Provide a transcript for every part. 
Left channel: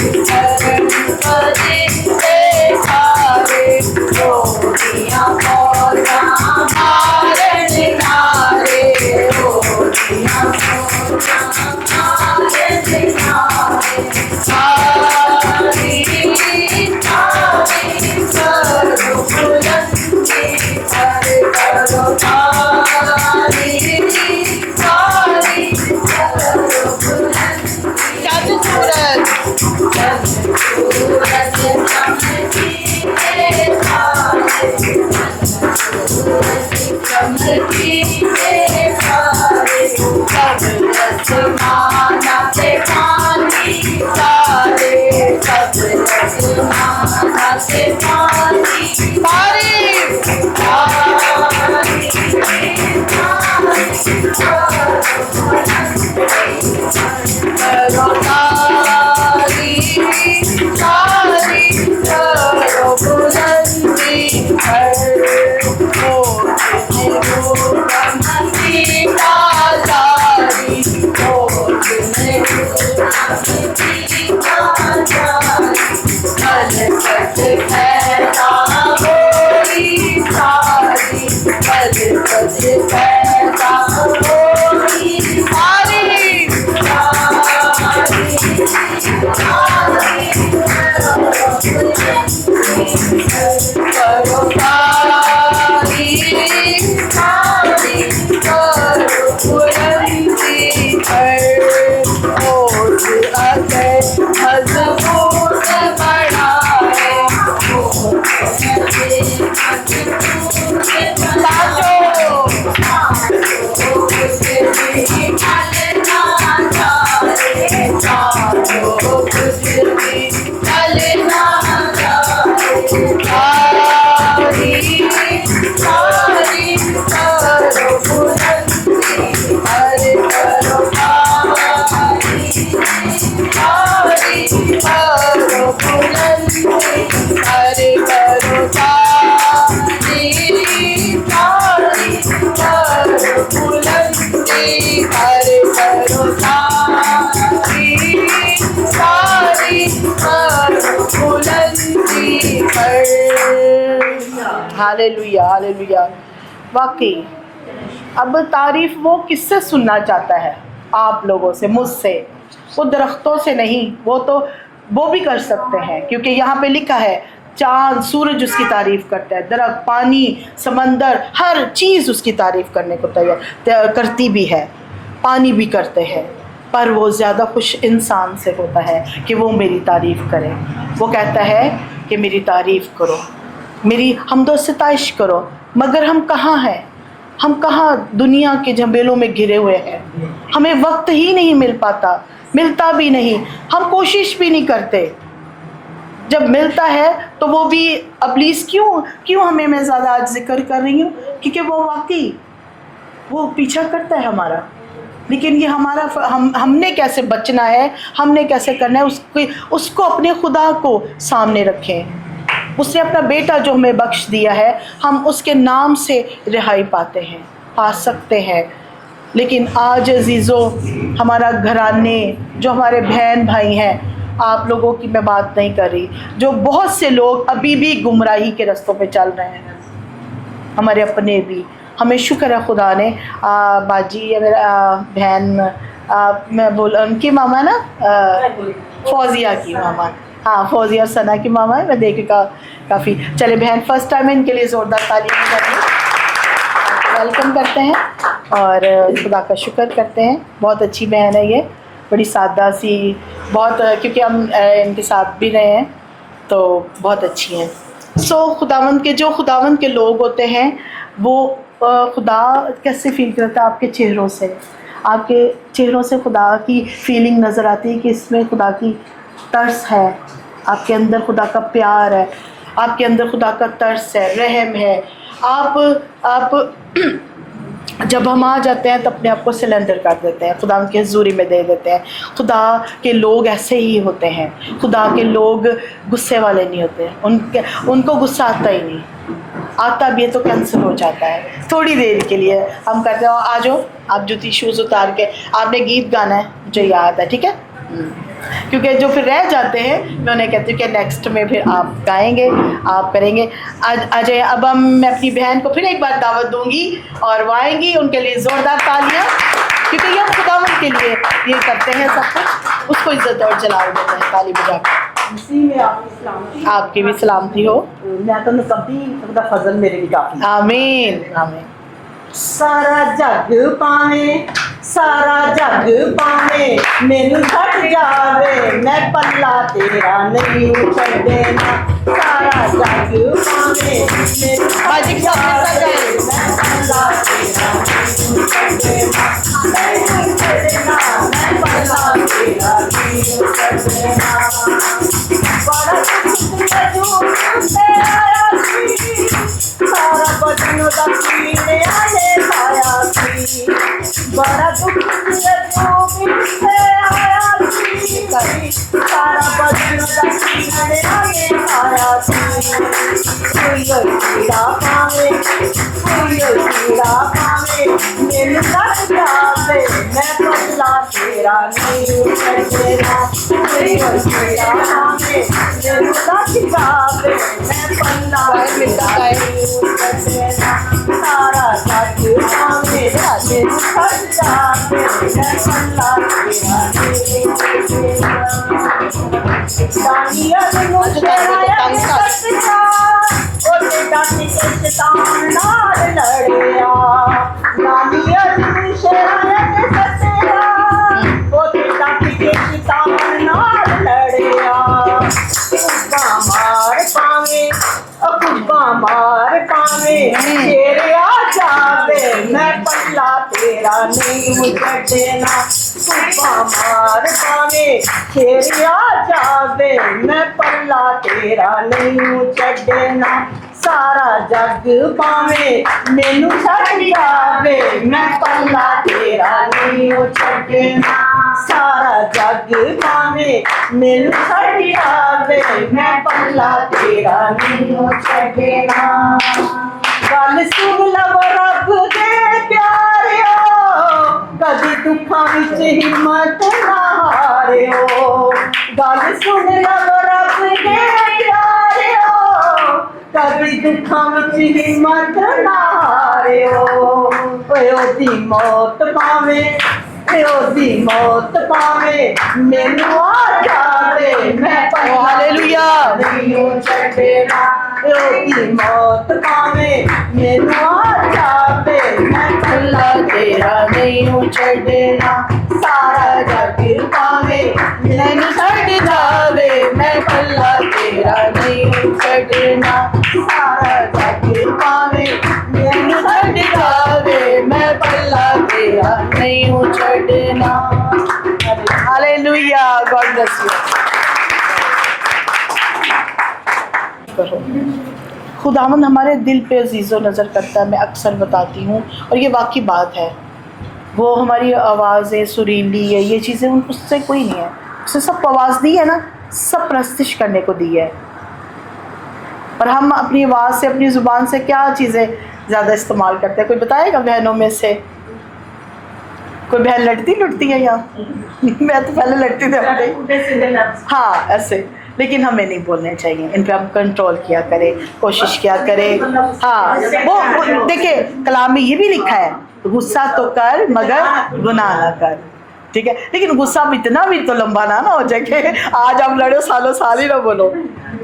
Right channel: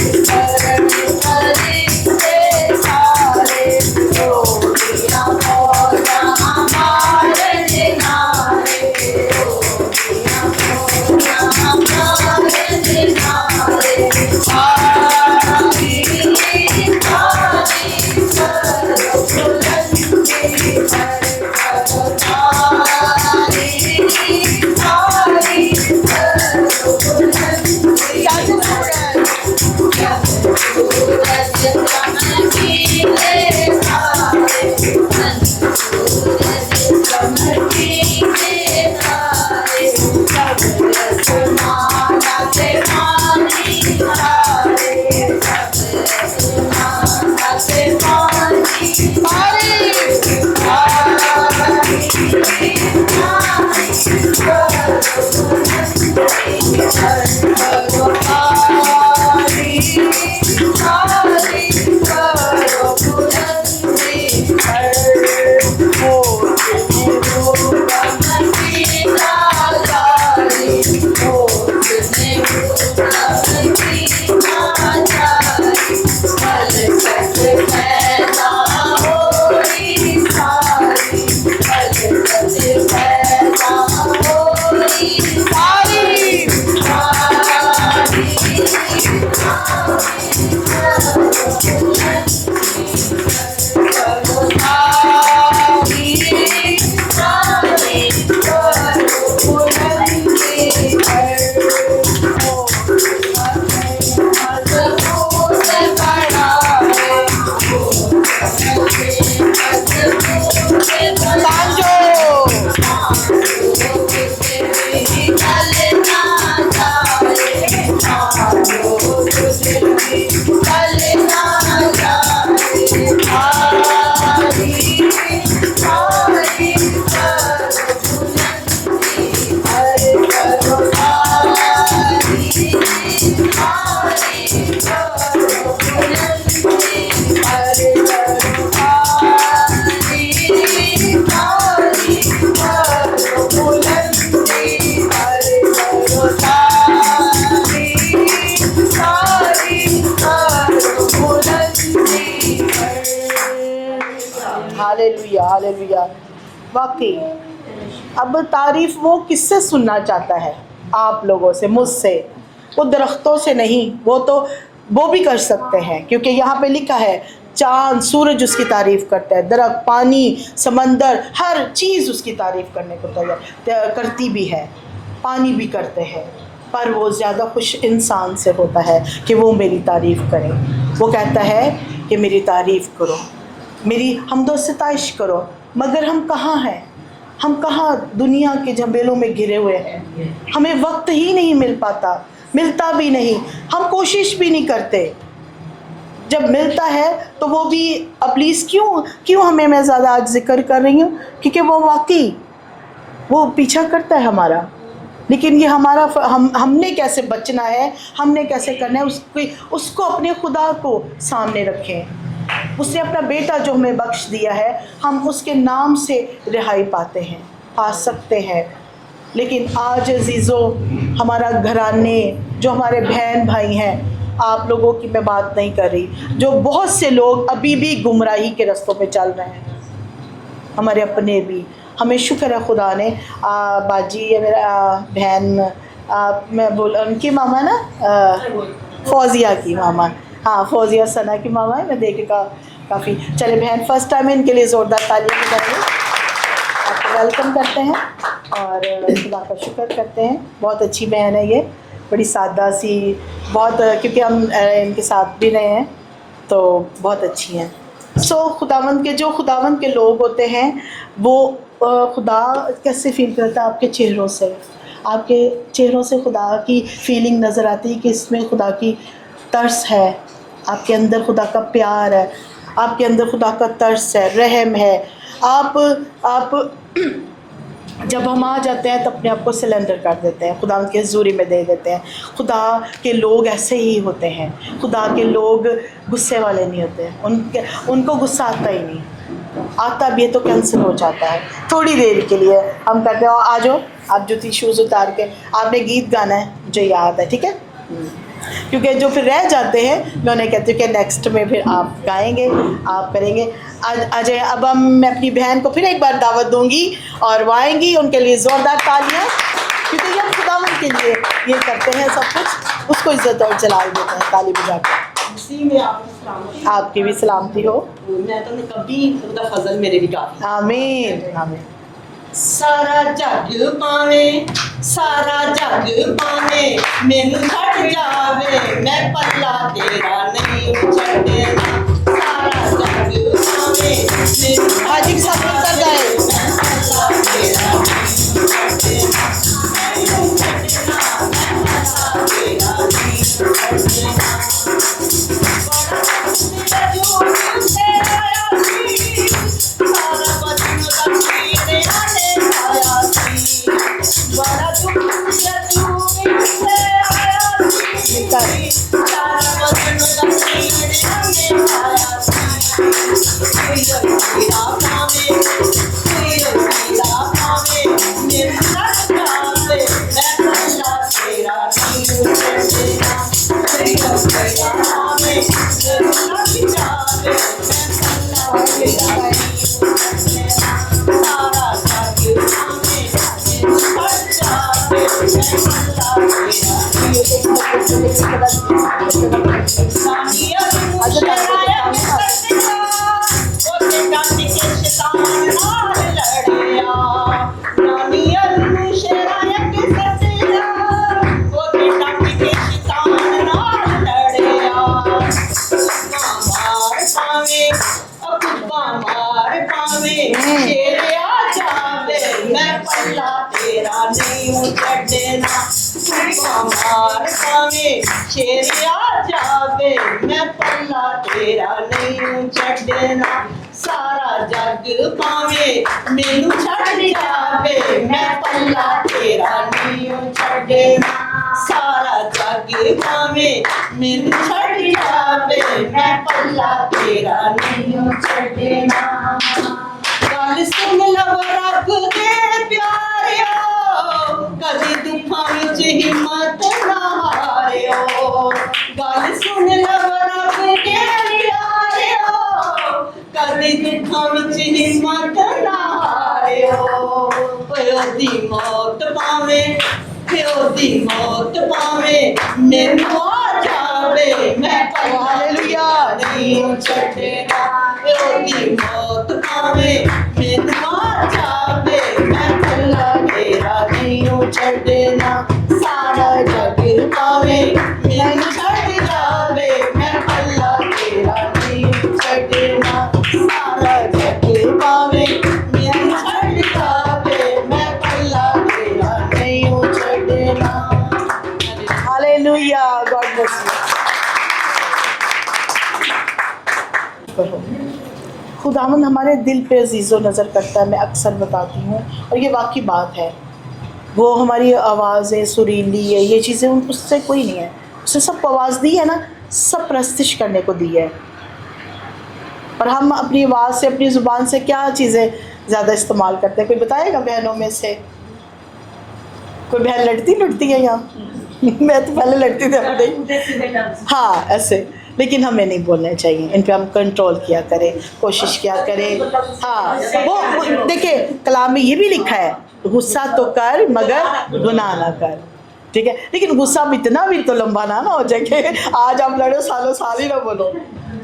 शरण परिंदे सारे, रोटियां मौजा मारण नारे, रोटियां मौजा मारण नारे। सारी सारी करो बुलंदी, हर करो सारी सारी करो बुलंदी। जब सूरज चमकीले तारे, चमकीले तारे, सब आसमाना से पानी तारे, सब आसमाना से पानी तारीफ करो तारी तारी करो बुलंदी, हर होठ में रूपम की ताजारी, होठ में रूपम की ताजारी। मलकत पैदा होई सारी, मलकत पैदा होई सारी। करो तारी तारी करो बुलंदी, हर होठ अगर मजबूत बढ़ाए, हालेलुया हालेलुया। वाकई अब तारीफ वो किससे सुनना चाहता है? आप लोगों से, मुझसे। वो दरख्तों से नहीं, वो भी कर सकते हैं, क्योंकि यहाँ पे लिखा है चाँद सूरज उसकी तारीफ़ करता है, दरख्त, पानी, समंदर, हर चीज़ उसकी तारीफ़ करने को तैयार करती भी है, पानी भी करते हैं। पर वो ज़्यादा खुश इंसान से होता है कि वो मेरी तारीफ़ करे। वो कहता है कि मेरी तारीफ़ करो, मेरी हमदो सिताइश करो। मगर हम कहाँ हैं? हम कहाँ दुनिया के झमेलों में घिरे हुए हैं। हमें वक्त ही नहीं मिल पाता, मिलता भी नहीं, हम कोशिश भी नहीं करते। जब मिलता है तो वो भी अब्लीस क्यों हमें मैं ज़्यादा आज जिक्र कर रही हूँ, क्योंकि वो वाकई वो पीछा करता है हमारा। लेकिन ये हमारा हमने कैसे बचना है, हमने कैसे करना है, उसको अपने खुदा को सामने रखें। उसने अपना बेटा जो हमें बख्श दिया है, हम उसके नाम से रिहाई पाते हैं, पा सकते हैं। लेकिन आज अजीज़ों, हमारा घराने, जो हमारे बहन भाई हैं, आप लोगों की मैं बात नहीं कर रही, जो बहुत से लोग अभी भी गुमराही के रास्तों पे चल रहे हैं, हमारे अपने भी। हमें शुक्र है खुदा ने बाजी मेरा बहन, मैं बोल उनकी मामा ना, फौजिया की मामा, हाँ फौजिया सना की मामा है। मैं देखे काफ़ी चले बहन, फर्स्ट टाइम इनके लिए ज़ोरदार तालियां बजाइए। आपको वेलकम करते हैं और खुदा का शुक्र करते हैं। बहुत अच्छी बहन है ये, बड़ी सादा सी, बहुत, क्योंकि हम इनके साथ भी रहे हैं तो बहुत अच्छी हैं। खुदावंद के लोग होते हैं, वो खुदा कैसे फील करता है? आपके चेहरों से खुदा की फीलिंग नज़र आती है कि इसमें खुदा की तरस है, आपके अंदर खुदा का प्यार है, आपके अंदर खुदा का तरस है, रहम है। आप जब हम आ जाते हैं तो अपने आप को सिलेंडर कर देते हैं, खुदा की हज़ूरी में दे देते हैं। खुदा के लोग ऐसे ही होते हैं। खुदा के लोग गुस्से वाले नहीं होते, उनको गुस्सा आता ही नहीं, आता भी है तो कैंसिल हो जाता है। थोड़ी देर के लिए हम कहते हैं आ जाओ, आप जूती शूज़ उतार के, आपने गीत गाना है, मुझे याद है, ठीक है। क्योंकि जो फिर रह जाते हैं मैं उन्हें कहती हूँ कि नेक्स्ट में फिर आप गाएंगे, आप करेंगे। अजय, अब मैं अपनी बहन को फिर एक बार दावत दूंगी और वो आएंगी, उनके लिए ज़ोरदार तालियाँ, क्योंकि ये हम खुदावंद के लिए ये करते हैं सब कुछ, उसको इज्जत और जलाल देते हैं ताली बजा कर। इसी में आपकी भी सलामती हो। मैं तो कभी उनका फजल मेरे भी काफी। आमीन आमीन। सारा जग पावे, सारा जग पावे, मैनू छड़ जावे, मैं पल्ला तेरा नहीं छड़ना। सारा जग पावे, मैनू छड़ जावे, मैं पल्ला तेरा नहीं छड़ना। नहीं छड़ना, मैं पल्ला तेरा नहीं छड़ना। बड़ा दुख जो से आया सी, सारा बदन दा पीने आले खाया सी। बड़ा दुख से आया सी, सारा बदन दा पीने आले खाया सी। कोई पीड़ा पावे, कोई पीड़ा पावे, मैनू लग जावे, मैं पल्ला तेरा नहीं छड़ना। कोई पीड़ा पावे, मैनू लग जावे, मैं पल्ला तेरा नहीं छड़ना। सारा जग पावे, मैनू छड़ जावे, मैं पल्ला तेरा नहीं छड़ना। दानियल नूं शराया सटका, ओते डट के शैतान नाल लड़िया। दानियल नूं शराया सटका, ओते डट के शैतान नाल लड़िया। कुब्बा मार पावे, कुब्बा मार पावे, शेर आ जावे, मैं पल्ला तेरा नहीं छड़ना। कुब्बा मार पावे, शेर आ जावे, मैं पल्ला तेरा नहीं छड़ना। सारा जग पावे, मैनू छड़ जावे, मैं पल्ला तेरा नहीं छड़ना। सारा जग पावे, मैनू छड़ जावे, मैं पल्ला तेरा नहीं छड़ना। गल सुन लव रब दे प्यारियो, कदी दुखां विच हिम्मत ना हारियो। गल सुन लव रब दे प्यारियो, कदी दुखां विच हिम्मत ना हारियो। ओए ओदी मौत पावे, ओदी मौत पावे, मैनू आ जावे, मैं पल्ला हालेलुया। नहीं छड़ना। ओदी मौत पावे, मैनू आ जावे, मैं पल्ला तेरा नहीं छड़ना। सारा जग पावे, मैनू छड़ जावे, मैं पल्ला तेरा नहीं छड़ना। सारा जग पावे, मैनू छड़ जावे, मैं पल्ला तेरा नहीं छड़ना। हालेलुया। God bless you. करो, खुदावंद हमारे दिल पे अजीज़ो नज़र करता है, मैं अक्सर बताती हूँ और ये वाकई बात है। वो हमारी आवाज़ें सुरीली है, ये चीज़ें उससे कोई नहीं है, उसने सब आवाज़ दी है ना, सब प्रस्तिश करने को दी है। पर हम अपनी आवाज़ से, अपनी ज़ुबान से क्या चीज़ें ज़्यादा इस्तेमाल करते हैं? कोई बताएगा बहनों में से? कोई बहन लड़ती है यहाँ? मैं तो पहले लड़ती थी अपने, हाँ ऐसे, लेकिन हमें नहीं बोलने चाहिए, इन पे हम कंट्रोल किया करें, कोशिश किया करें। हाँ, वो देखिए कलाम में ये भी लिखा है, गुस्सा तो कर मगर गुनाह ना कर, ठीक है। लेकिन गुस्सा भी इतना भी तो लंबा ना हो जाए कि आज आप लड़ो सालों साल ही ना बोलो।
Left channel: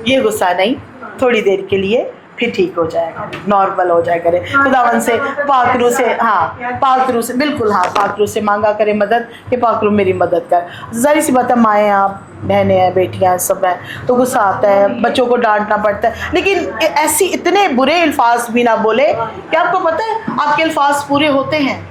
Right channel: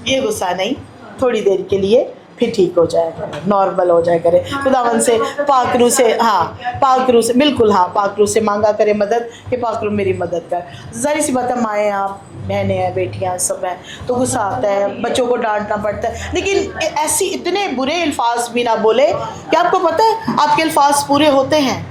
ये गुस्सा नहीं, थोड़ी देर के लिए फिर ठीक हो जाया करे, नॉर्मल हो जाया करे। खुदावन से, पाकरू से, हाँ पाकरू से, बिल्कुल हाँ, पाकरू से मांगा करे मदद कि पाकरू मेरी मदद कर। ज़ाहिर सी बात है, माएँ आप, बहनें हैं, बेटियाँ सब हैं, तो गुस्सा आता है, बच्चों को डांटना पड़ता है, लेकिन ऐसी इतने बुरे अल्फाज भी ना बोले। क्या आपको पता है आपके अल्फाज पूरे होते हैं?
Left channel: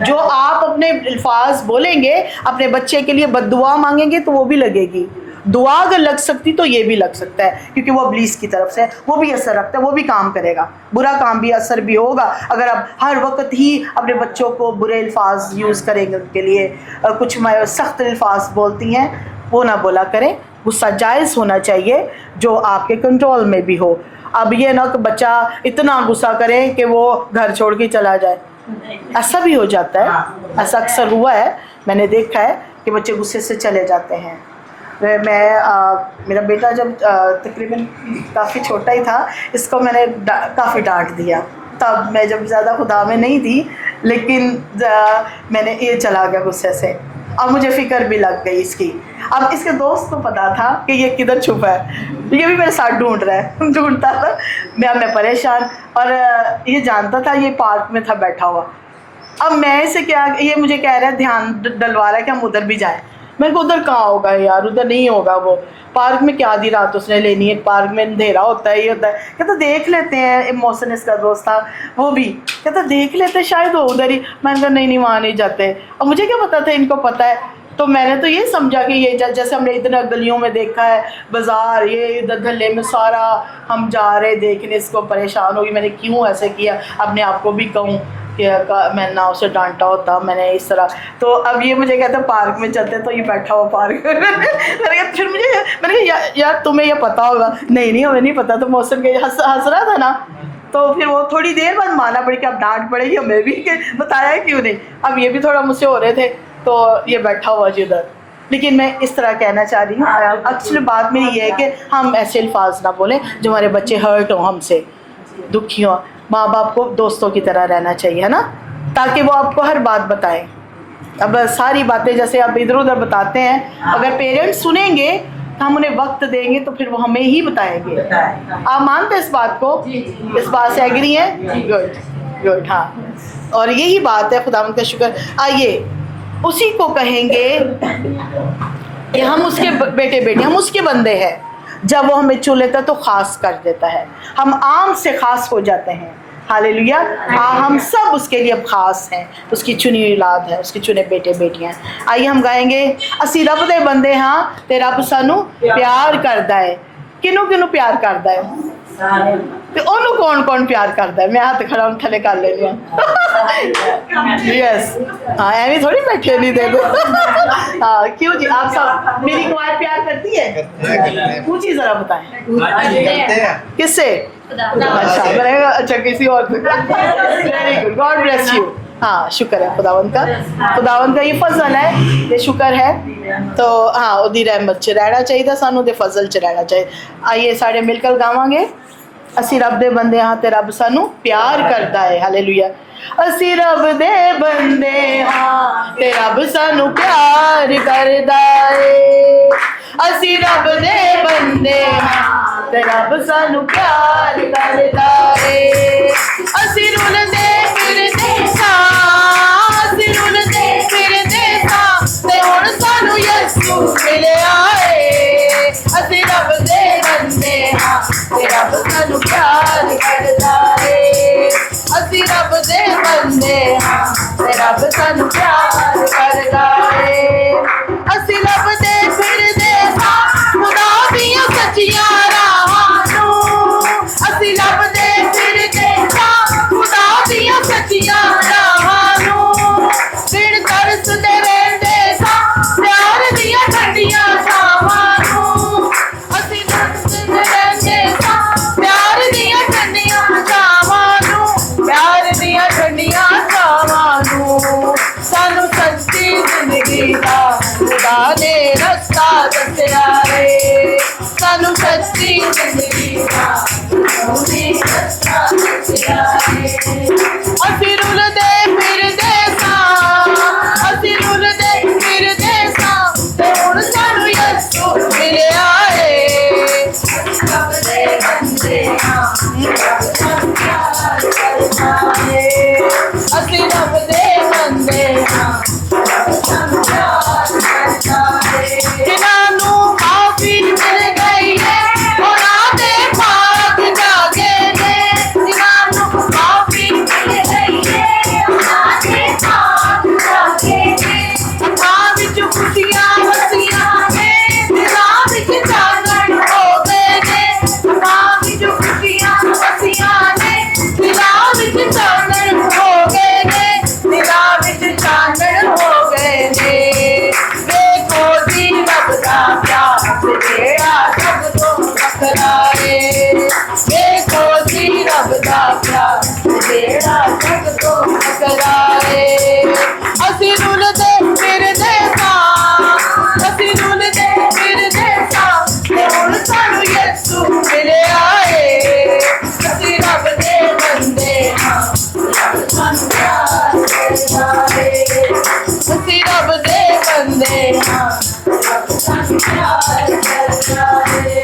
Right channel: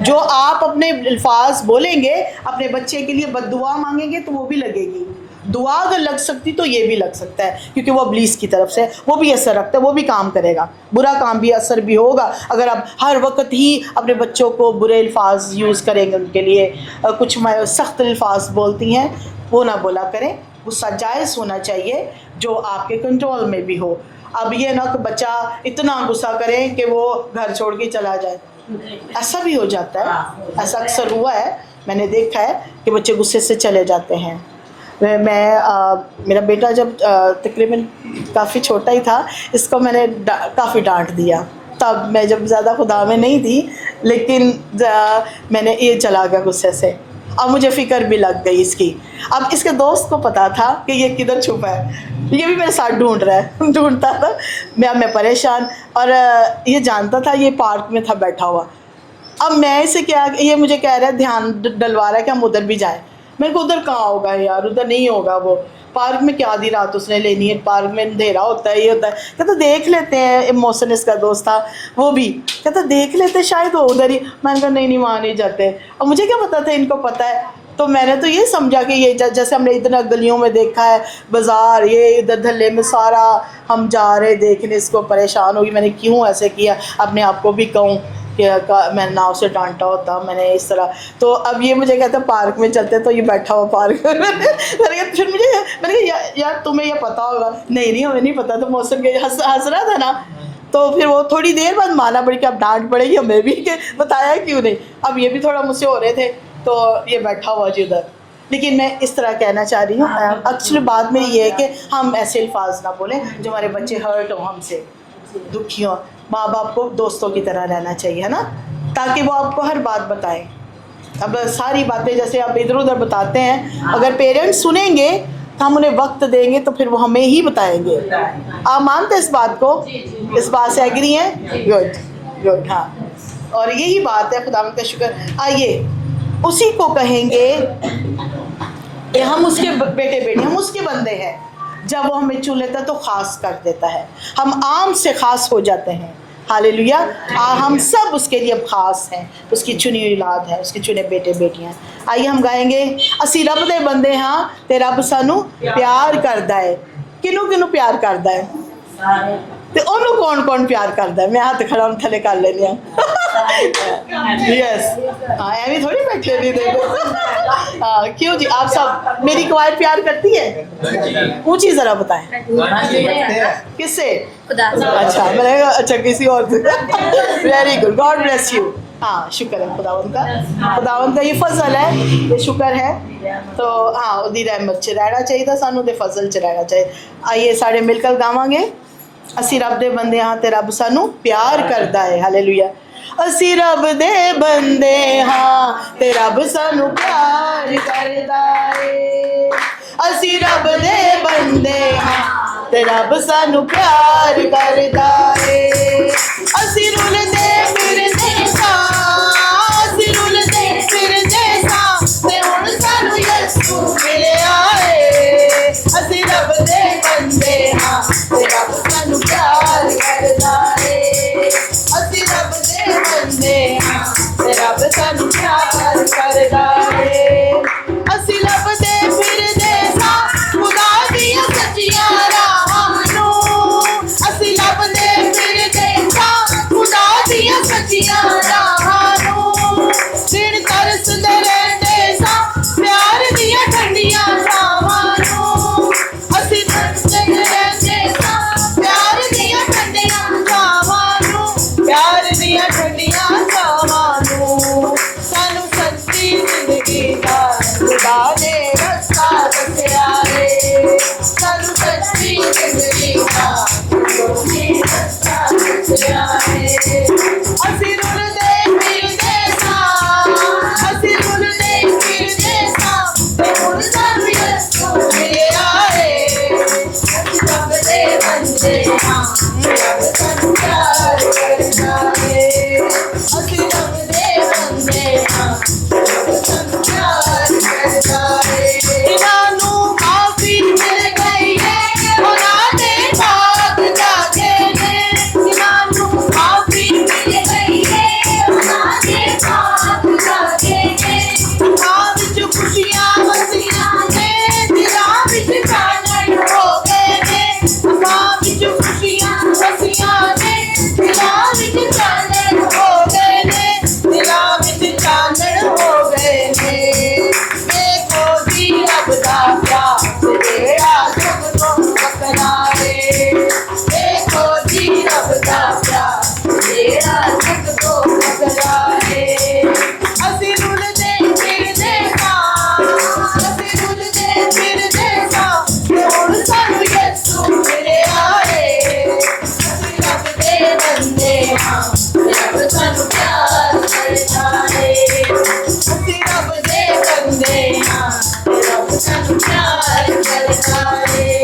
जो आप अपने अल्फाज बोलेंगे, अपने बच्चे के लिए बद्दुआ मांगेंगे तो वो भी लगेगी। दुआ अगर लग सकती तो ये भी लग सकता है, क्योंकि वो इब्लीस की तरफ से, वो भी असर रखता है, वो भी काम करेगा, बुरा काम भी असर भी होगा। अगर आप हर वक्त ही अपने बच्चों को बुरे अल्फाज यूज़ करेंगे, उनके लिए कुछ सख्त अल्फाज बोलती हैं, वो ना बोला करें। गुस्सा जायज़ होना चाहिए, जो आपके कंट्रोल में भी हो। अब ये ना कि बच्चा इतना गुस्सा करे कि वो घर छोड़ के चला जाए, ऐसा भी हो जाता है, ऐसा अक्सर हुआ है, मैंने देखा है कि बच्चे गुस्से से चले जाते हैं। मेरा बेटा जब तकरीबन काफ़ी छोटा ही था, इसको मैंने काफ़ी डांट दिया। तब मैं जब ज़्यादा खुदा में नहीं थी, लेकिन मैंने ये चला गया गुस्से से। अब मुझे फ़िक्र भी लग गई इसकी। अब इसके दोस्त को पता था कि ये किधर छुपा है, ये भी मेरे साथ ढूंढ रहा है, ढूंढता था। मैं परेशान, और ये जानता था ये पार्क में था बैठा हुआ। अब मैं इसे क्या, ये मुझे कह रहा है, ध्यान डलवा रहा है कि हम उधर भी जाएं। मैं को उधर कहाँ होगा यार, उधर नहीं होगा, वो पार्क में क्या आधी रात उसने लेनी है, पार्क में अंधेरा होता है, ये होता है। कहता देख लेते हैं, मोहसिन इसका दोस्त था, वो भी कहता देख लेते शायद वो उधर ही। मैंने कहा नहीं वहाँ नहीं जाते। और मुझे क्या पता था इनको पता है, तो मैंने तो ये समझा कि ये जैसे हमने इतने गलियों में देखा है, बाज़ार ये इधर धल्ले में सारा हम जा रहे देखने, इसको परेशान होगी मैंने क्यों ऐसे किया, अपने आप को भी कहूँ कि मैंने ना उसे डांटा होता, मैंने इस तरह। तो अब ये मुझे कहता पार्क में चलते, तो ये बैठा हुआ पार्क में। फिर मैंने कहा यार तुम्हें ये पता होगा। नहीं हमें नहीं पता। तो मौसम के हंस रहा था ना, तो फिर वो थोड़ी देर बाद माना पड़ी कि अब डांट पड़ेगी हमें भी, कि बताया क्यों नहीं। अब ये भी थोड़ा मुझसे हो रहे थे, तो ये बैठा हुआ जी उधर। लेकिन मैं इस तरह कहना चाह रही हूँ, एक्चुअली बात मेरी ये है कि हम ऐसे अल्फाज ना बोलें जो हमारे बच्चे हर्ट हों, हमसे दुखी हों। माँ बाप को दोस्तों की तरह रहना चाहिए, है ना, ताकि वो आपको हर बात बताएं। अब सारी बातें जैसे आप इधर उधर बताते हैं, अगर पेरेंट्स सुनेंगे तो हम उन्हें वक्त देंगे, तो फिर वो हमें ही बताएंगे। आप मानते हैं इस बात को? इस बात से एग्री हैं? गुड। हाँ, और यही बात है, खुदावंद का शुक्र। आइए उसी को कहेंगे कि हम उसके बेटे बेटे, हम उसके बंदे हैं। जब वो हमें चुन लेता है तो ख़ास कर देता है, हम आम से ख़ास हो जाते हैं। हालेलुया। हम सब उसके लिए अब ख़ास हैं, उसकी चुनी हुई औलाद है, उसके चुने बेटे बेटियां। आइए हम गाएंगे, असी रब दे बंदे हाँ ते रब सानू प्यार करदा है। किनू किनू प्यार करदा है? ते ओनू कौन कौन प्यार करदा है? मैं हाथ खड़ा थले कर लेनी यस। हाँ एवं थोड़ी बैठे नहीं दे दो। हाँ क्यों जी, आप सब मेरी क्वाइट प्यार करती है? ऊंची जरा बताएं किससे? अच्छा मैंने अच्छा किसी और से। Very good, God bless you. हाँ शुक्र है खुदावंत का, खुदावंत का ये फजल है, ये शुक्र है। तो हाँ उदी रहमत च रहना चाहिए, सानू दे फजल च रहना चाहिए। आइए सारे मिलकर गावांगे, असी रब दे बंदे हाँ ते रब सानू प्यार करदा है। हालेलुया। असी रब दे बंदे हाँ ते रब सानू प्यार करदा है। असी रब दे बंदे हाँ ते रब सानू प्यार करदा है। असी रुलदे फिरदे सां, असी रुलदे फिरदे सां ते हुण सानू यसू मिलिया है। असी रब दे बंदे हाँ ते रब सानू प्यार करदा है। असी रब दे बंदे हाँ ते रब सानू प्यार करदा है। असी लभदे फिरदे सां खुदा दियां सच्चियां राहां नूं। असी लभदे फिरदे सां खुदा दियां सच्चियां राहां नूं। दिन तरसदे रहिंदे सां प्यार दियां ठंडियां छावां नूं। असी तरसदे रहिंदे सां प्यार दियां ठंडियां छावां नूं, प्यार दियां ठंडियां छावां नूं। सानू सच्ची जिंदगी दा खुदा ने रस्ता दस्या है। सानू सच्ची जिंदगी दा खुदा ने रस्ता दस्या है। असी रुलदे फिरदे सां, असी रुलदे फिरदे सां ते हुण सानू यसू मिलिया है। रब दे बंदे हाँ रब सानू प्यार करदा है। असी रब दे बंदे हाँ रब सानू प्यार करदा है। जिन्हां नू माफी मिल गई है उन्हां दे पाक बंदे हाँ रब सानू प्यार करदा है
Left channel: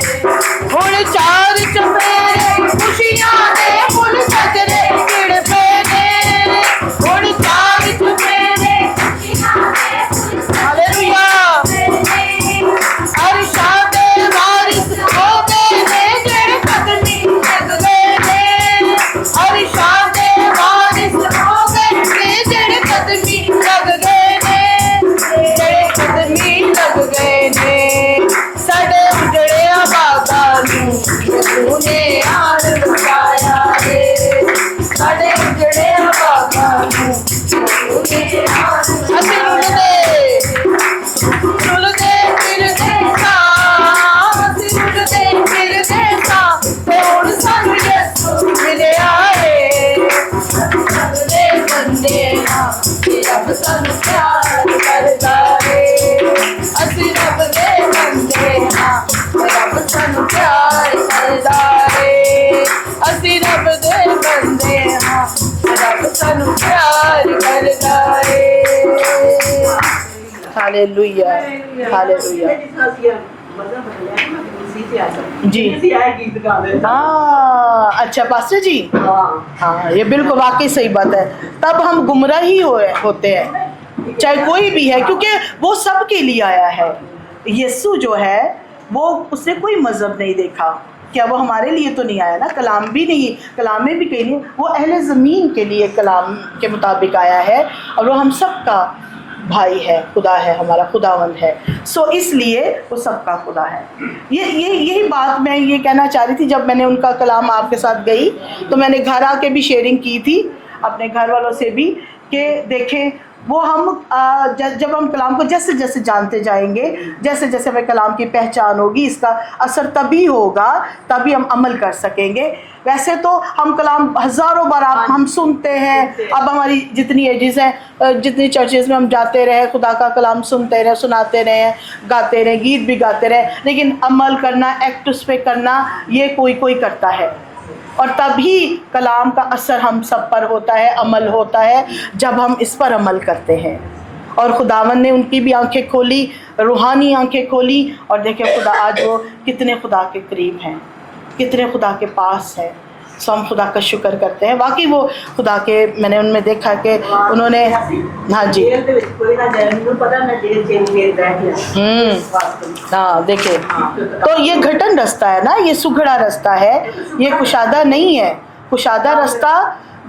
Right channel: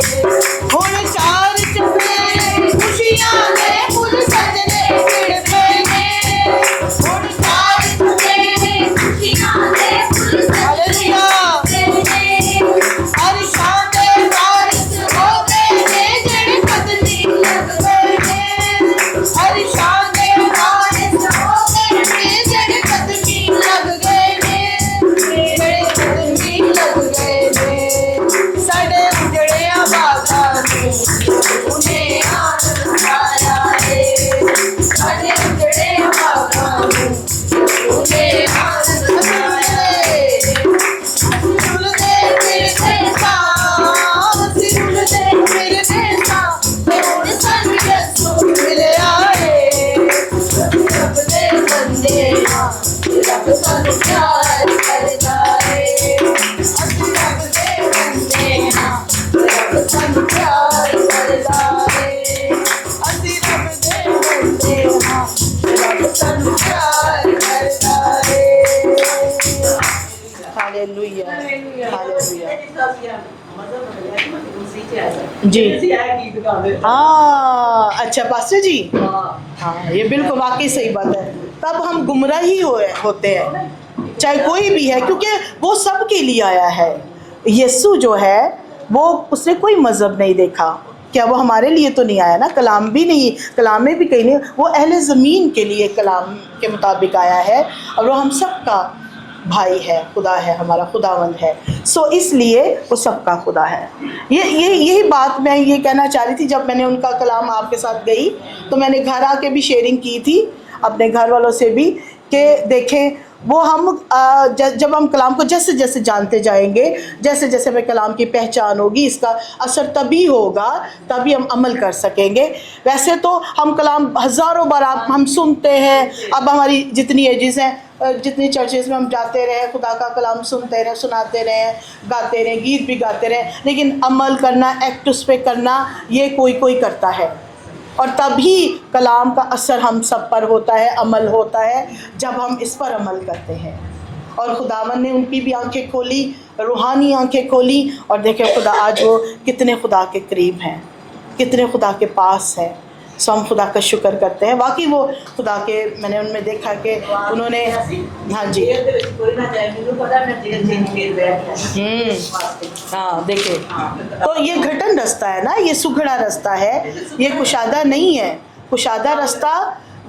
हुण चार चफेरे खुशियां दे फुल सजरे खिड़ पे ने हुण चार चफेरे खुशियां दे फुल हालेलुया अरशा दे वारिस हो गए ने जेड़े कदमी लग गए ने अरशा दे वारिस हो गए ने जेड़े कदमी लग गए ने जेड़े कदमी लग गए ने साडे उजड़िया बागा नूं तूने आन लुटाया रे साडे उजड़िया बागा नूं तूने आन लुटाया रुलदे फिरदे सां रुलदे फिरदे सां ते हुण सानू यसू मिलिया रे रब दे बंदे हां ते रब सानू प्यार करदा रे असीं रब दे बंदे हां ते रब सानू प्यार करदा रे असीं रब दे बंदे हां ते रब सानू प्यार करदा रे हालेलुया हालेलुया जी हाँ अच्छा पास्टर जी हाँ ये बिल्कुल वाकई सही बात है तब हम गुमराह ही होते हैं चाहे कोई भी है क्योंकि वो सबके लिए आया है यीशु जो है वो उसने कोई मज़हब नहीं देखा क्या वो हमारे लिए तो नहीं आया ना कलाम भी नहीं कलाम में भी कहीं नहीं वो अहले ज़मीन के लिए कलाम के मुताबिक आया है और वो हम सब का भाई है खुदा है हमारा खुदावंद है सो इसलिए वो सबका खुदा है यही बात मैं ये कहना चाह रही थी जब मैंने उनका कलाम आपके साथ गई तो मैंने घर आके भी शेयरिंग की थी अपने घर वालों से भी कि देखें वो हम जब हम कलाम को जैसे जैसे जानते जाएंगे जैसे जैसे हमें कलाम की पहचान होगी इसका असर तभी होगा तभी हम अमल कर सकेंगे वैसे तो हम कलाम हज़ारों बार हम सुनते हैं अब हमारी जितनी एजेस हैं जितनी चर्चेज़ में हम जाते रहे खुदा का कलाम सुनते रहे सुनाते रहे गाते रहे गीत भी गाते रहे लेकिन अमल करना एक्ट उस पर करना ये कोई कोई करता है और तभी कलाम का असर हम सब पर होता है अमल होता है जब हम इस पर अमल करते हैं और खुदावन ने उनकी भी आंखें खोली रूहानी आंखें खोली और देखे खुदा आज वो कितने खुदा के करीब हैं कितने खुदा के पास हैं सो हम खुदा का शुक्र करते हैं वाकई वो खुदा के मैंने उनमें देखा कि उन्होंने हाँ जी हाँ देखिए तो ये घटन रास्ता है ना ये सुघड़ा रास्ता है ये कुशादा नहीं है कुशादा रास्ता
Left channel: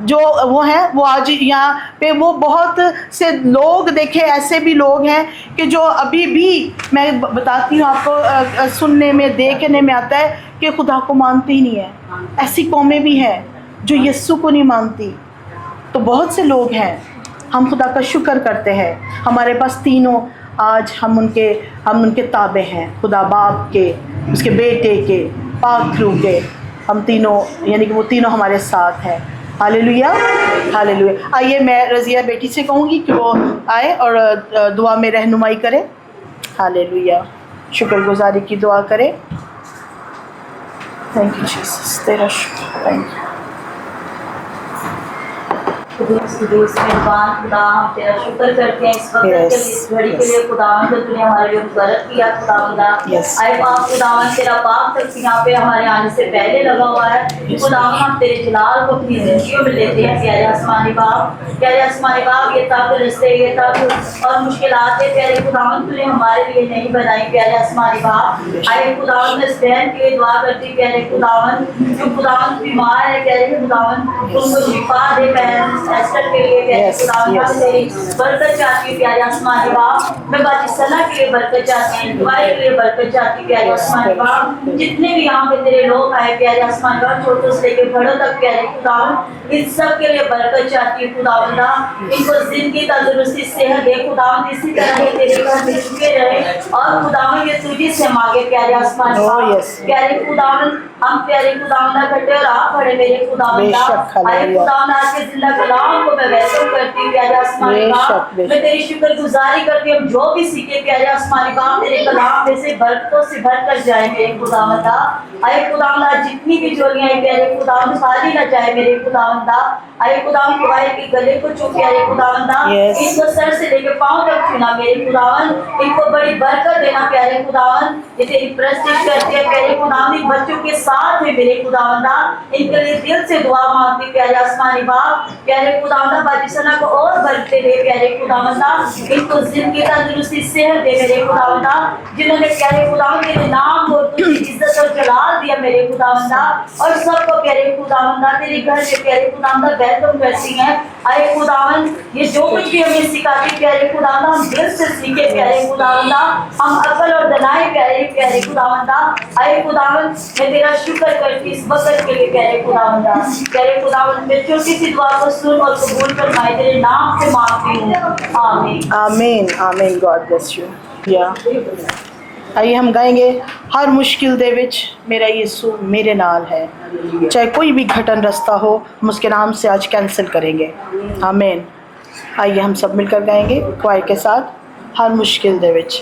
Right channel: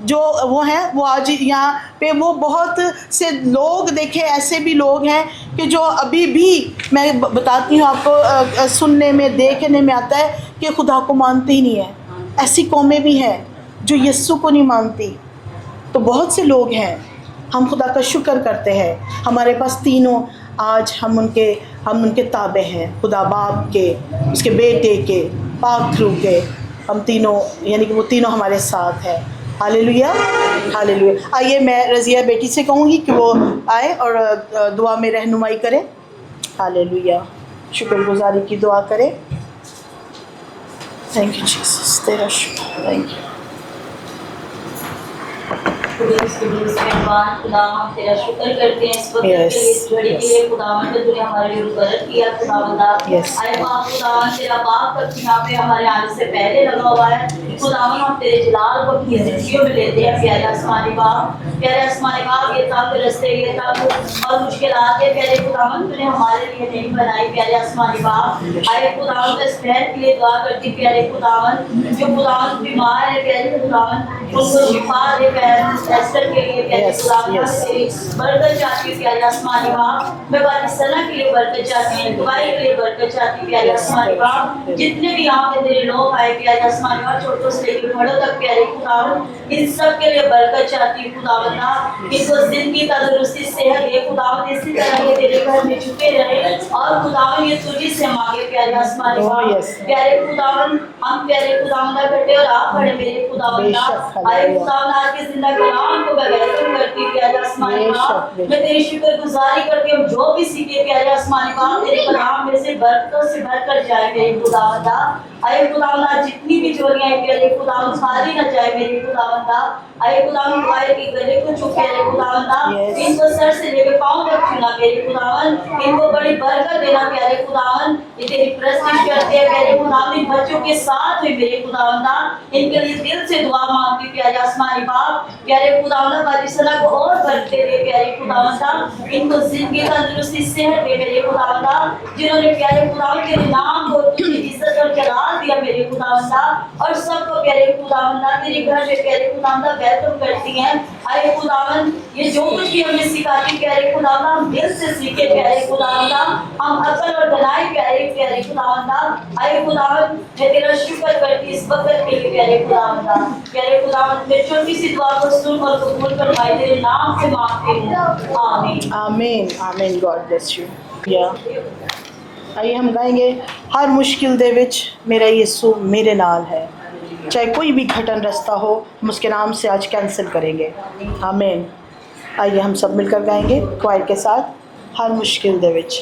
जो वो हैं वो आज यहाँ पे वो बहुत से लोग देखे ऐसे भी लोग हैं कि जो अभी भी मैं बताती हूँ आपको सुनने में देखने में आता है कि खुदा को मानते ही नहीं है ऐसी कौमें भी हैं जो यीशु को नहीं मानती तो बहुत से लोग हैं हम खुदा का शुक्र करते हैं हमारे पास तीनों आज हम उनके ताबे हैं खुदा बाप के उसके बेटे के पाक रूह के हम तीनों यानी कि वो तीनों हमारे साथ हैं हालेलुया हालेलुया आइए मैं रज़िया बेटी से कहूँगी कि वो आए और दुआ में रहनुमाई करे हालेलुया शुक्रगुजारी की दुआ करे थैंक यू जीसस तेरा शुक्र थैंक यू खुदा हम तेरा शुक्र करते हैं इस वक्त के लिए इस घड़ी के लिए खुदावन को तूने हमारे ऊपर बरकत किया खुदावंदा आए पाक खुदावन तेरा पाक तक यहाँ पे हमारे आने से पहले लगा हुआ है खुदावन हम तेरे जलाल को अपनी जिंदगियों में लेते हैं प्यारे आसमानी बाप ये तक रस्ते ये तक और मुश्किलात है प्यारे खुदावन तूने हमारे लिए नहीं बनाई प्यारे आसमानी बाप आए खुदावन मैं इस बहन के लिए दुआ करती प्यारे खुदावन जो खुदावन बीमार है प्यारे खुदावन उनको शिफा दे एस्टर के लिए प्यारे खुदावन तेरी बरकत चाहती हूँ प्यारे आसमानी बाप मैं बाजी सलाह के लिए बरकत चाहती हूँ दुआएं के लिए बरकत चाहती हूँ प्यारे आसमानी बाप जितने भी यहाँ पे तेरे लोग आए प्यारे आसमानी बाप छोटों से लेकर बड़ों तक प्यारे खुदावन इन सब के लिए बरकत चाहती हूँ खुदावंदा इनको जिंदगी तंदुरुस्ती सेहत दे खुदावन इसी तरह ये तेरे घर में झुके रहे और खुदावन ये तुझी से मांगे प्यारे आसमान Oh, बाप। yes. प्यारे खुदावन हम प्यारे खुदावन ना करते और आप खड़े मेरे खुदावन बेशक, अरे हालेलुया। खुदावन आज के जिंदा कलाम को मैं वैसे करती हूँ प्यारे आसमान बेशक, बाप। बेशक। मैं तेरी शुक्रगुजारी करती हूँ जो भी सीखे प्यारे आसमान बाप तेरे कलाम में से बरकतों से भर कर जाए मेरे खुदावन अरे खुदावन आज जितनी भी झोलियां हैं प्यारे खुदावन खाली ना जाए मेरे खुदावन अरे खुदावन तुम्हारे के गले को चुके अरे खुदावन Yes. इनको सर से लेकर पांव तक छूना मेरे खुदावन इनको बड़ी बरकत देना प्यारे खुदावन ये तेरी प्रस्तिश करती है प्यारे खुदावन इन बच्चों के साथ हुई मेरे खुदावन इनके लिए दिल से दुआ मांगती प्यारे आसमानी बाप प्यारे खुदावन बाजिसना को और बरकते दे प्यारे खुदावन इनको जिंदगी तंदुरुस्ती सेहत दे मेरे खुदावन जिन्होंने प्यारे खुदावन तेरे नाम को तुझे इज्जत और जलाल दिया मेरे खुदावन और सबको प्यारे खुदावन तेरे घर में प्यारे खुदावन वेलकम करती हैं अरे खुदावन ये जो कुछ भी हमें सिखाती प्यारे खुदावन हम दिल से सीखे प्यारे खुदावन हम अकल और दनाई प्यारे खुदावन अरे खुदावन मैं तेरा शुक्र करती इस वक्त के लिए प्यारे खुदावन मैं छोटी सी दुआ को सुन और कबूल फरमाए तेरे नाम से मांगती हूँ आमीन आमीन आमीन गॉड ब्लेस यू या आइए हम गाएंगे हर मुश्किल दे विच मेरा यीशु मेरे नाल है चाहे कोई भी घटन रास्ता हो हम उसके नाम से आज कैंसिल करेंगे आमीन आइए हम सब मिलकर गाएंगे क्वायर के साथ हर मुश्किल दे विच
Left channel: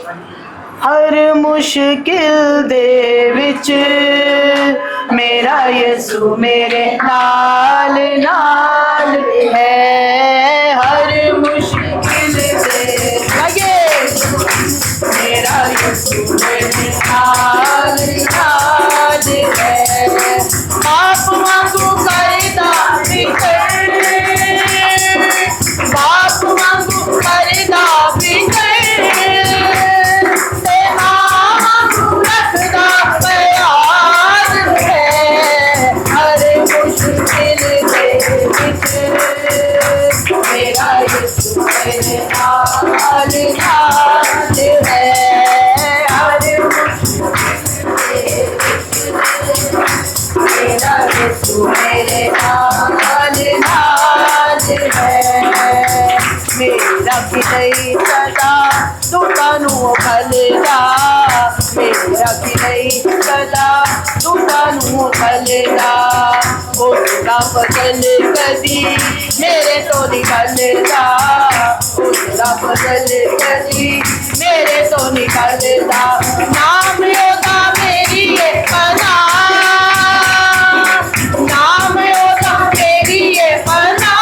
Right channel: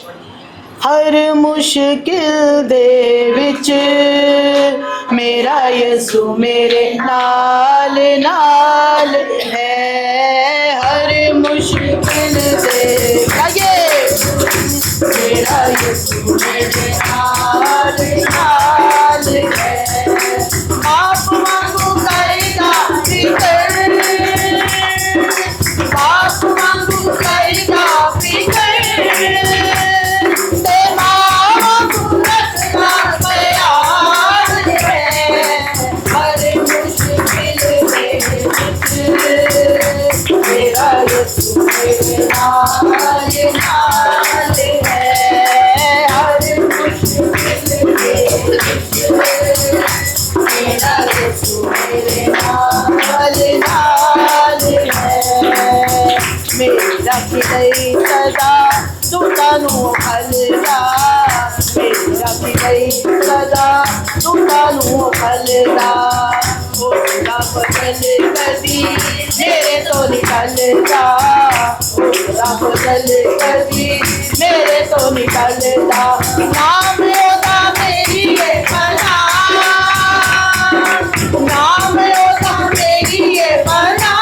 हर मुश्किल दे विच मेरा यीशु मेरे नाल नाल है हर मुश्किल दे मेरा यीशु मेरे नाल नाल है बाप वांगू करदा फिकर बाप वांगू करदा फिकर ते मां वांगू रखदा प्यार है हर मुश्किल दे विच मेरा यीशु मेरे नाल नाल है हर मुश्किल दे विच मेरा यीशु मेरे नाल नाल है मेरा किलई सदा दुखा नू खलदा मेरा किलई सदा दुखा नू खलदा उसका बदल कदी मेरे तो निकलदा उसका बदल कदी मेरे तो निकलदा नाम योदा मेरी ये पना नाम योदा मेरी ये पना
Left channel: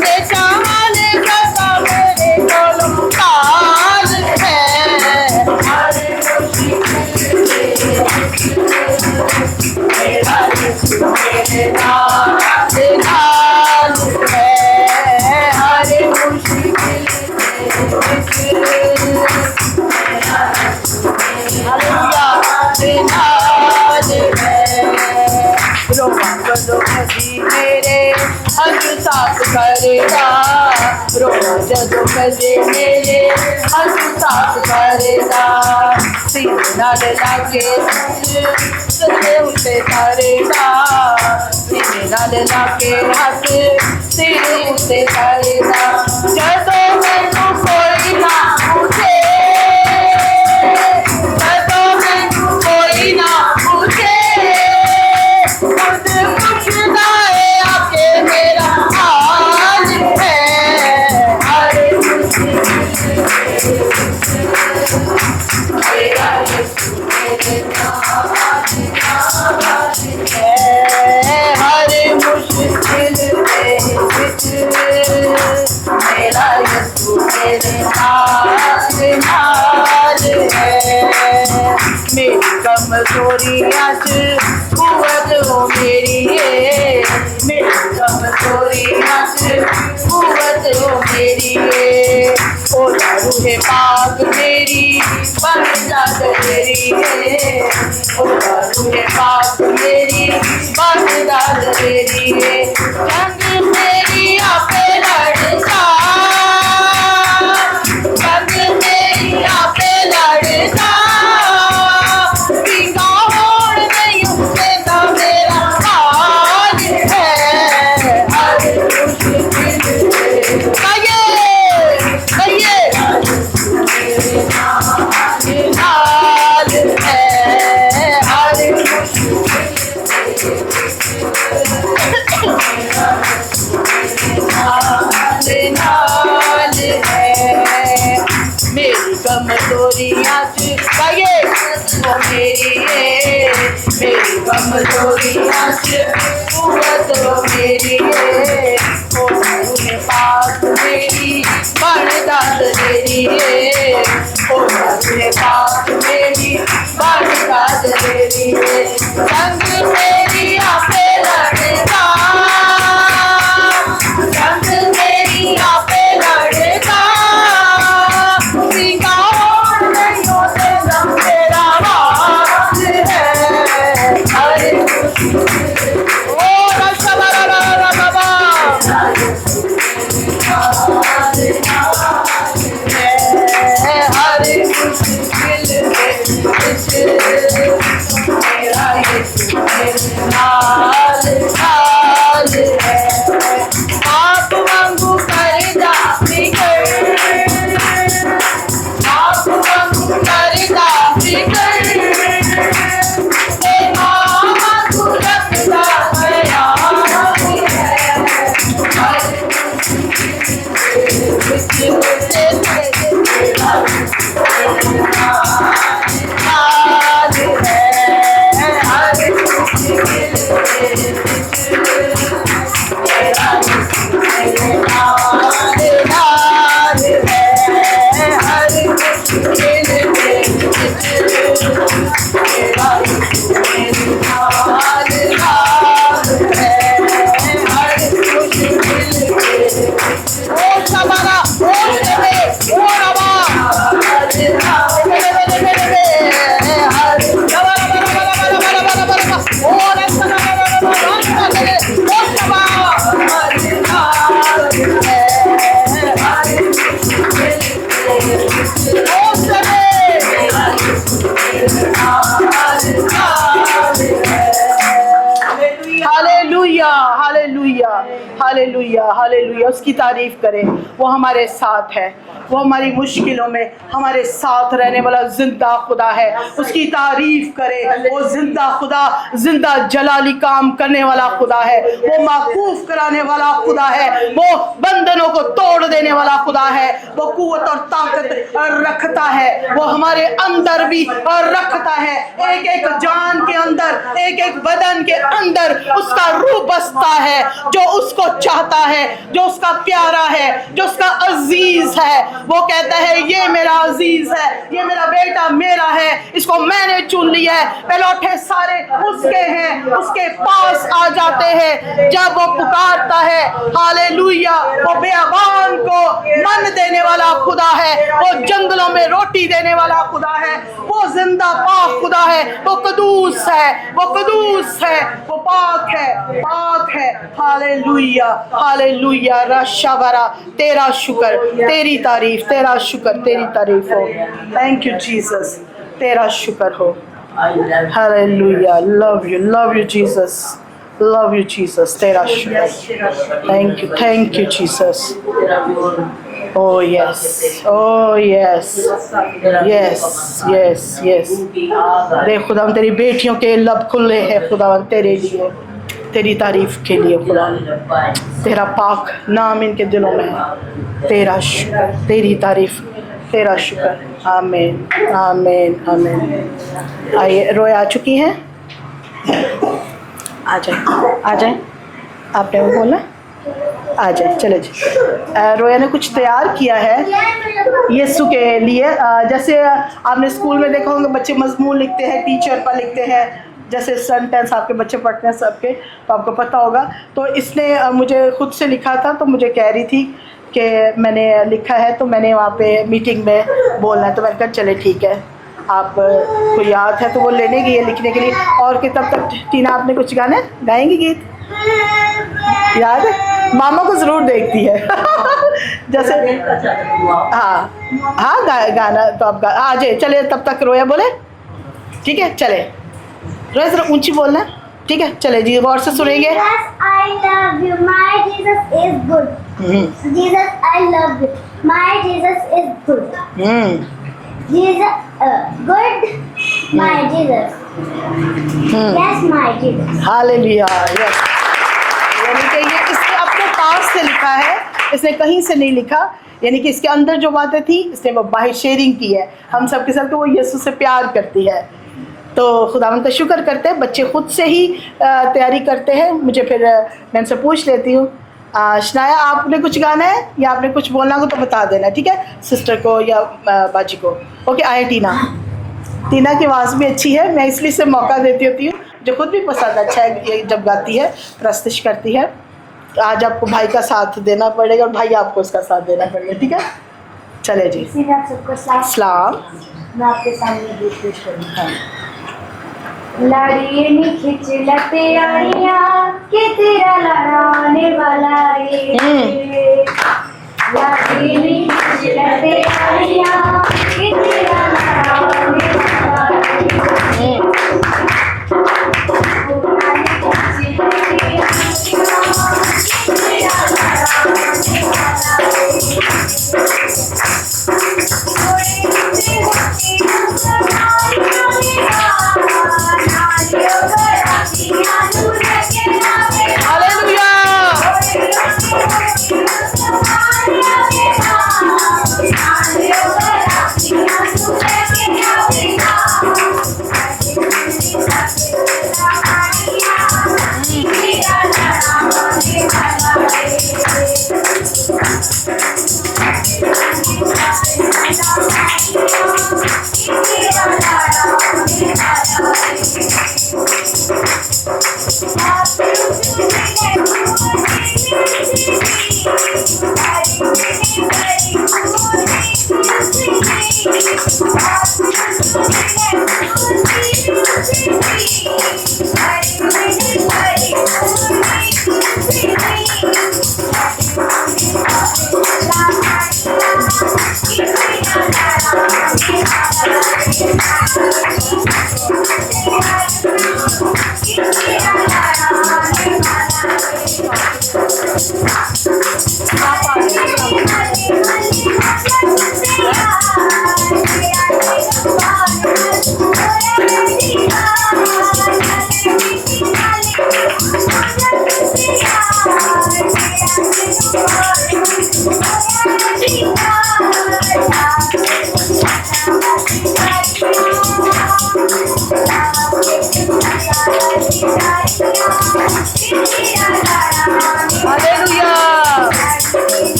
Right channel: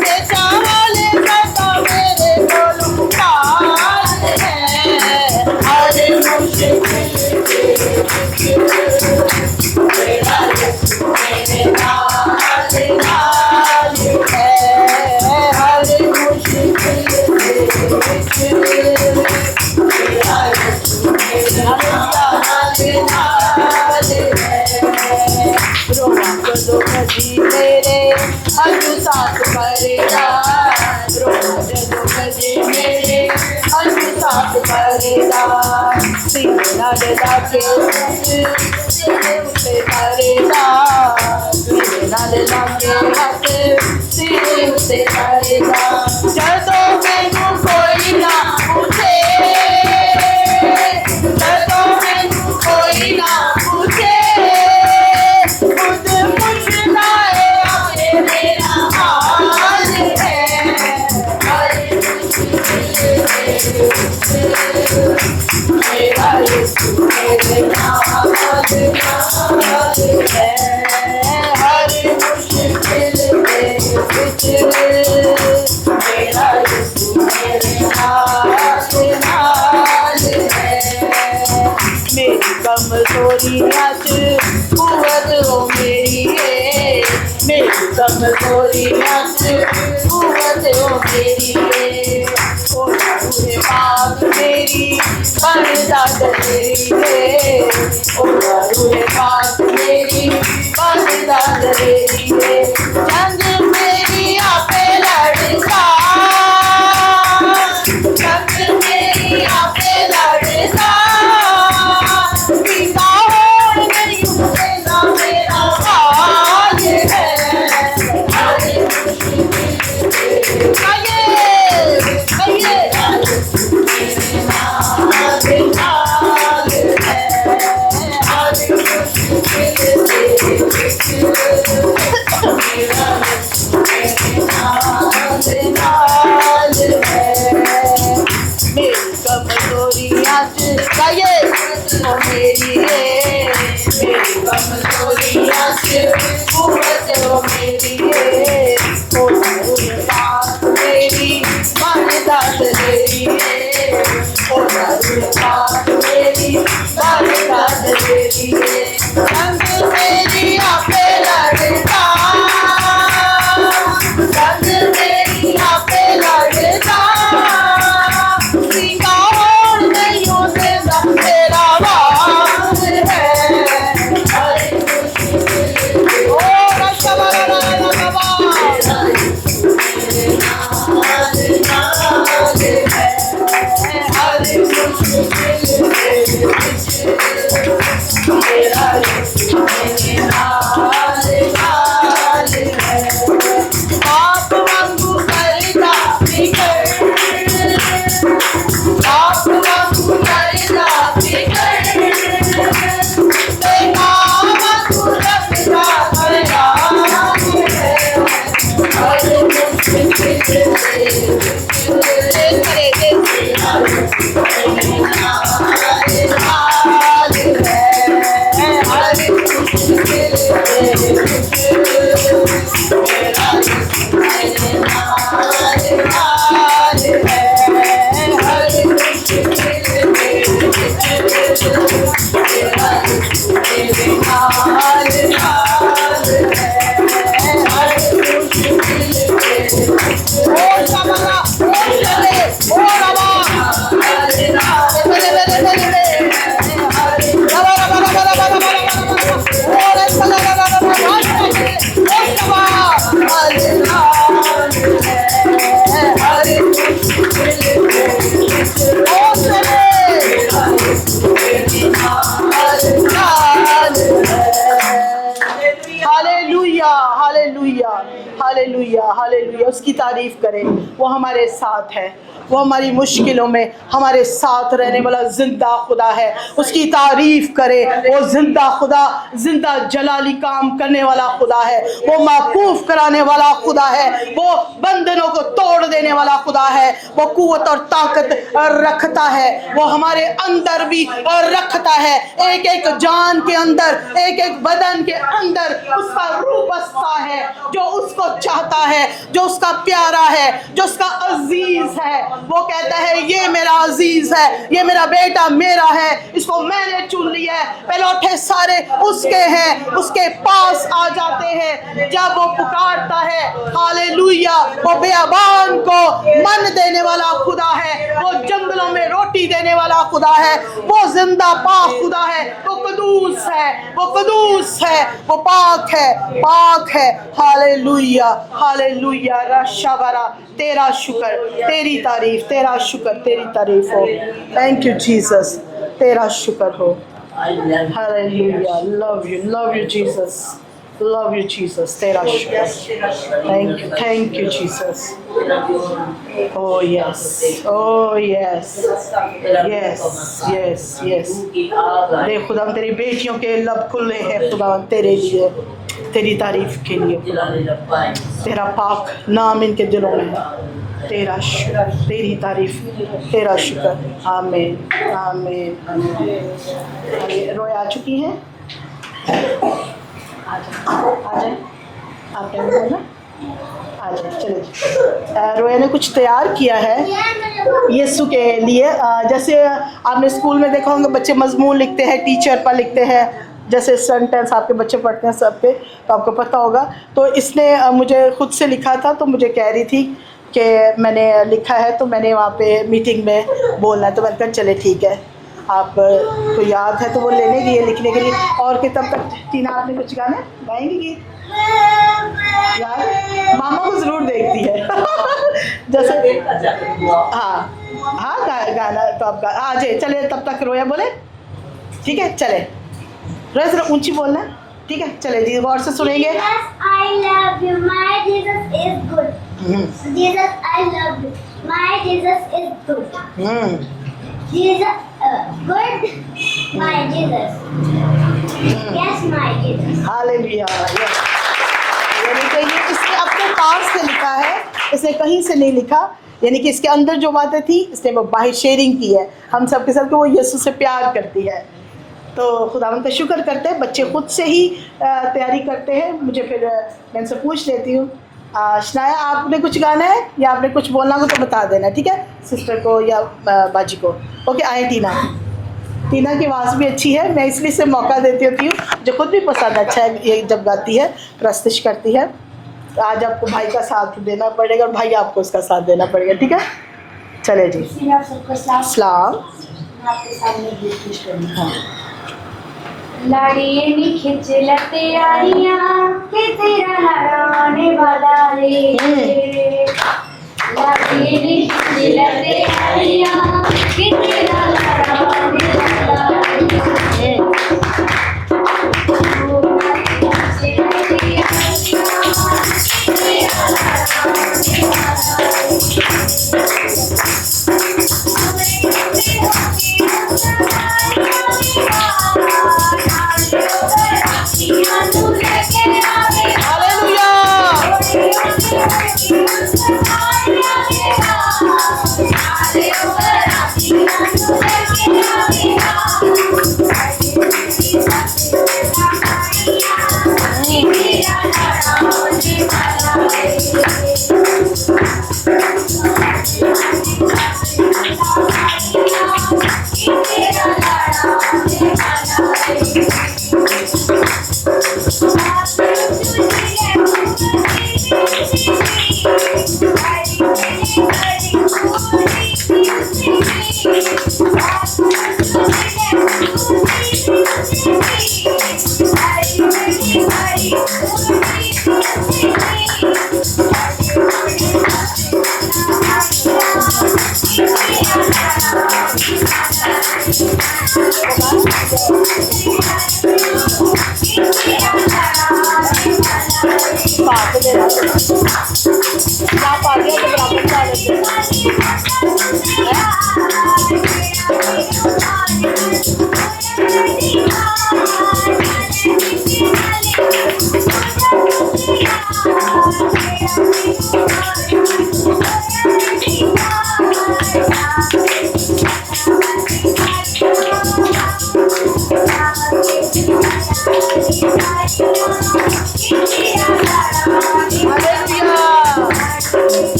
से चावल सदा मेरे कोलों काल है हर मुश्किल मेरा यीशु मेरे नाल नाल है हर मुश्किल दे विच मेरा यीशु मेरे नाल है रोना जदों कदी मेरे हंझू साफ करेगा रोना जदों कदी मेरे हंझू साफ करेगा सीने नाल लाके सिरे उते करेगा सीने नाल लाके हाथ सिरे उते करेगा जदों मैनू कोई ना पूछे जदों मैनू कोई ना पूछे खुद पुछदा है आके मेरा हाल है हर मुश्किल मेरा यीशु मेरे नाल नाल है हर मुश्किल दे विच मेरा यीशु मेरे नाल नाल है मेरी कमजोरियां च कुवत हो मेरी है मेरी कमजोरियां च कुवत हो मेरी है ओ रूहे पाक मेरी बरदात मेरी है ओ रूहे पाक मेरी बरदात मेरी है जंग मेरी आपे लड़ता जंग मेरी आपे लड़ता बिका होड़ नहीं देना मेरा हाल है हर मुश्किल आइए आइए मेरे नाल कमजोरियाँ से गाइए वो मेरी है, मेरी कमजोरियाँ से कुव्वत वो मेरी है, ओ दारुए पाक मेरी बरदाद मेरी है, ओ दारुए पाक मेरी बरदाद मेरी है, संग मेरी आपे लड़का, संग मेरी आपे लड़का, सीखा और नैयों से दम तेरा राज है, हर ओ रशा बाबा आप वांगू करदा फिकर, आप वांगू करदा फिकर, तेरा वांगू रखदा ख्याल है, हर मुश्किल हालेलुया हालेलुया हालेलुया हालेलुया। उसकी तारीफ करें, वो हमारे साथ है, वो हमारी मुश्किलों में हमारे साथ रहने वाला जिंदा खुदा है। उसकी तारीफ करें, वो जिंदा खुदा, जिंदा जलाली काम करने वाला खुदा है, वो माकूफ कराने वाला खुदा है, वो बंधनों को तोड़ देने वाला खुदा है, वो कुव्वत और ताकत रखता है, वो हमारे अंदर भी रखता है। एक एक जान के अंदर, एक एक बदन के अंदर उसका रूह बसता है, जो उसको चाहता है, जो उसका प्यारा है, जो उसका अजीज है। वो कहता है ये मेरा अजीज है, ये मेरा बेटा मेरा है, इसको मैंने चुन लिया है। पहलौठे सारे उसके हैं, उसके पास आ जाते हैं जब वो पुकारता है। हालेलुया। वो बियाबान को मन देने वाला खुदा है, वो जंगलों में रोटी देने वाला खुदा है, वो जिंदा पाक खुदा है, वो कदूस है, वो कदूस है, वो पाक है, पाक है। Hallelujah hallelujah. रशावरा, तेरा शुक्र, तेरी तारीफ, तेरा शुक्र, तेरी तारीफ हो। थैंक यू जीसस, तेरा शुक्र हो। Hallelujah. Love you Jesus, love you Jesus, तेरा शुक्र। Thank you Jesus. Oh yes, oh yes, yes, yes, yes। देख खुदा, तेरी बेटियों के लब खुले हैं खुदा तेरे लिए, तेरी तारीफ के लिए खुदा। तेरा पाक नाम इनके दिलों में है। तेरा शुक्र, तेरी तारीफ, तेरा शुक्र। आमीन आमीन आमीन। आइए, रोया आ चुकी हैं, आ जाए आ जाए। आपने वो बोला आ जाए, चले जी। रोया ने कुछ तैयार किया है यीशु के लिए। जैसे आपने स्कूल में देखा होंगे बच्चे मजमून लिखते हैं, टीचर पर लिखते हैं, जैसे सेंटेंस आपके बच्चे पढ़ते हैं सबके, तो आपको पता होगा। तो इसने मुझे खुद से लिखा था, तो मुझे कह रही थी कि मैंने लिखा है, तो मैंने वहाँ पे मीटिंग में बोलना है। तो मैंने कहा चले ठीक है, आप को याद है तो वो लेने गई है लिखने के लिए। और कि तब तक टीना आपने कुछ गाने गाएंगी, गीत याद है? मामा को ज़रूर देखती है जैसे हाँ गाना तो आप आ जाए। चले तब तक रोया बोले, ठीक है चले। रोया जरा ऊंची बोलना है, ठीक है चले जी, गौर से सुनेंगे। I love you, my Jesus is good. Jesus, I love you, my Jesus is good. Jesus, good, my Jesus. Yes, my Jesus. Hallelujah. यानी कि ये इसने अपने पास से लिखा है, इसने कहीं से नहीं लिखा। यानी कि इसके अंदर जो बातें थी इसने वो बाहर शेयरिंग की है हम सब के साथ कि वो यीशु से प्यार करती है। तो खुदावंद का शुक्र करते हैं, बच्चे खुद से ही तैयारी करते हैं। मुझे फिर मैं उनसे पूछ लेती हूँ, शनाया आपने कुछ गाना है या आपने कुछ बोलना हो तो बता देना, ठीक है, सिस्टर को या बाजी को। ओके, आए टीना की आवाज़ भी अच्छी है, मैं इसलिए से मौका देती होती हूँ, जो खुद भी पसंद अच्छा है ये जब गाती है, प्रस्तुत करती है। तो आज आपको भाई का साथ देना पड़ेगा और भाई आपको उसका साथ देना पड़ेगा, ठीक है। चले जी, सलाम। मैं आपके सामने गीत पेश करूँगी। हाँ। लाड़िए नी खिंच लते आइयां के तेरा लड़ाने वाला रे। लाड़िए नी खिंच लते आइयां के तेरा लड़ाने वाला रे।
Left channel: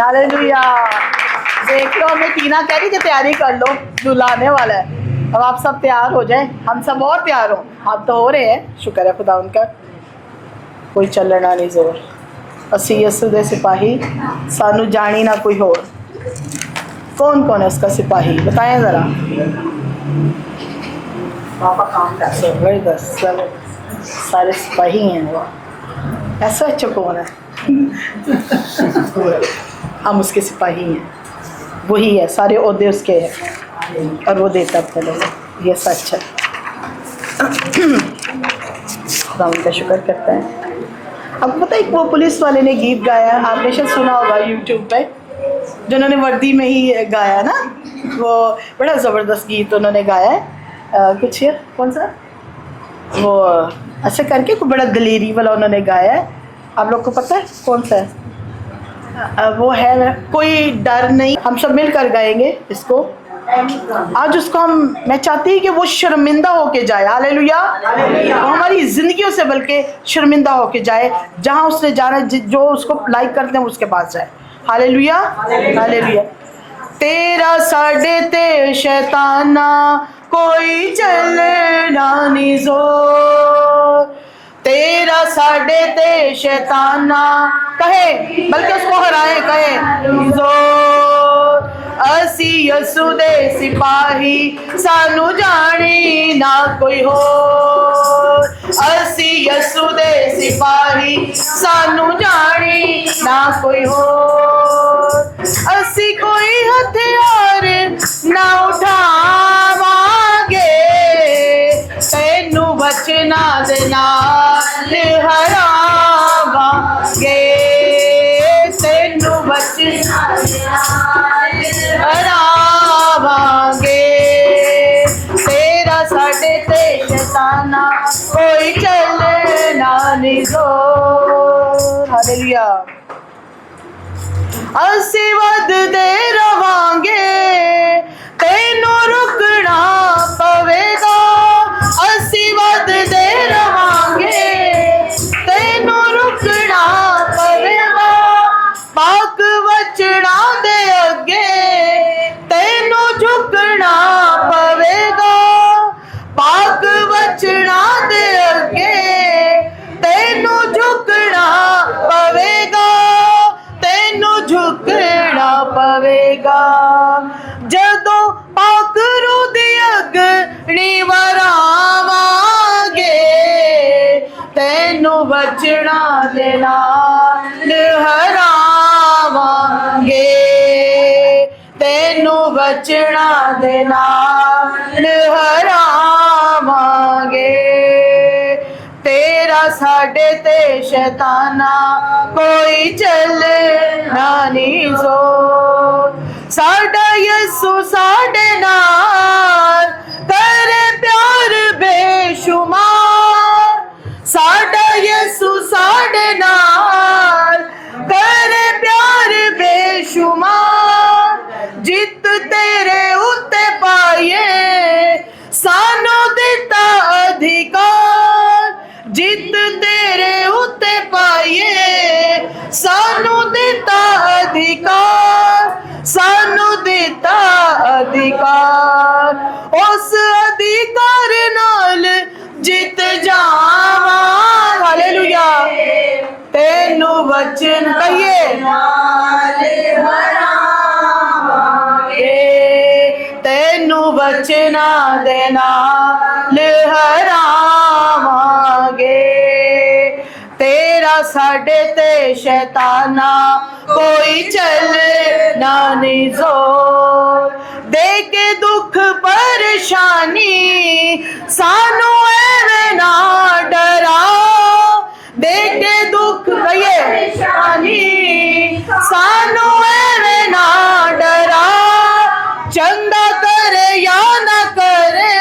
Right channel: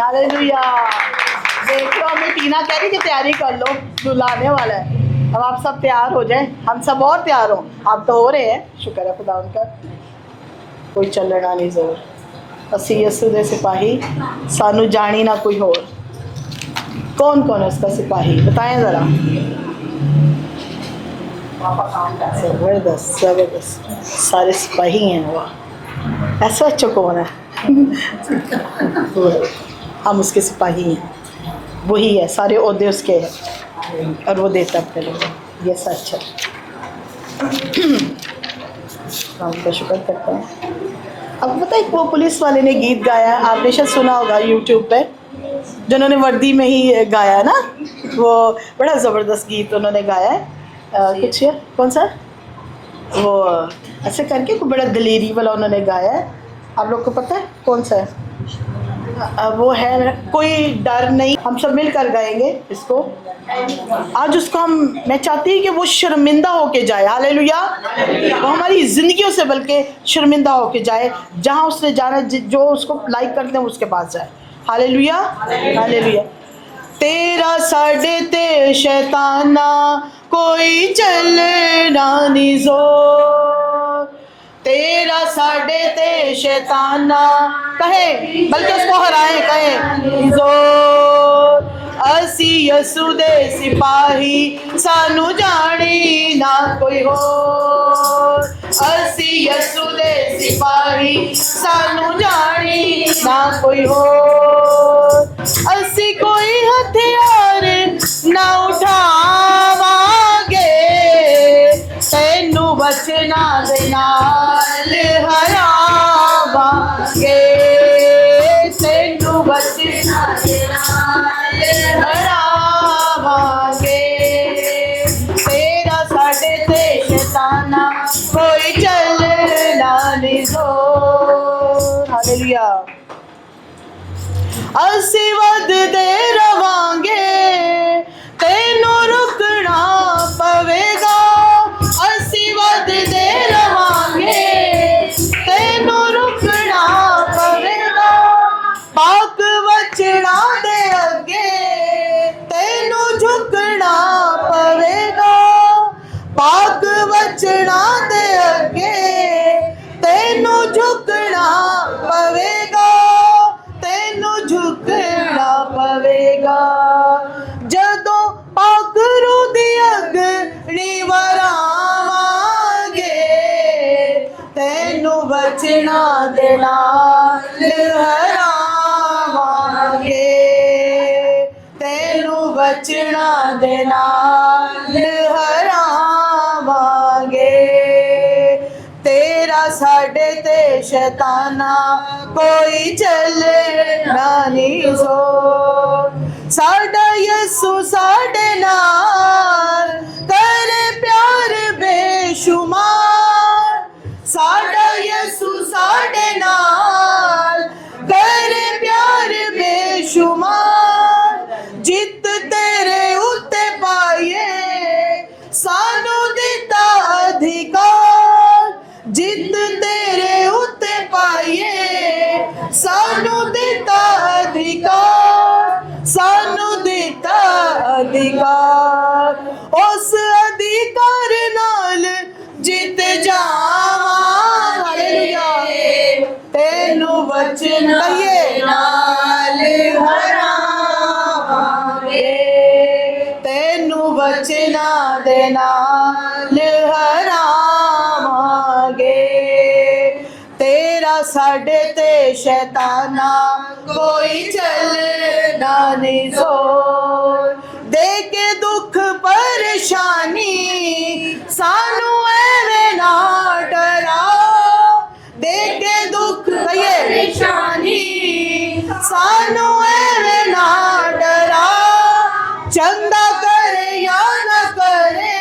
हालेलुया। देख लो, हमें टीना कह रही कि तैयारी कर लो, दूल्हा आने वाला है। अब आप सब तैयार हो जाए, हम सब और तैयार हों। आप तो हो रहे हैं, शुक्र है खुदा उनका। कोई चलना नहीं जोर, असी यसू दे सिपाही, सानू जानी ना कोई होर। कौन कौन है उसका सिपाही, बताएं ज़रा। ज़बरदस्त ज़बरदस्त, सारे सिपाही हैं। वाह, ऐसा अच्छा कौन है? हम उसके सिपाही हैं, वही है, सारे ओहदे उसके हैं और वो देता अपने लोगों। ये सच है, खुदा उनका शुक्र करता है। अब पता है, वो पुलिस वाले ने गीत गाया, आपने शायद सुना होगा यूट्यूब पे, जिन्होंने वर्दी में ही गाया है ना, वो बड़ा ज़बरदस्त गीत उन्होंने गाया है। कुछ ये कौन सा, वो ऐसे करके कोई बड़ा दलेरी वाला उन्होंने गाया है। आप लोग को पता है कौन सा है? वो है कोई डर नहीं। हम सब मिलकर गाएंगे इसको आज। उसको मैं चाहती हूँ कि वो शर्मिंदा होके जाए। हालेलुया। वो हमारी ज़िंदगियों से बल्कि शर्मिंदा होके जाए, जहाँ उसने जाना, जो उसको लाइक करते हैं उसके पास जाए। Hallelujah hallelujah. तेरा साढ़े ते शैताना कोई चलना नहीं जोर, तेरा साढ़े ते शैताना कहे, बल्कि उसको हराए, कहे जोर। असी यसू दे सिपाही, सानू जानी ना कोई हो। असी यसू दे सिपाही, सानू जानी ना कोई हो। असी कोई हथियार ना उठावांगे, तेनू बचना दे नाल हरावांगे। हरावांगे तेरा साडे ते शैताना कोई चलना नहीं जोर हालेलुया ਅਸੀਂ ਵੱਧਦੇ ਰਵਾਂਗੇ ਤੈਨੂੰ ਰੁਕਣਾ ਪਵੇਗਾ ਅਸੀਂ ਵੱਧਦੇ ਰਵਾਂਗੇ ਤੈਨੂੰ ਰੁਕਣਾ ਪਵੇਗਾ ਪਾਕ ਵਚਨਾਂ ਦੇ ਅੱਗੇ ਤੈਨੂੰ ਝੁਕਣਾ ਪਵੇਗਾ ਪਾਕ ਵਚਨਾਂ ਦੇ ਅੱਗੇ ਤੈਨੂੰ ਝੁਕਣਾ ਪਵੇਗਾ ਤੈਨੂੰ ਝੁਕਣਾ ਪਵੇਗਾ ਜਦੋਂ ਪਾਕ ਰੂਹ ਦੀ ਅਗਨੀ ਵਰਾਵਾਂਗੇ ਤੈਨੂੰ ਵਚਨਾਂ ਦੇ ਨਾਲ ਹਰਾਵਾਂਗੇ ਤੈਨੂੰ ਵਚਨਾਂ ਦੇ ਨਾਲ ਹਰਾਵਾਂਗੇ तेरा साडे ते शैताना कोई चलना नहीं जोर साडा यसु साडे नाल करे प्यार बेशुमार साडा यसु साडे नाल करे प्यार बेशुमार जित तेरे उत्ते पाइए सानू दिता अधिकार जित तेरे उत्ते पाइए सानू दिता अधिकार सानू दिता अधिकार उस अधिकार नाल जित जावां हालेलुया तेनू वचन कहिए नाल हरावांगे तेनू वचना दे नाल हरावांगे तेरा साडे ते शैताना कोई चलना नहीं जोर दे के दुख परेशानी सानू एवें ना डरा दे के दुख परेशानी सानू एवें ना डरा चंदा करे या ना करे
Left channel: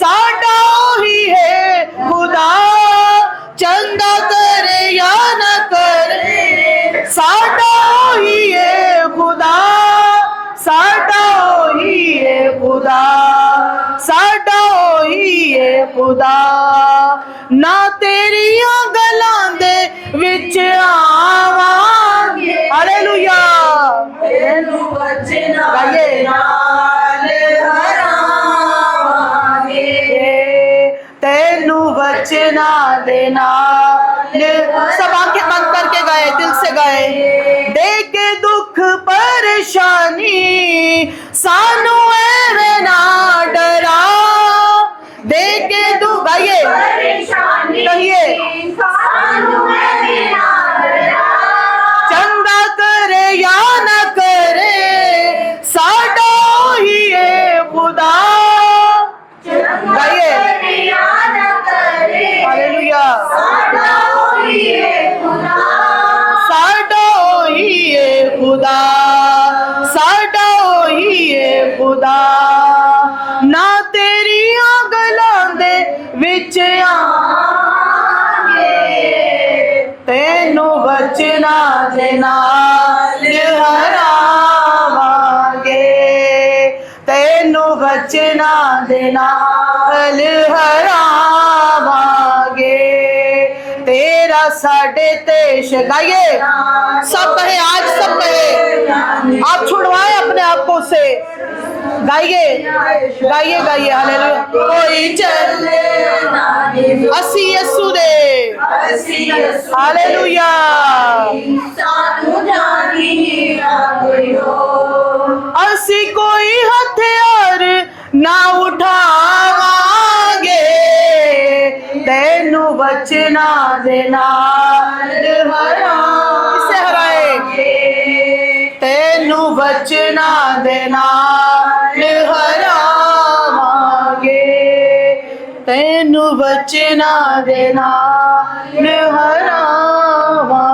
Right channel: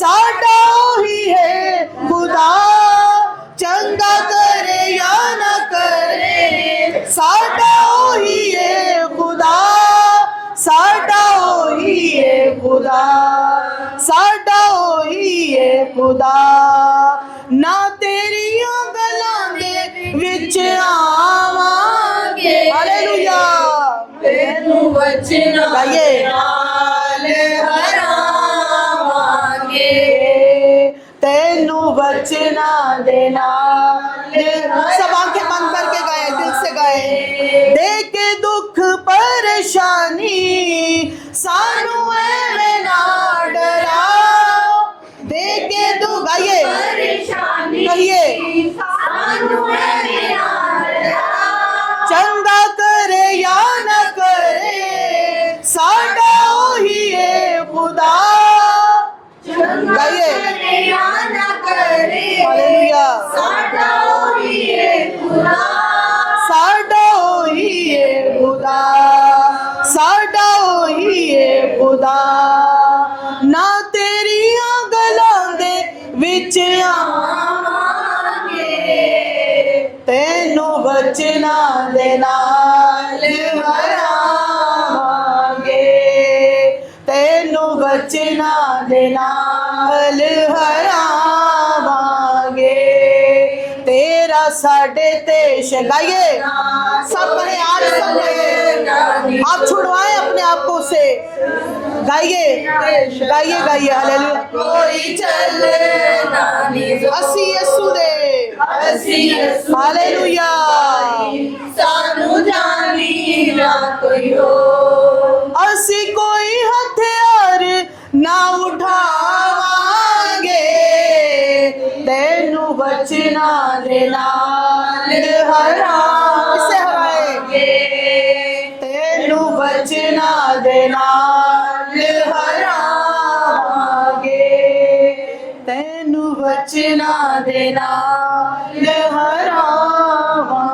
साडा ही है खुदा चंदा करे या ना करे साडा ही है खुदा साडा ही है खुदा साडा ही है खुदा ना तेरियां गलां दे विच आवांगे हालेलुया तेनू वचना गाइए नाल हरावांगे तेनू वचना दे नाल सब आंखें बंद करके गए दिल से गए दे के दुख परेशानी सानू एवें ना डरा दे के दुख गाइए कहिए सानू एवें ना डरा चंदा करे या न करे साडा ही है खुदा गाइए हालेलुया साडा ही है खुदा साडा ही है खुदा साडा ही है खुदा ना तेरियां गलां दे विच आवांगे तेनू वचना दे नाल हरावांगे तेनू वचना दे नाल हरावांगे तेरा साडे ते गाइए सब है आज सब है आप छुड़वाए अपने आप को से गाइए गाइए गाइए हालेलुया कोई चलना नहीं असी यीशु दे हालेलुया सानू जानी ना कोई हो असी कोई हथियार ना उठावांगे तेनू वचना दे नाल हरावांगे तेनू वचना दे नाल हरावांगे तेनू वचना दे नाल हरावांगे।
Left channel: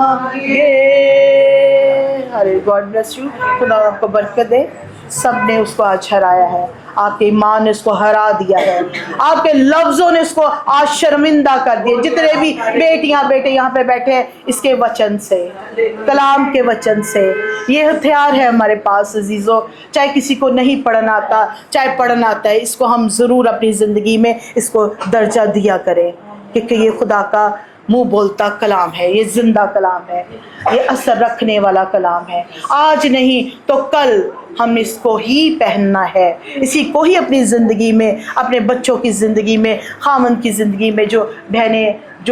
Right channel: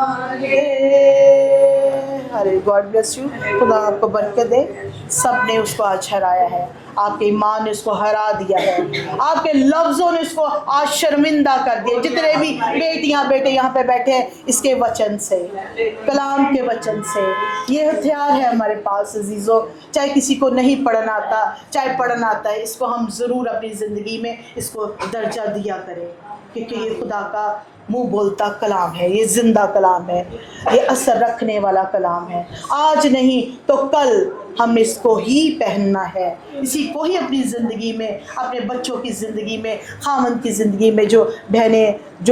हालेलुया। गॉड ब्लेस यू, खुदा आपको बरकत दे। सब ने उसको आज हराया है, आपके ईमान ने उसको हरा दिया है, आपके लफ्ज़ों ने उसको आज शर्मिंदा कर दिया। जितने भी बेटियां बेटे यहाँ पे बैठे हैं, इसके वचन से, कलाम के वचन से, ये हथियार है हमारे पास अजीज़ों। चाहे किसी को नहीं पढ़ना आता, चाहे पढ़ना आता है, इसको हम ज़रूर अपनी ज़िंदगी में इसको दर्जा दिया करें, क्योंकि ये खुदा का मुंह बोलता कलाम है, ये जिंदा कलाम है, ये असर रखने वाला कलाम है। आज नहीं तो कल हम इसको ही पहनना है, इसी को ही अपनी ज़िंदगी में, अपने बच्चों की ज़िंदगी में, खामन की ज़िंदगी में, जो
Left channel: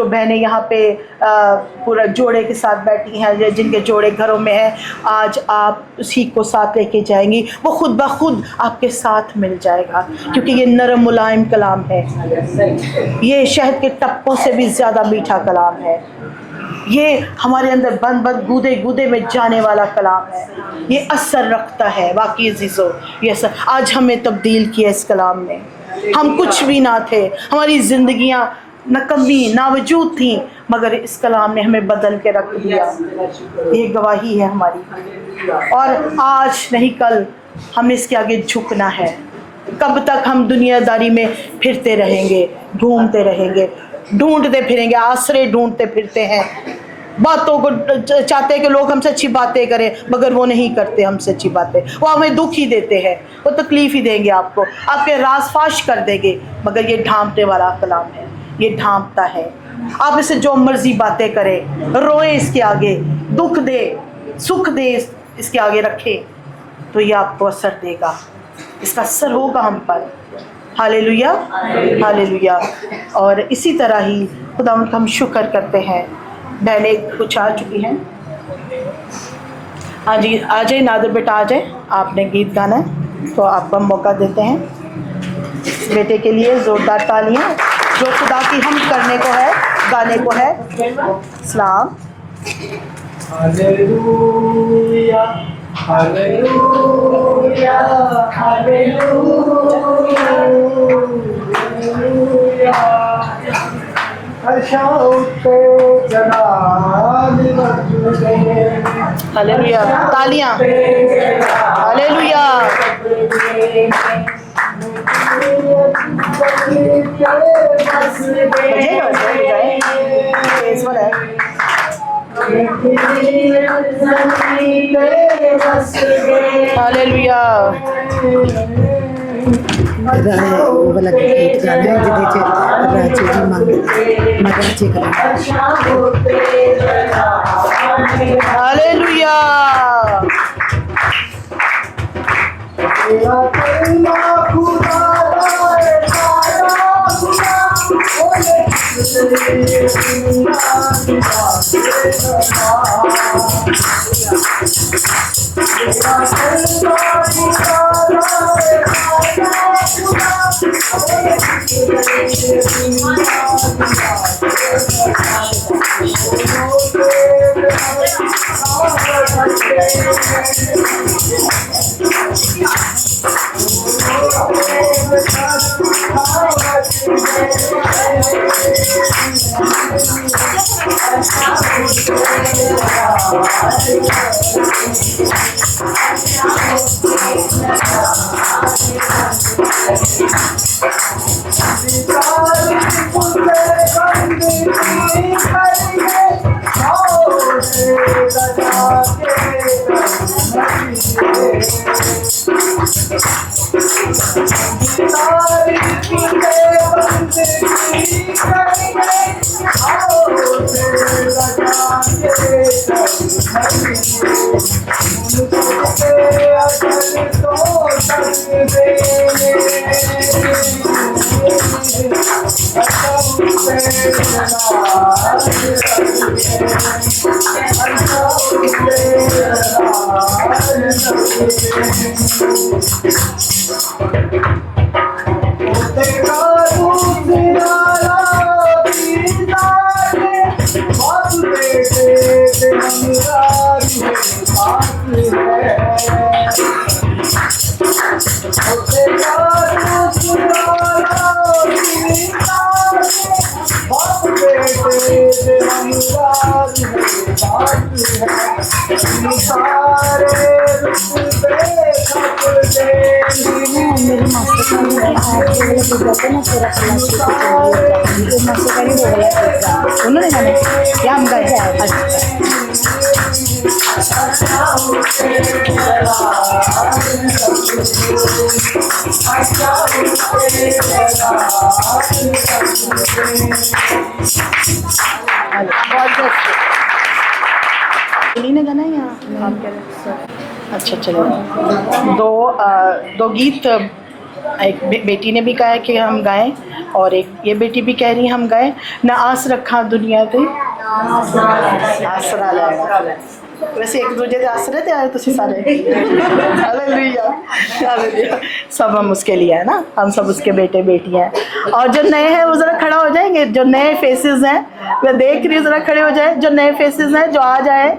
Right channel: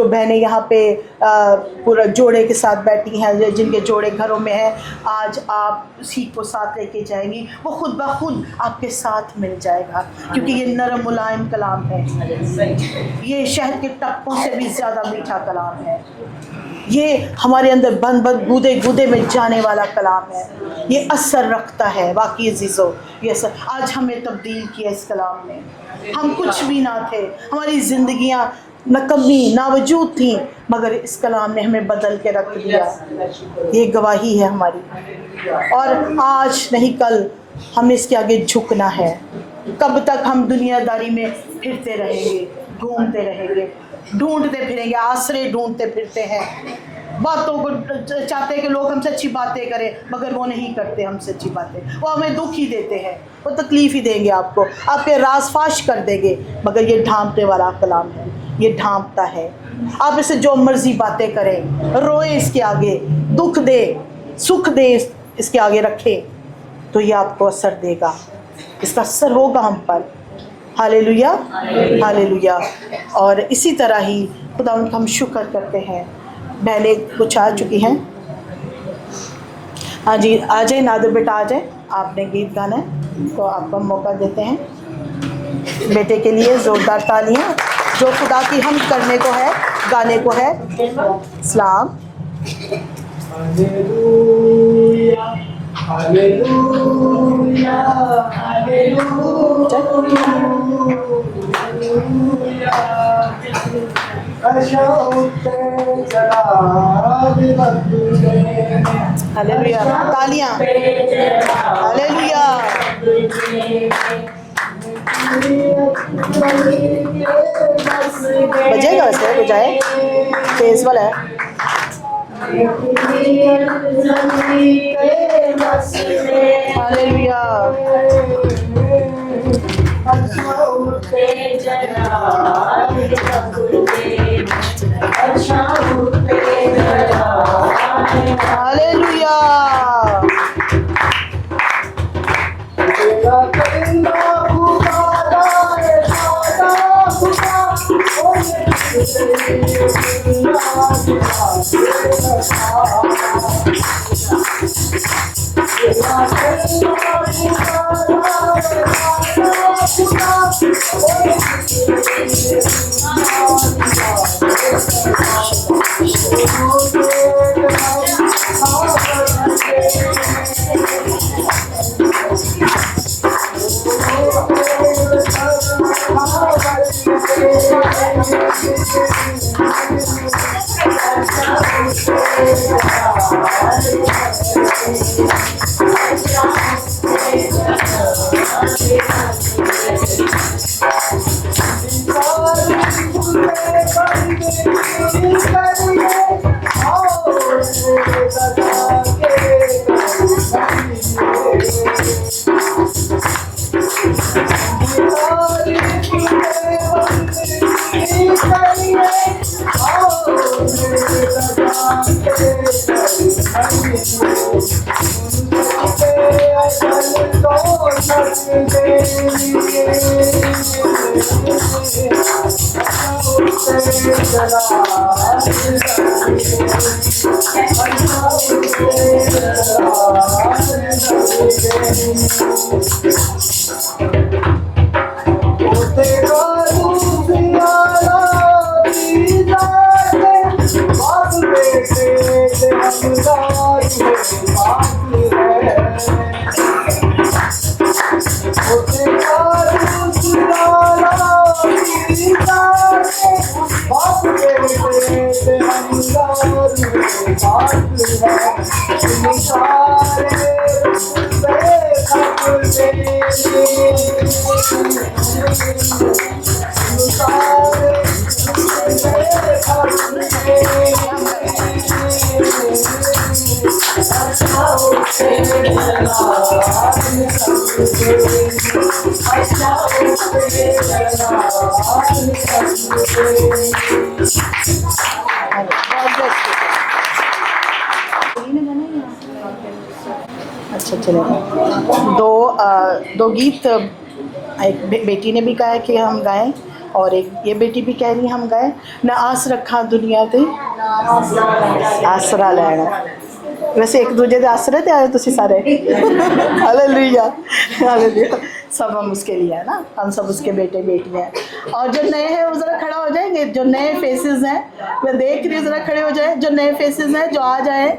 बहनें यहाँ पे पूरा जोड़े के साथ बैठी हैं, जिनके जोड़े घरों में हैं, आज आप उसी को साथ लेके जाएंगी, वो खुद ब खुद आपके साथ मिल जाएगा, क्योंकि ये नरम मुलायम कलाम है, ये शहद के टप्पों से भी ज़्यादा मीठा कलाम है, ये हमारे अंदर बंद बंद गूदे गूदे में जाने वाला कलाम है, ये असर रखता है। वाकई अजीज़ों, ये असर आज हमें तब्दील किया इस कलाम ने। हम कुछ भी ना थे, हमारी ज़िंदगियाँ नकमी नावजूद थी, मगर इस कलाम ने हमें बदल के रख दिया। ये गवाही है हमारी, और आज नहीं कल हमें इसके आगे झुकना है। कब तक हम दुनियादारी में फिरते रहेंगे, ढूंढते फिरेंगे, आसरे ढूंढते फिरते हैं, बातों को चाहते हैं कि लोग हमसे अच्छी बातें करें, मगर वो नहीं करते हमसे अच्छी बातें, वो हमें दुख ही देते हैं, वो तकलीफ़ ही देंगे आपको, आपके राज फाश कर देंगे, मगर ये ढांपने वाला कलाम है, ये ढांपता है। आप इसे जो मर्जी बातें करें, रोए इसके आगे, दुख दे सुख दे इसके आगे रखें, तो ये आपको असर देगा, इसका असर होगा हम पर। Hallelujah, hallelujah. और इसी तरह ही खुदा का हम शुक्र करते हैं। बहनें कुछ आ चुकी हैं, हाँ जी, आ जाए नादिर बेटा, आ जाए, आपने गीत गाना है तो आपको हम मौका देते हैं। बेटे के लिए ज़ोरदार तालियां, जो खुदा की हम करने को है, गाने को है। सलाम। हालेलुया, हालेलुया, हालेलुया, हालेलुया, तालियां, हालेलुया। बजेगा वैसे, बजाए, तेज वाला है। हालेलुया। हालेलुया। सारे उन्होंने गाने या हम गाए? ने गाना है यहाँ? अच्छा चलो, दो गीत एक बेटी ने भी कहा कि हम गाएं और एक ये बेटी भी कह रही है हम गाएं। ना आस रखा दुनिया ते आसरा लैना। वैसे एक दूजे के आसरे थे आए तुसी सारे। Hallelujah hallelujah. सब हम उसके लिए है ना, हम सब उसके बेटे बेटियां हैं। और जो नए हैं वो ज़रा खड़ा हो जाएंगे, जो नए फेसेस हैं मैं देख रही हूँ, ज़रा खड़े हो जाए जो नए फेसेस हैं, जो आ जाए।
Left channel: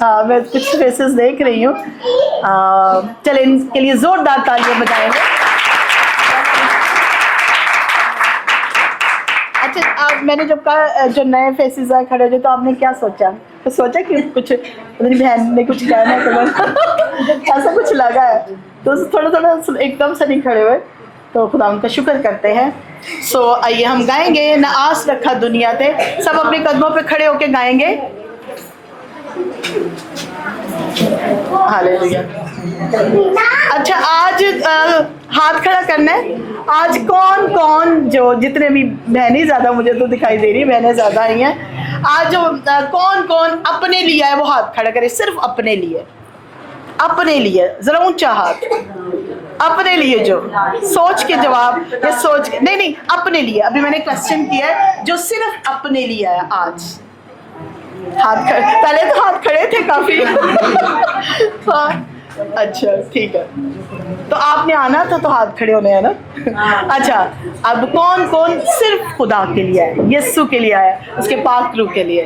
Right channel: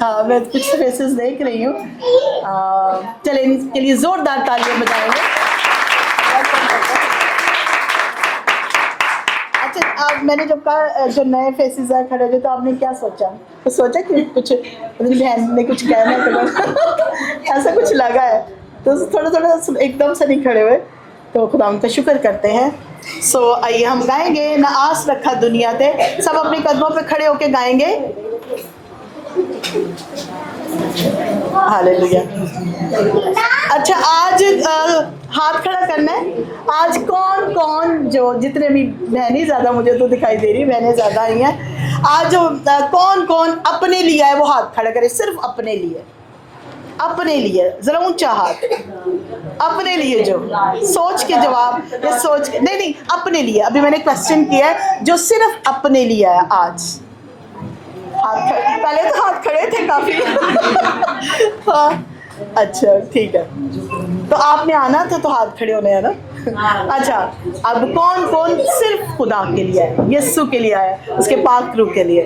हाँ मैं कुछ फेसेस देख रही हूँ। चले इनके लिए ज़ोरदार तालियां बजाएंगे। अच्छा अब मैंने जब कहा जो नए फेसेस हैं खड़े हो जाए, तो आपने क्या सोचा? तो सोचा कि कुछ मेरी बहन ने कुछ कहना है तो ऐसा कुछ लगा है, तो थोड़ा थोड़ा एकदम से नहीं खड़े हुए, तो खुदा उनका शुक्र करते हैं। सो आइए हम गाएंगे ना आस रखा दुनिया ते। सब अपने कदमों पे खड़े होके गाएंगे। हालेलुया। अच्छा आज हाथ खड़ा करना है। आज कौन कौन जो जितने भी बहनें, ज़्यादा मुझे तो दिखाई दे रही, बहनें ज़्यादा आई हैं। आज जो कौन कौन अपने लिए है वो हाथ खड़ा करे। सिर्फ अपने लिए, अपने लिए ज़रा ऊंचा हाथ। अपने लिए जो सोच के जवाब, ये सोच के नहीं अपने लिए। अभी मैंने क्वेश्चन किया है जो सिर्फ अपने लिए है आज। हाथ खड़े, पहले तो हाथ खड़े थे काफी। हाँ अच्छा ठीक है, तो आपने आना था तो हाथ खड़े होने हैं ना। अच्छा अब कौन कौन सिर्फ खुदा के लिए है, यीशु के लिए आया, उसके पाक रूह के लिए।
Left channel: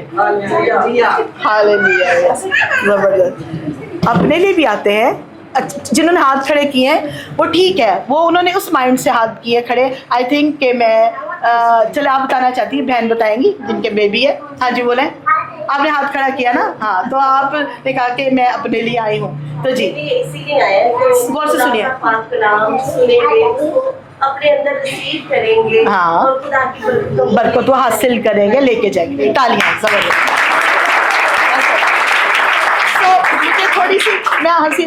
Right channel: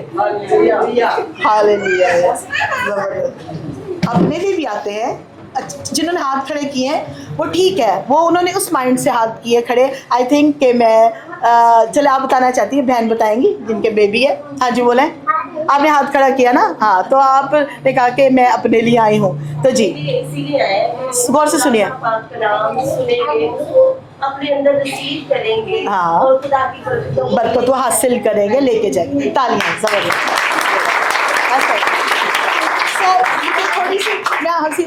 हालेलुया। यस जबरदस्त। अपने लिए भी आते हैं। जिन्होंने हाथ खड़े किए हैं वो ठीक है, वो उन्होंने उस माइंड से हाथ किए खड़े। आई थिंक कि मैं चले आप बताना चाहती हैं, बहन बताएंगी जिनके बेबी है। हाँ जी बोलें। आपने हाथ खड़ा किया ना, हाँ तो आपने कहा कि मैं अपने लिए आई हूँ, तो जी इसीलिए आए गौर से सुनिए। अपने अंदर रिसीव करेंगे। हाँ और खुदा की बरकत वो हासिल करेंगे, लेके जाएंगे। तालियां जबरदस्त। मुझे थोड़ी सी मैं हंसी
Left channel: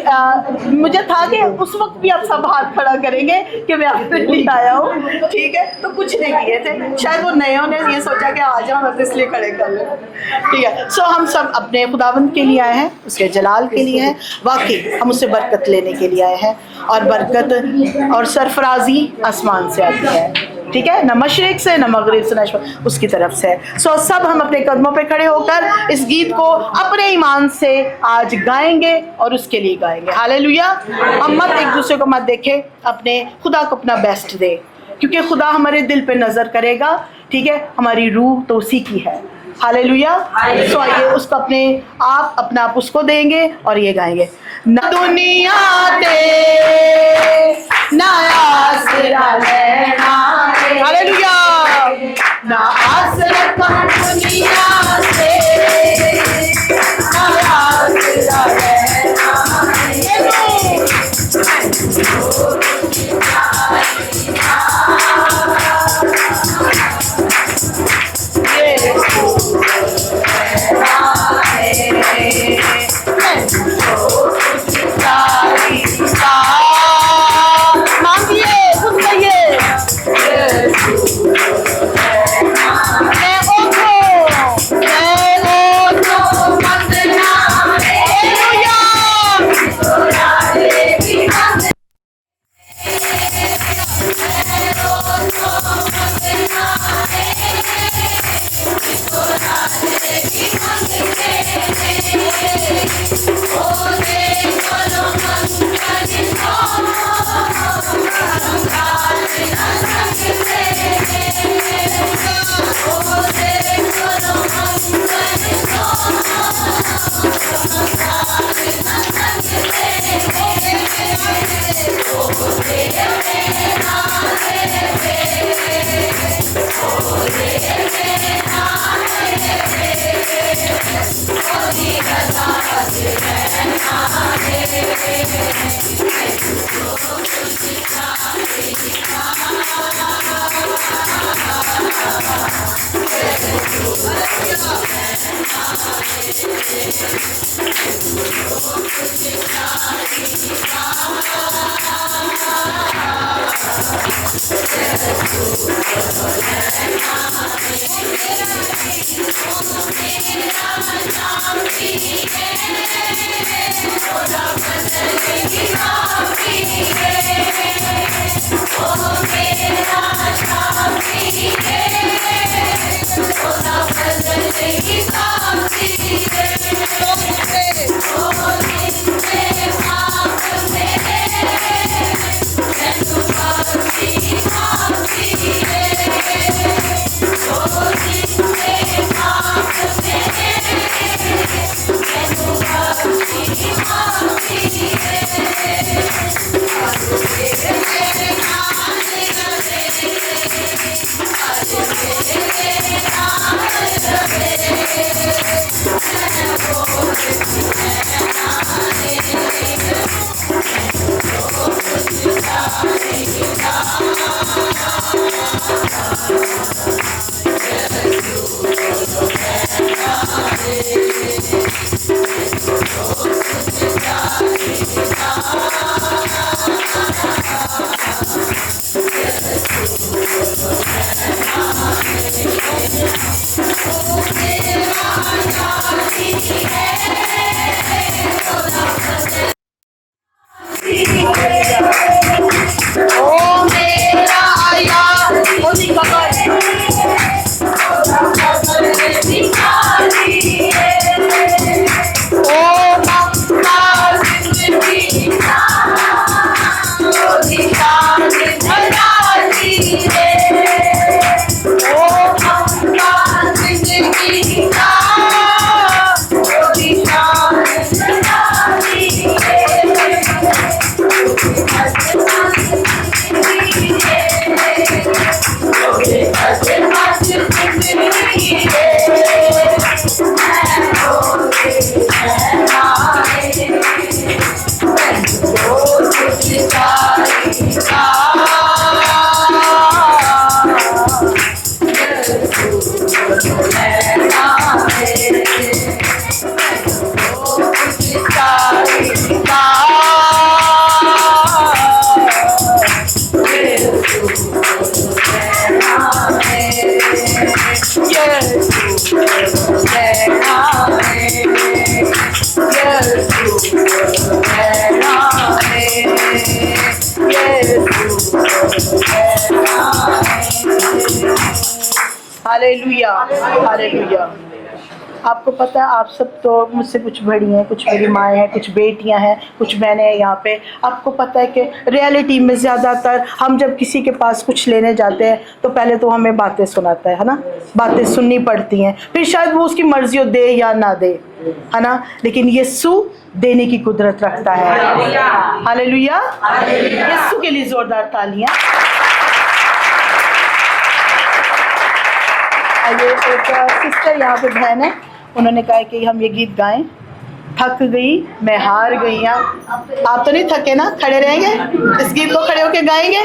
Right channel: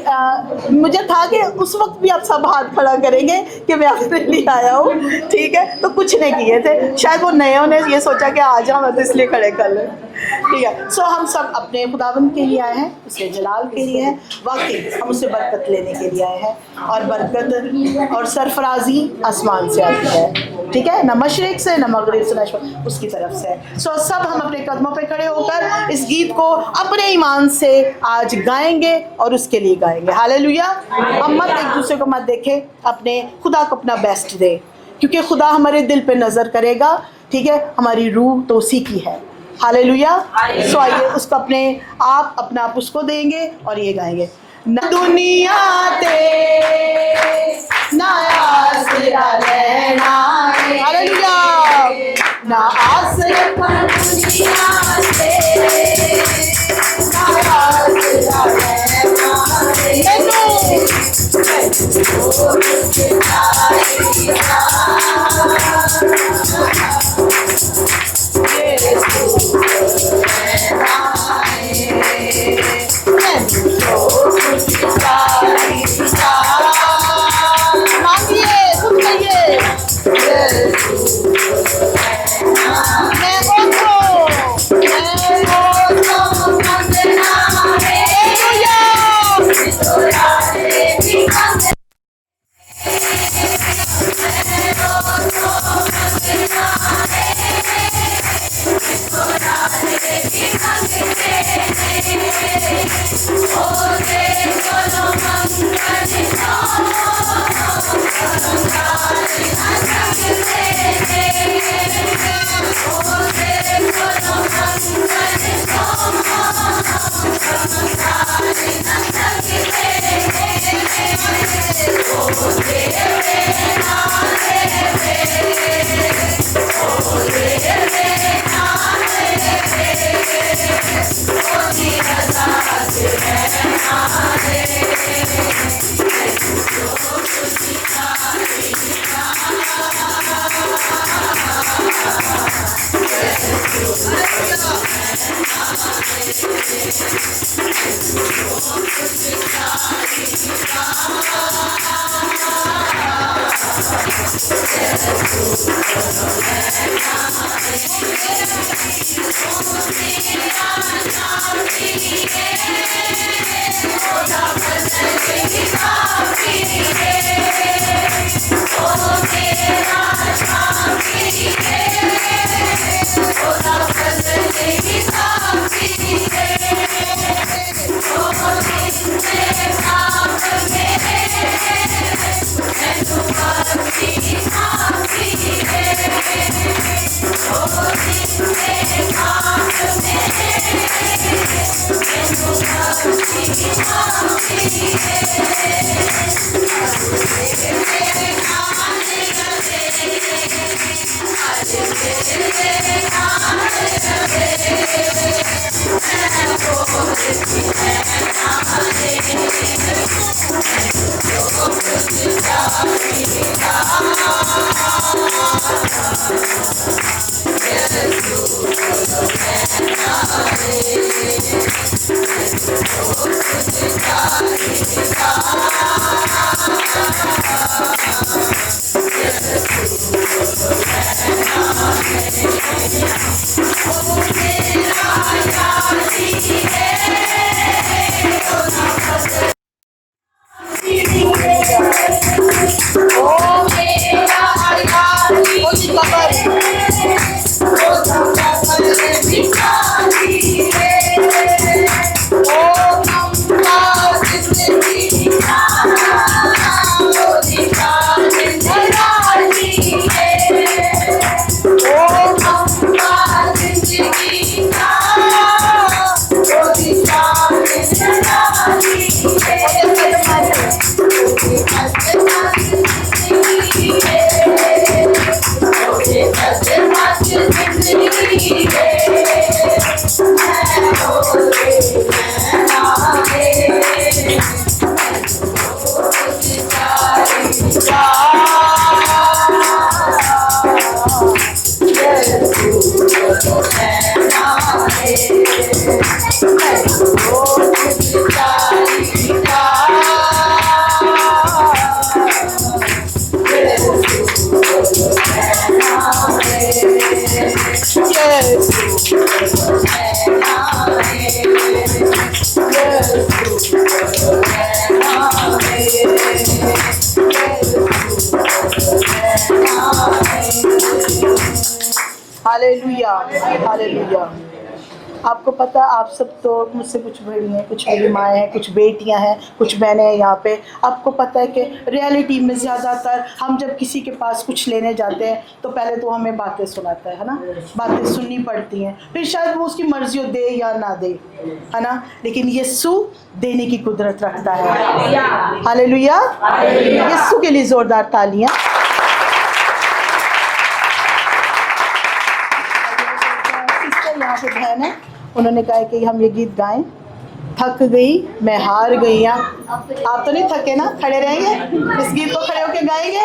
मुझे था कि उस वक्त भी आप सब हाथ खड़ा करेंगे कि मैं अपने लिए आया हूँ, ठीक है। तो कुछ नहीं किए थे, शायद वो नयों ने ये सोचा कि आ जाओ, मैं तो इसलिए खड़े कर लें, ठीक है। सो हम सब अपने खुदावंद के लिए आए हैं, उसके जलाल के लिए हैं। वाकई हम उससे बरकत लेने के लिए आए हैं, और बरकत और सरफराजी आसमान से आती है, ठीक है। न मशरिक से न मगरिब से न उसकी तरफ से। सो सब हम अपने कदमों पे खड़े होकर इस गीत को अपने ईमान से आज गाएंगे और उसके लिए गाएंगे। हालेलुया। हम मत एक दूसरे को मत देखें, अपने खुदा को अपना बेस्ट दे, क्योंकि खुदा हमारे दिल पे नजर करेगा, ठीक है। हमारी रूह तो उसी की है। हालेलुया। सो आइए उसको अपना आप उसको देंगे और ये गाएंगे। ना दुनिया ते ना आसरा लेना, हालेलुया। ना आसरा दुनिया से ना आसरा लेना, मांगिए सुन कहिए मैं हालेलुया, हालेलुया। आपको पता है, आप सब तो मुझसे कुछ बड़ी हैं, कुछ मेरी माएँ हैं, कुछ बेटियां हैं, कुछ बहनें हैं यहाँ पे। आपको पता है कि रियलिटी में ज़्यादातर हम जब किसी के पास कुछ लेने जाते हैं तो पहले तो हमें बातें सुनाता है ना, बातें सुननी पड़ती हैं, फिर शायद वो उसकी मर्जी हो दे या ना दे, है ना। लेकिन यीशु देने की कुदरत रखता है। हालेलुया, यीशु के लिए ज़ोरदार तालियां। आइए, एक सिस्टर यहाँ पे बहन है, उन्होंने कहा कि हम ये गीत गाएं, थक गई मैं हार गई। आप तो नहीं थके ना, खड़े रहेंगे, इस गीत को खड़े होके गाएंगे।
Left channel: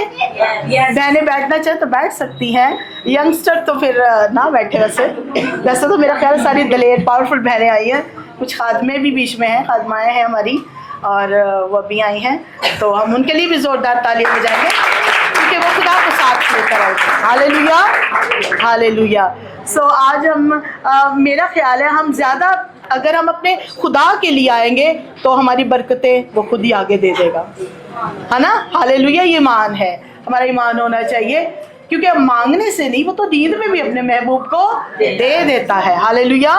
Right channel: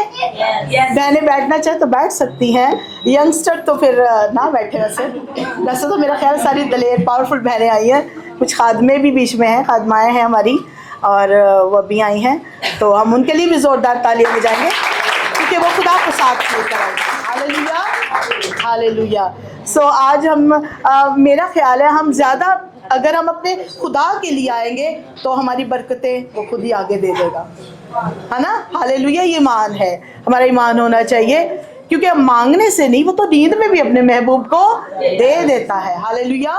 बहनें बैठना चाहे तो बैठ सकती हैं, यंगस्टर तो फिर ना बैठे। वैसे तो मेरा ख्याल सारी दलेर पावरफुल बहनें आई हैं, कुछ खादमे भी बीच में हैं, खादमाएँ हैं हमारी, और वो भी आई हैं, तो हम उनके लिए भी ज़ोरदार तालियां बजाएंगे क्योंकि वो खुदा को साथ लेकर आए। Hallelujah, hallelujah. सो आज हम मेरा ख्याल है हम ज़्यादा अगर हम अपने खुदा के लिए आएंगे तो हमारी बरकतें वो खुद ही आगे दे देगा, है ना। हालेलुया, ये ईमान है, हमारा ईमान होना चाहिए, क्योंकि हम मांगने से नहीं, वो तो नींद में भी अपने महबूब को दे देता है। हालेलुया।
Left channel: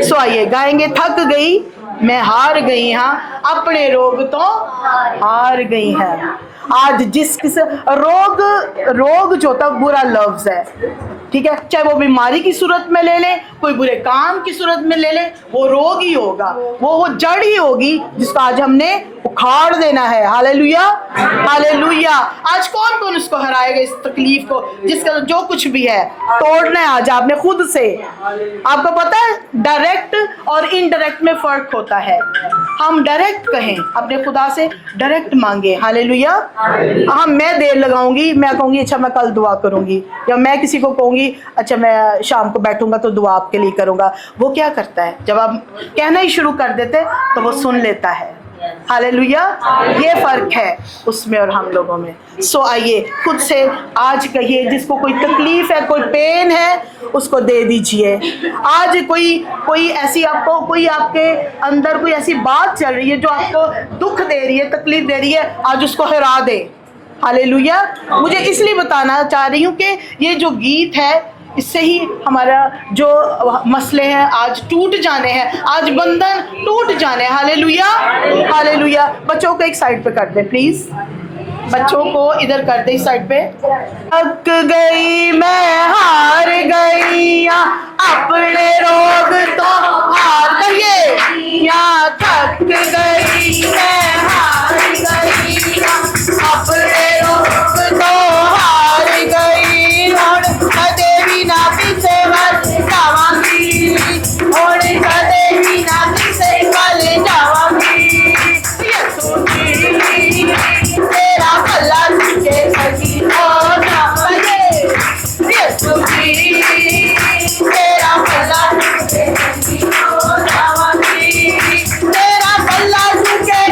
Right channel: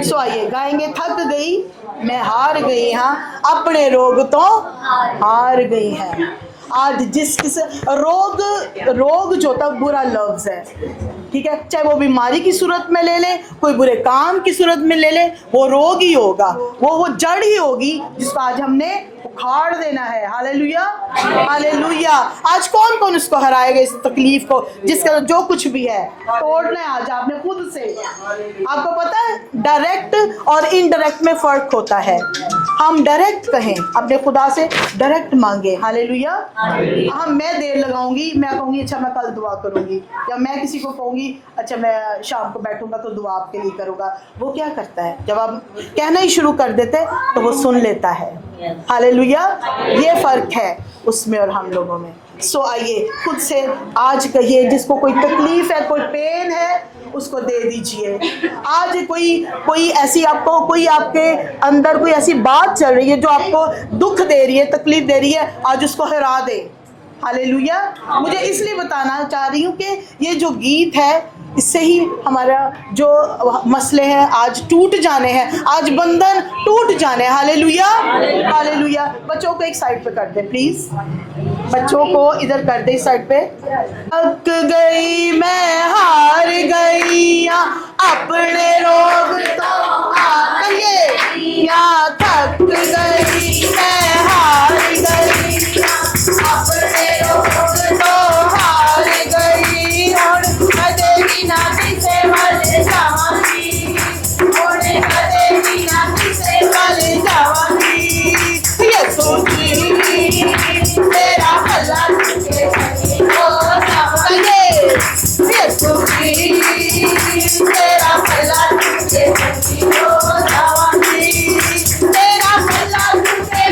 सो आइए गाएंगे, थक गई मैं हार गई, हाँ अपने रोग तो हार गई हैं। आज जिस रोग जो था बुरा लफ्ज है, ठीक है, चाहे वो बीमारी की सूरत में ले ले, कोई बुरे काम की सूरत में ले ले, वो रोग ही होगा, वो जड़ ही होगी जिसको आज हमने उखाड़ देना है। Hallelujah, hallelujah. आज कौन कौन उसको हराएगा, इस तकलीफ को, जिसका जो कुछ भी है तोड़ना है आज आपने खुद से। आपको पता है डायरेक्ट और इनडायरेक्ट में फर्क होता है। हम डायरेक्ट कहें, अपने खुदा से डायरेक्ट मांगे। हालेलुया। हम मैं देर लगाऊंगी, मैं कहूंगी अच्छा मैं कल दुआ करूंगी, या मैं किसी को कहूंगी अच्छा मैं शाम को बैठूंगा तो दुआ आपके लिए करूंगा। वो क्या करता है, जब आप कहना ही शुरू कर देते तो वो सुन लेता है। हालेलुया, ये फर्क है उसमें और हम लोगों में। सो आइए खुद से आज कहिए, जिसको कोई तकलीफ है, कोई पेन है, उसको दे दीजिए। आज कोई ऐसी आपको, कोई आपके अंदर कोई ऐसी बात चल रही है जो आपको दुख दे रही है, तकलीफ दे रही है, आज उसको हरा दे। हालेलुया। मुझे इसलिए बताना चाह रही हूँ कि ये जो गीत है, इससे ही हमारा जो मसले हैं आज टूट जाने हैं, आज बंधन टूट जाने हैं। Hallelujah, hallelujah. बच्चों को एक साइड पे कर दे प्लीज, बच्चों को इधर कर दे इस साइड पे। थक गई मैं हार गई, अपने रोग तो हार गई, या थक गई मैं हार गई, अपने रोग तो हार गई। देवी ना पीछे वाले जावांगी, और देवी ना पीछे वाले जावांगी। यीशु जी तेरा भला तुझे सही हो जावांगे, यीशु जी तेरा भला तुझे सही हो जावांगी, तेरा भला तुझे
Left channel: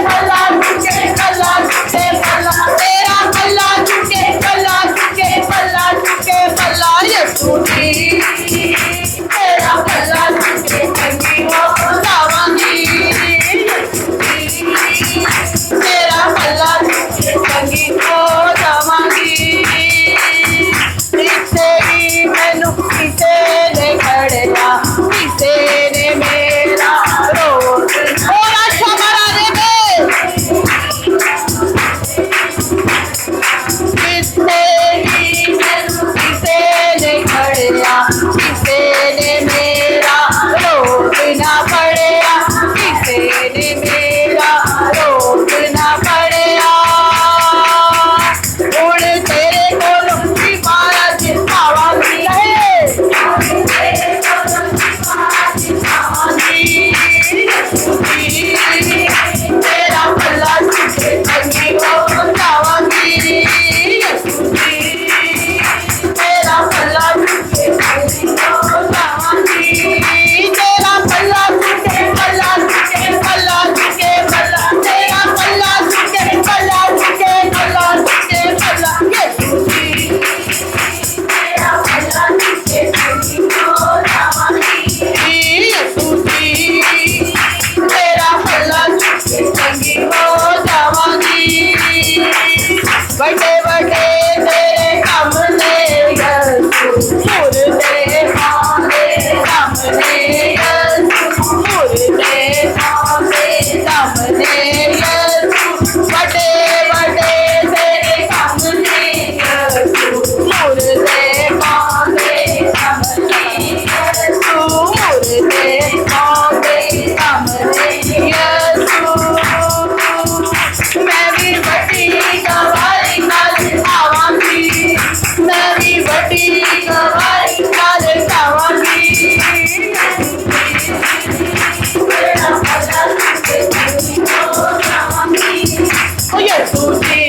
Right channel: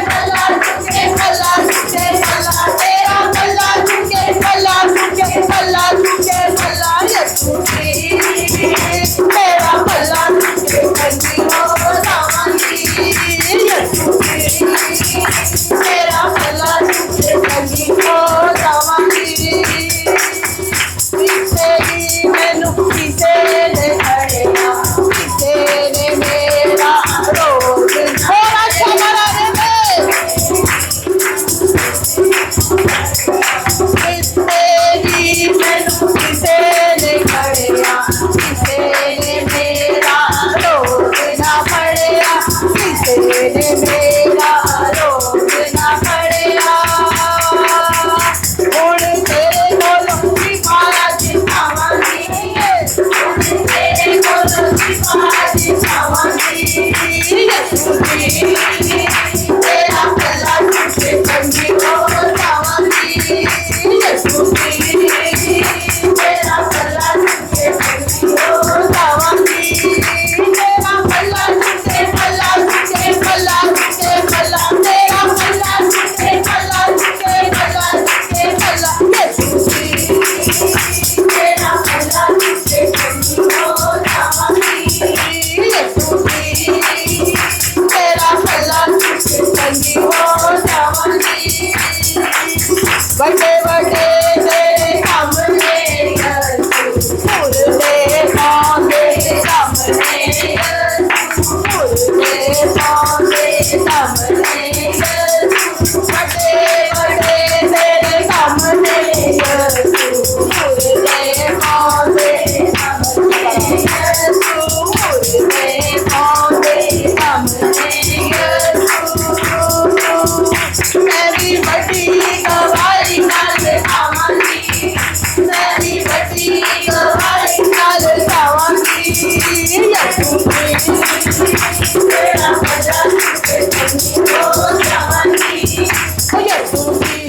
यीशु बड़े बड़े तेरे काम ने यीशु मुर्दे कौंदे सामने यीशु मुर्दे कौंदे सामने यीशु मैं भी बड़ी गवाही कल गावांगी मैं भी बड़ी गवाही कल गावांगी यीशु तेरा भला तुझे ओ यीशु जी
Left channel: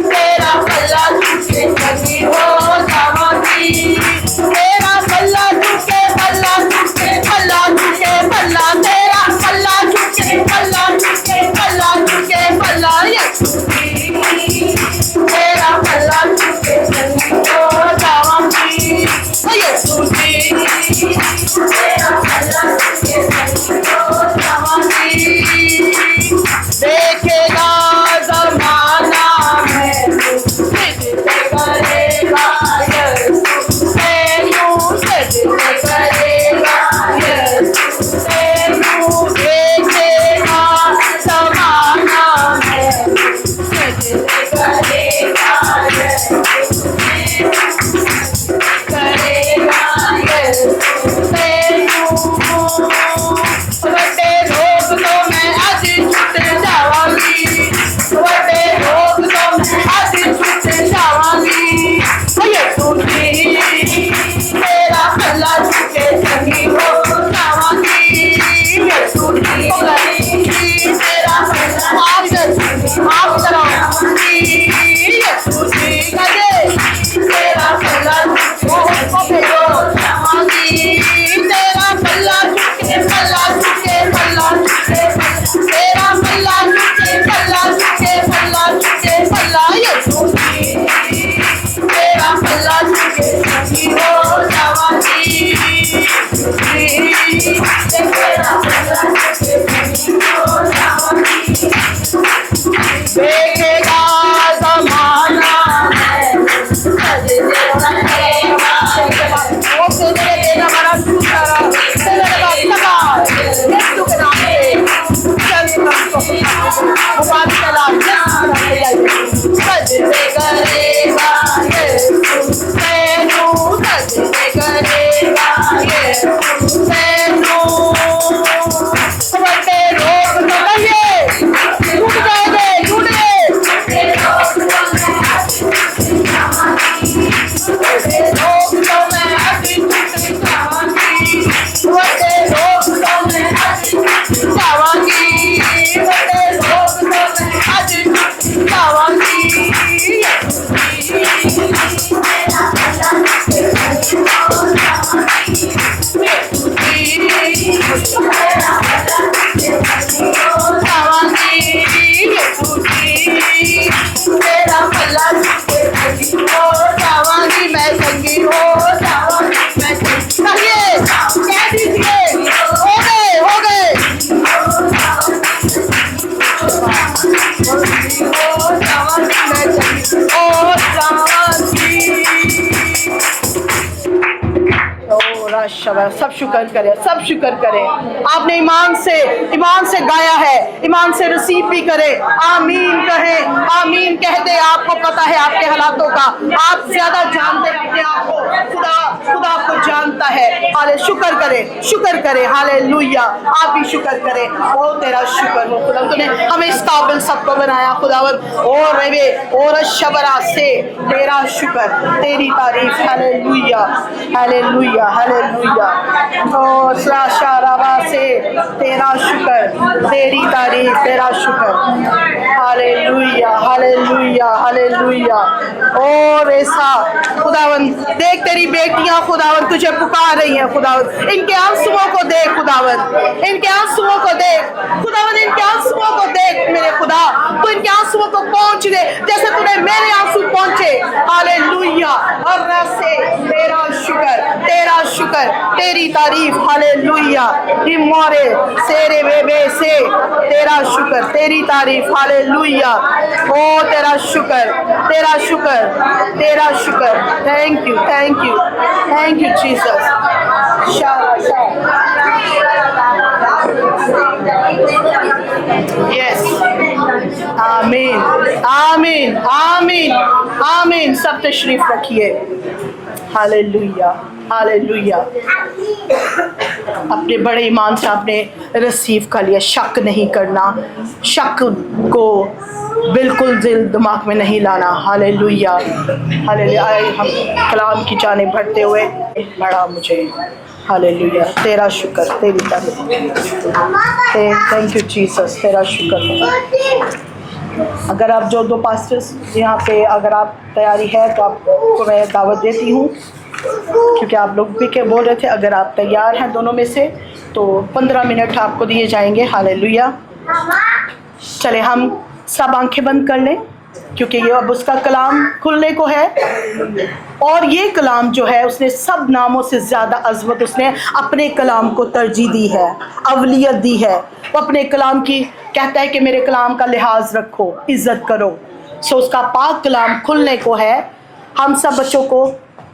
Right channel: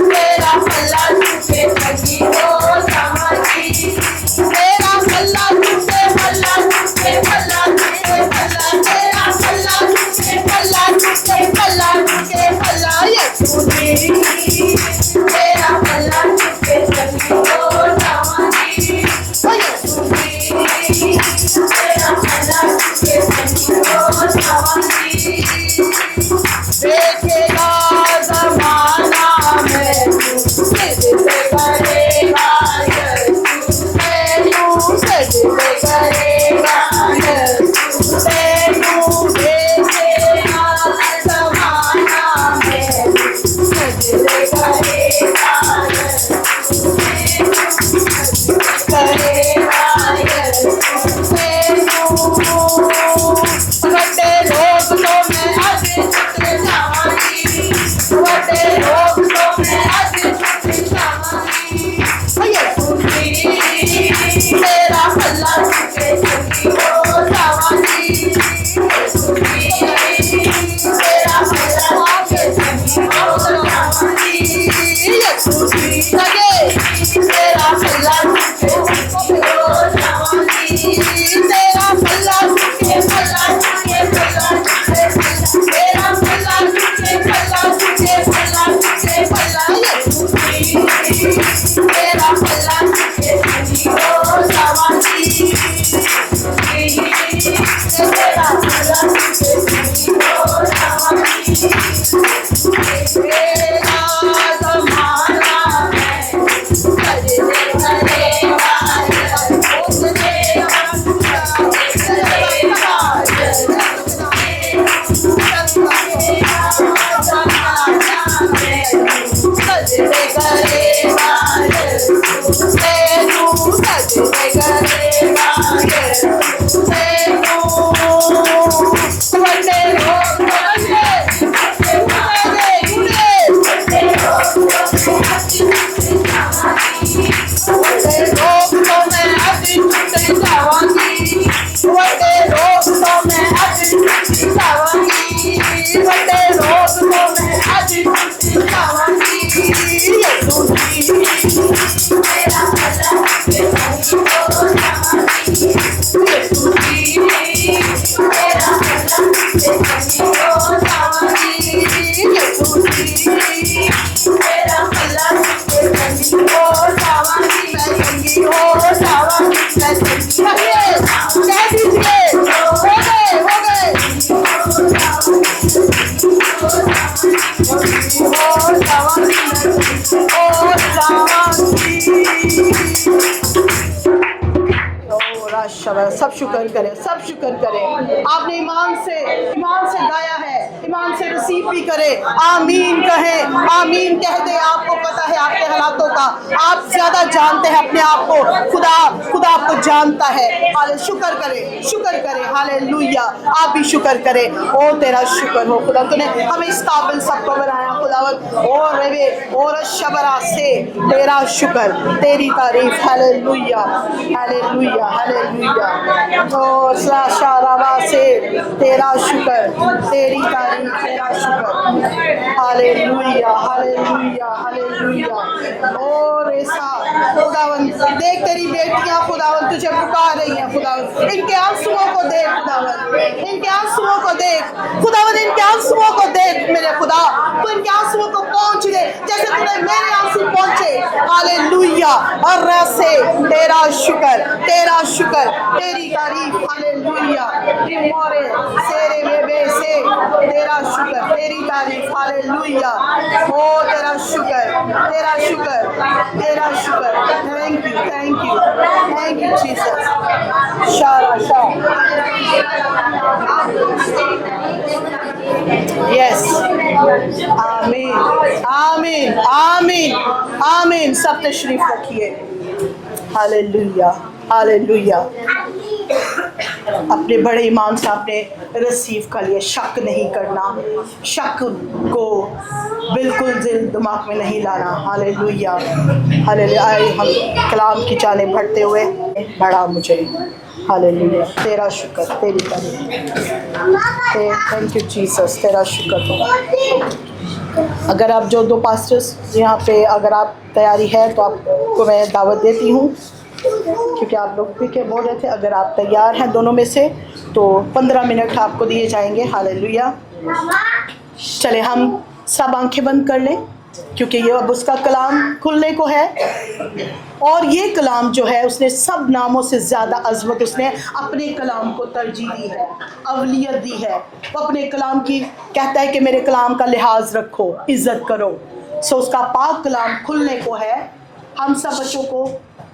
तेरा भला तुझे सभी हो जावांगी तेरा भला तुझे भला तुझे भला तुझे भला तेरा भला तुझे भला तुझे भला तुझे भला यीशु जी तेरा भला तुझे सभी हो जावांगी ओ यीशु जी तेरा भला तुझे सभी हो जावांगी देखेगा ज़माना मैनू सजदे करेगा यीशु मैनू सजदे करेगा यीशु मैनू देखेगा ज़माना मैनू सजदे करेगा यीशु करेगा यीशु मैनू बड़े रोग तो मैं आज छुट जावांगी बड़े रोग तो मैं आज छुट जावांगी यीशु जी तेरा भला तुझे सही हो जावांगी यीशु जी तेरा भला तुझे सही हो जावांगी यीशु जी तेरा भला तुझे सही हो जावांगी तेरा भला तुझे भला तुझे भला तुझे तेरा भला तुझे भला तुझे भला तुझे भला यीशु जी तेरा भला तुझे सही हो जावांगी तेरा भला तुझे सही हो जावांगी देखेगा ज़माना मैं सजदे करेगा सजदे करेगा यीशु मैनू सजदे करेगा यीशु मैनू बड़े रोग लगे टूट गए टूट गए बड़े रोग तो मैं आज छूट जावांगी बड़े रोग तो मैं आज छूट जावांगी बड़े रोग तो मैं आज छूट जावांगी बड़े रोग तो मैं आज छूट जावांगी यीशु जी तेरा भला तुझे सही हो जावांगी यीशु जी तेरा भला तुझे सही हो जावांगी यीशु जी तेरा भला तुझे सही हो जावांगी मैं संगी हो जावांगी मैं संगी कहिए कह दीजिए हो गए हो गए जावांगी मैं संगी हो जावांगी सब शुक्र करें सब शुक्र करें आपने ईमान से गाया है ईमान से रिसीव भी करें आमीन कहें आमीन कह दे आपको पता है आपके हालातों का आप ज्यादा जानते हैं अपने आप को खुदा आपको जानता है हाले शुक्र करें हालेलुया आप भी शुक्र करें ओ तेरा शुक्र हो खुदा तूने हमें इस काबिल सबको बनाया खुदावन और रवे और शबरा से तेरा शुक्र तेरी तारीफ हालेलुया हालेलुया हालेलुया ओ शारावा से तेरा शुक्र तेरी तारीफ तेरा शुक्र हालेलुया हालेलुया हालेलुया और ऐसा खुदावन देख तेरी बेटियां खुदावन तुझे पुकार रही हैं खुदावन इनके आंसुओं को देख खुदावन इनके आंसुओं को देख खुदावन इनके आंसुओं को देख मेरे खुदा तू इनके आंसुओं को पहुंच दे जैसे तूने मेरे आंसू पहुंचे हालेलुया और से तेरा शुक्र तेरी तारीफ हालेलुया मोरे सेरे बेबे से तेरा शुक्र तेरी तारीफ हालेलुया ओ तेरा शुक्र थैंक यू जीसस शारा यस, आमीन आमीन आमीन आमीन। सब तशरीफ रखिए। Hallelujah hallelujah. अपने बड़े ईमान से आपने रिसीव कर लिया। शक नहीं करना, शक को बिल्कुल दिल दिमाग में नहीं लाना। Hallelujah hallelujah. आए हम कलाम की जाने बढ़ते हुए, बढ़ा मुझे। हालेलुया, तेरा शुक्र, तेरी तारीफ। थैंक यू जीसस, तेरा शुक्र। अगर आप जो दो पास्टर्स यहाँ पे, अगर आप तैयारी है तो आपको मैं दावत देती हूँ, क्योंकि आप लोग भी क्या बोल रहे थे, अगर आप तैयार हैं दोनों में से तो 15 मिनट आपको दिए जाएंगे। हालेलुया। चले हम सब आंखें बंद कर लें, क्योंकि ये अब उसका कलाम खुलने को है। और ये कलाम जो है, उसने सब नामों से ज़्यादा अज़मत उसने अपने कलाम को तरजीह दी है, अवलियत दी है। वो अपने कलाम की कहता है कि मेरे कलाम का लिहाज रखो, इज़्ज़त करो। सो उसका पाक कलाम खुलने को है। हम सब बच्चों को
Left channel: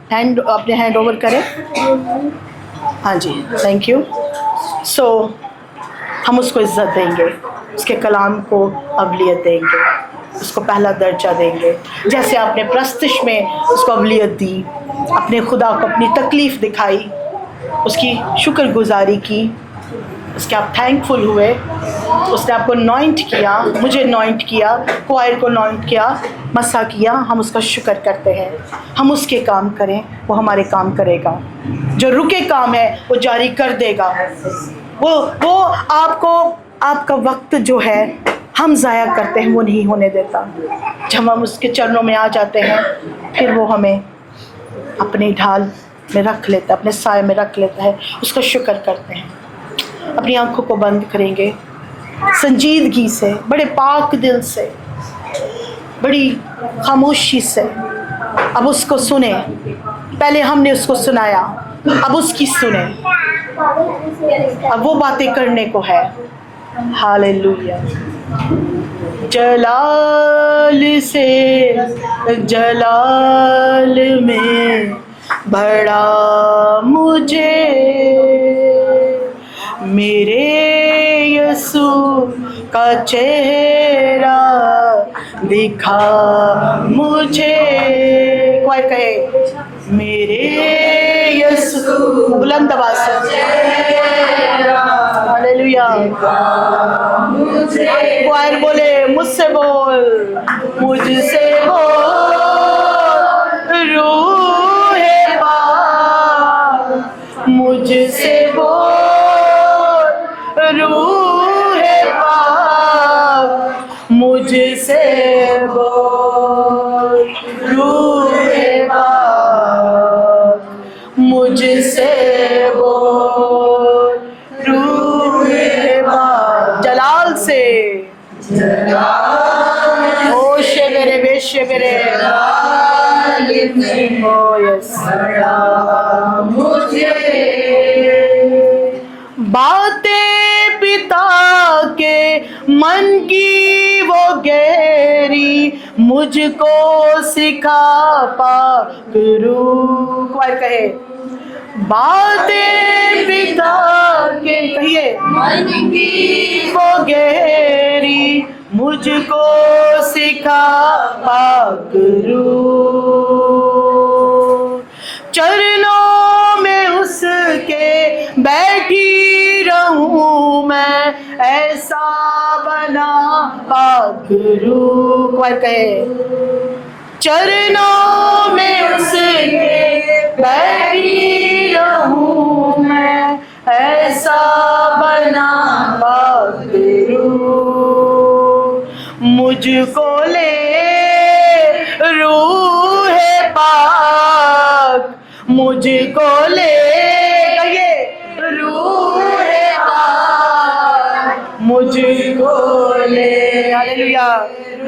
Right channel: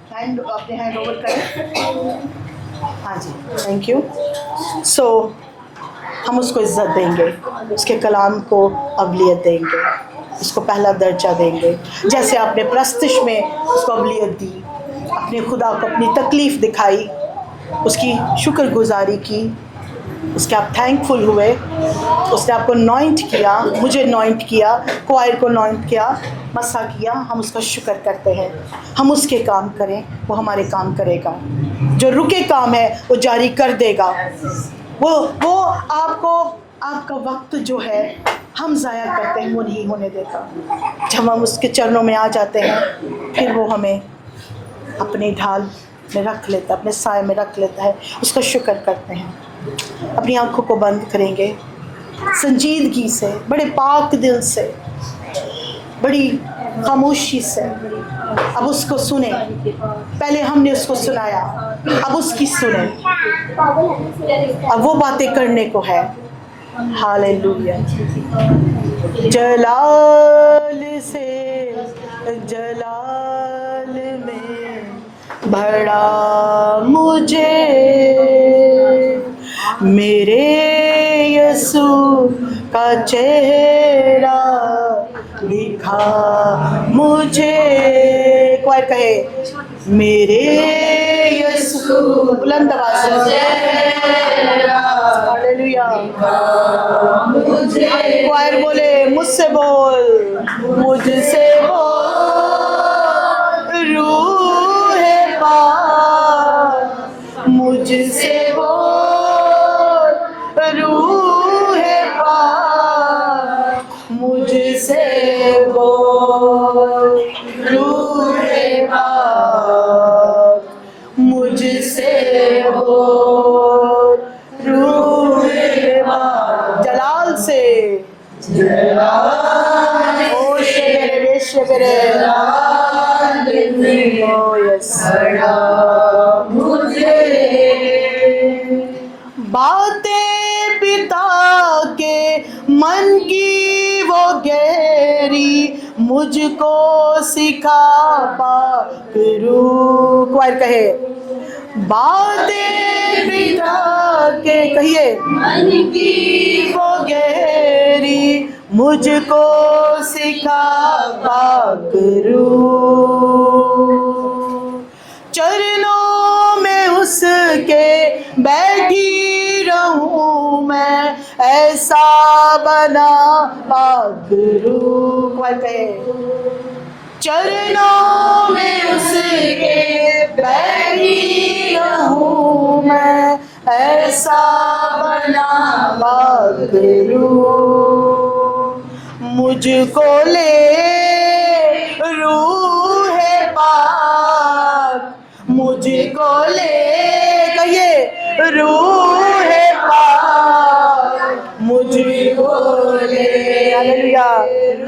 अपने हैंड ओवर करें। हाँ जी, थैंक यू। सो हम उसको इज़्ज़त देंगे, उसके कलाम को अवलियत देंगे, उसको पहला दर्जा देंगे। जैसे आपने प्रस्तुश में उसको अवलियत दी, अपने खुदा को अपनी तकलीफ़ दिखाई, उसकी शुक्रगुजारी की, उसके आप थैंकफुल हुए। उसने आपको नॉइंट किया, मुझे नॉइंट किया, क्वायर को नॉइंट किया, मसा किया। हम उसका शुक्र करते हैं। हम उसके काम करें, वो हमारे काम करेगा। जो रुके काम है वो जारी कर देगा। वो आपको, आपका वक्त जो है हम ज़ाया करते हैं, वो नहीं होने देता। जब हम उसके चरणों में आ जाते हैं, फिर वो हमें अपनी ढाल में रख लेता है, अपने साए में रख लेता है। उसको शुक्र करते हैं। अपनी आंखों को बंद करेंगे, संजीदगी से, बड़े पाक दिल से, बड़ी खामोशी से अब उसको सुने। पहले हमने उसको सुनाया, अब उसकी सुने। अब वो बातें करने को है। हालेलुया। जलाल से जलाल में बड़ा मुझे मेरे यीशु का चेहरा दिखा मुझे। कोई कहे मेरे यीशु, बुलंद आवाज से। हालेलुया। क्वायर बोले मुझसे बोल, मुझसे बोल रूहे पाक, मुझसे बोल रूहे पाक, मुझसे बोल रूहे पाक, मुझसे बोल रूहे पाक। जलाल से ओ शेबेरे बे शेबेरे ओ यस। बातें पिता के मन की वो गहरी मुझको सिखा पाक रूह। क्वायर कहे बातें पिता के, कहिए मन की वो गहरी मुझको सिखा पाक रूह। चरणों में उसके बैठी रहूं मैं, ऐसा बना पाक रूह। क्वायर कहे चरणों में उसके बैठी रहूं मैं, ऐसा बना पाक रूह। मुझको ले रूह पाक, मुझको ले, कहिए रूह पाक, मुझको ले। हालेलुया।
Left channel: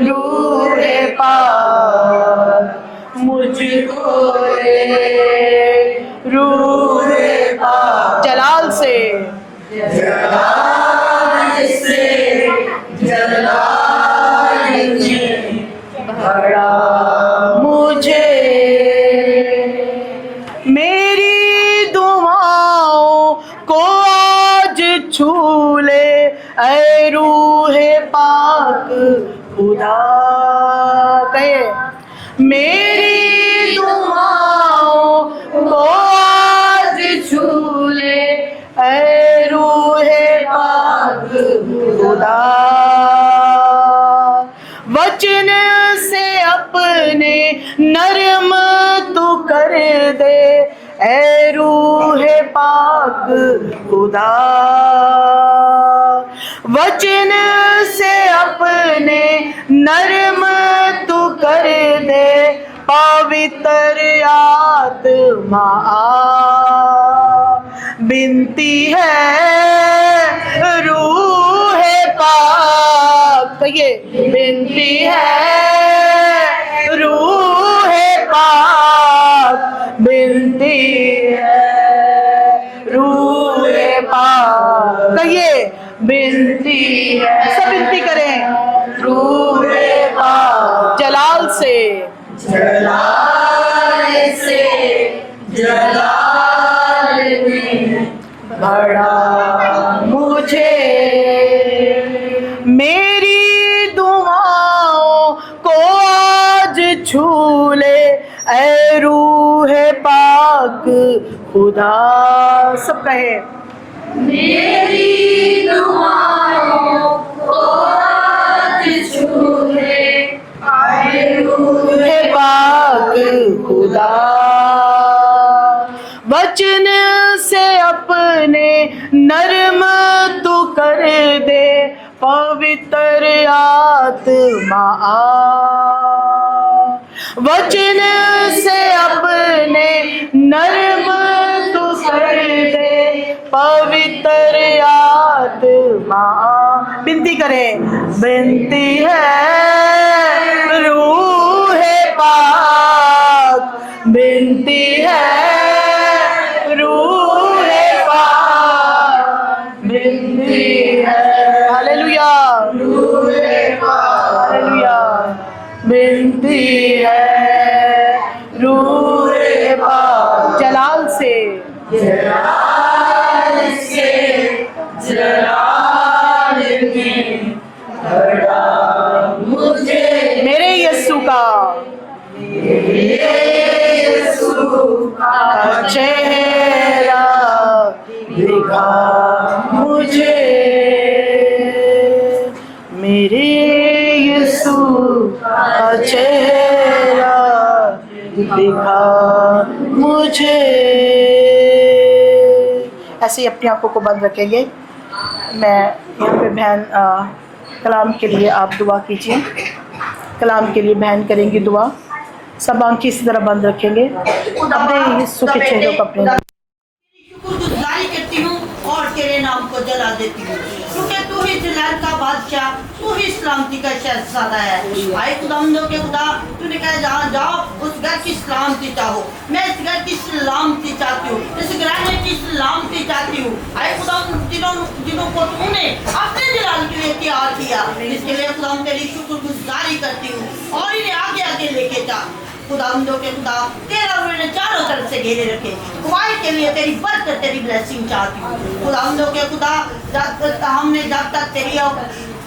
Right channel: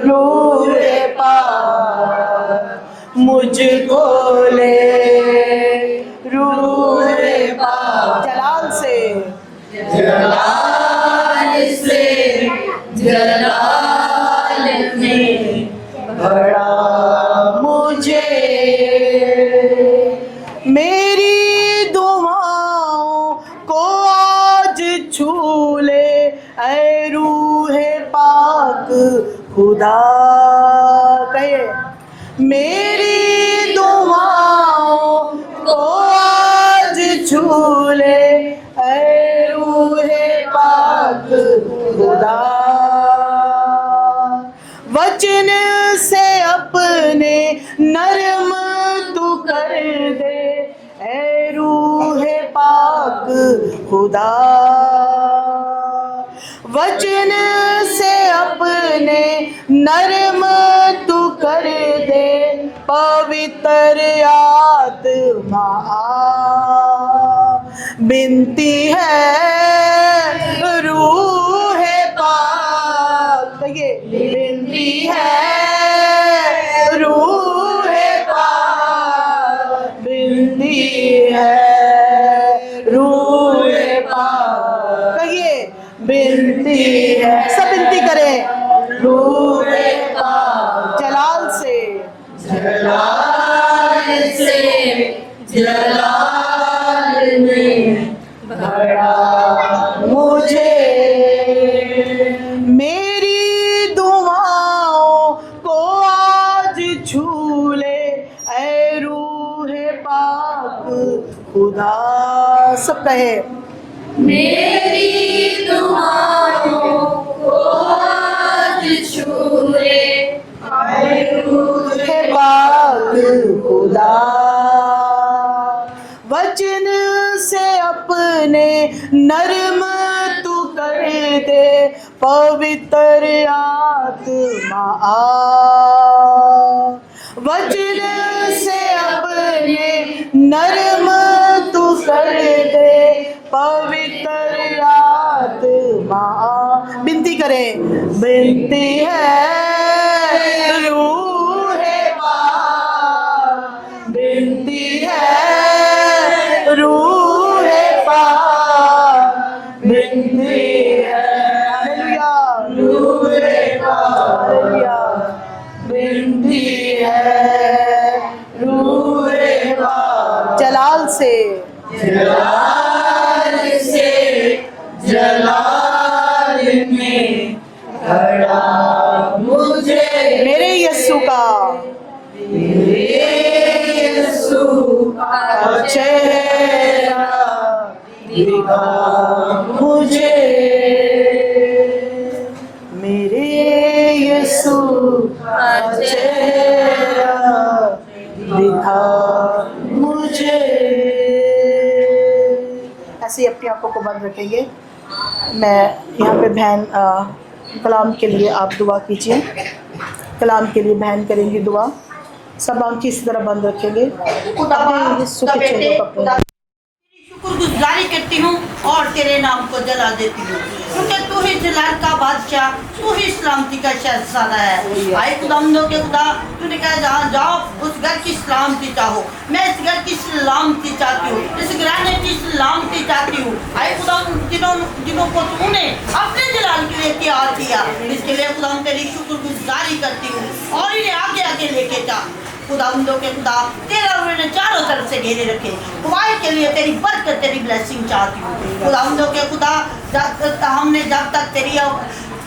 रूह पाक, मुझको ले रूह पाक। जलाल से जलाल में भरा मुझे, मेरी दुआओं को आज छू पाक खुदा। कहे मेरी दुआओं को आज छू ले ऐ रूहे पाक खुदा। वचन से अपने नरम तू कर दे ऐ रूहे पाक खुदा। वचन से अपने नरम तू कर दे पवित्र आत्मा आ। बिनती है रूहे पाक, ये बिनती है रूहे पाक, बिनती है रूहे पाक, ये बिनती है। सब बिनती करें रूहे पाक। जलाल से जलाल में भरा मुझे। मेरी दुआओं को आज छू ले ऐ रूहे पाक खुदा। सब कहे मेरी दुआओं को आज छू ले ऐ रूहे पाक खुदा। वचन से अपने नरम तू कर दे पवित्र आत्मा आ। वचन से अपने नरम तू कर दे पवित्र आत्मा आ। बिनती करें, बिनती है रूहे पाक, बिनती है रूहे पाक, बिनती है। हालेलुया रूहे पाक, हालेलुया बिनती है रूहे पाक। जलाल से जलाल में भरा मुझे। मेरे यीशु का चेहरा दिखा मुझे। मेरे यीशु का चेहरा दिखा मुझे। ऐसे ही अपनी आंखों को बंद रखेंगे। मैं यहाँ पे बहन कलाम के लिए आप दुआ कीजिए। कलाम के लिए बहन करेंगी दुआ। सब आंखें इसी तरह बंद रखेंगे। अपने यीशु के चेहरे को अपने शुक्रगुजारी करती हूँ और तेरे नाम को जला देती हूँ, क्योंकि तू ही जलाल का बादशाह, तू ही सलामती का शहजादा है। आए खुदावंदों के खुदा, तूने कहा जहाँ जाओ उस घर की सलामती चाहो। मैं इस घर की सलामती चाहती हूँ, इस घराने की सलामती चाहती हूँ। आए खुदावंद जिन्हों को तूने अपने जलाल के लिए तैयार किया, इसके लिए खुदावंद तेरी शुक्रगुजारी करती हूँ और इन्हें आगे आगे लेके जा। खुदावंदों के खुदा, तेरा उन्होंने चारों तरफ से घेरे रखे। गवाही के लिए तेरी बरकत, तेरी ब्लेसिंग चाहती हूँ। खुदावंदों के खुदा, हमने जब तक तेरी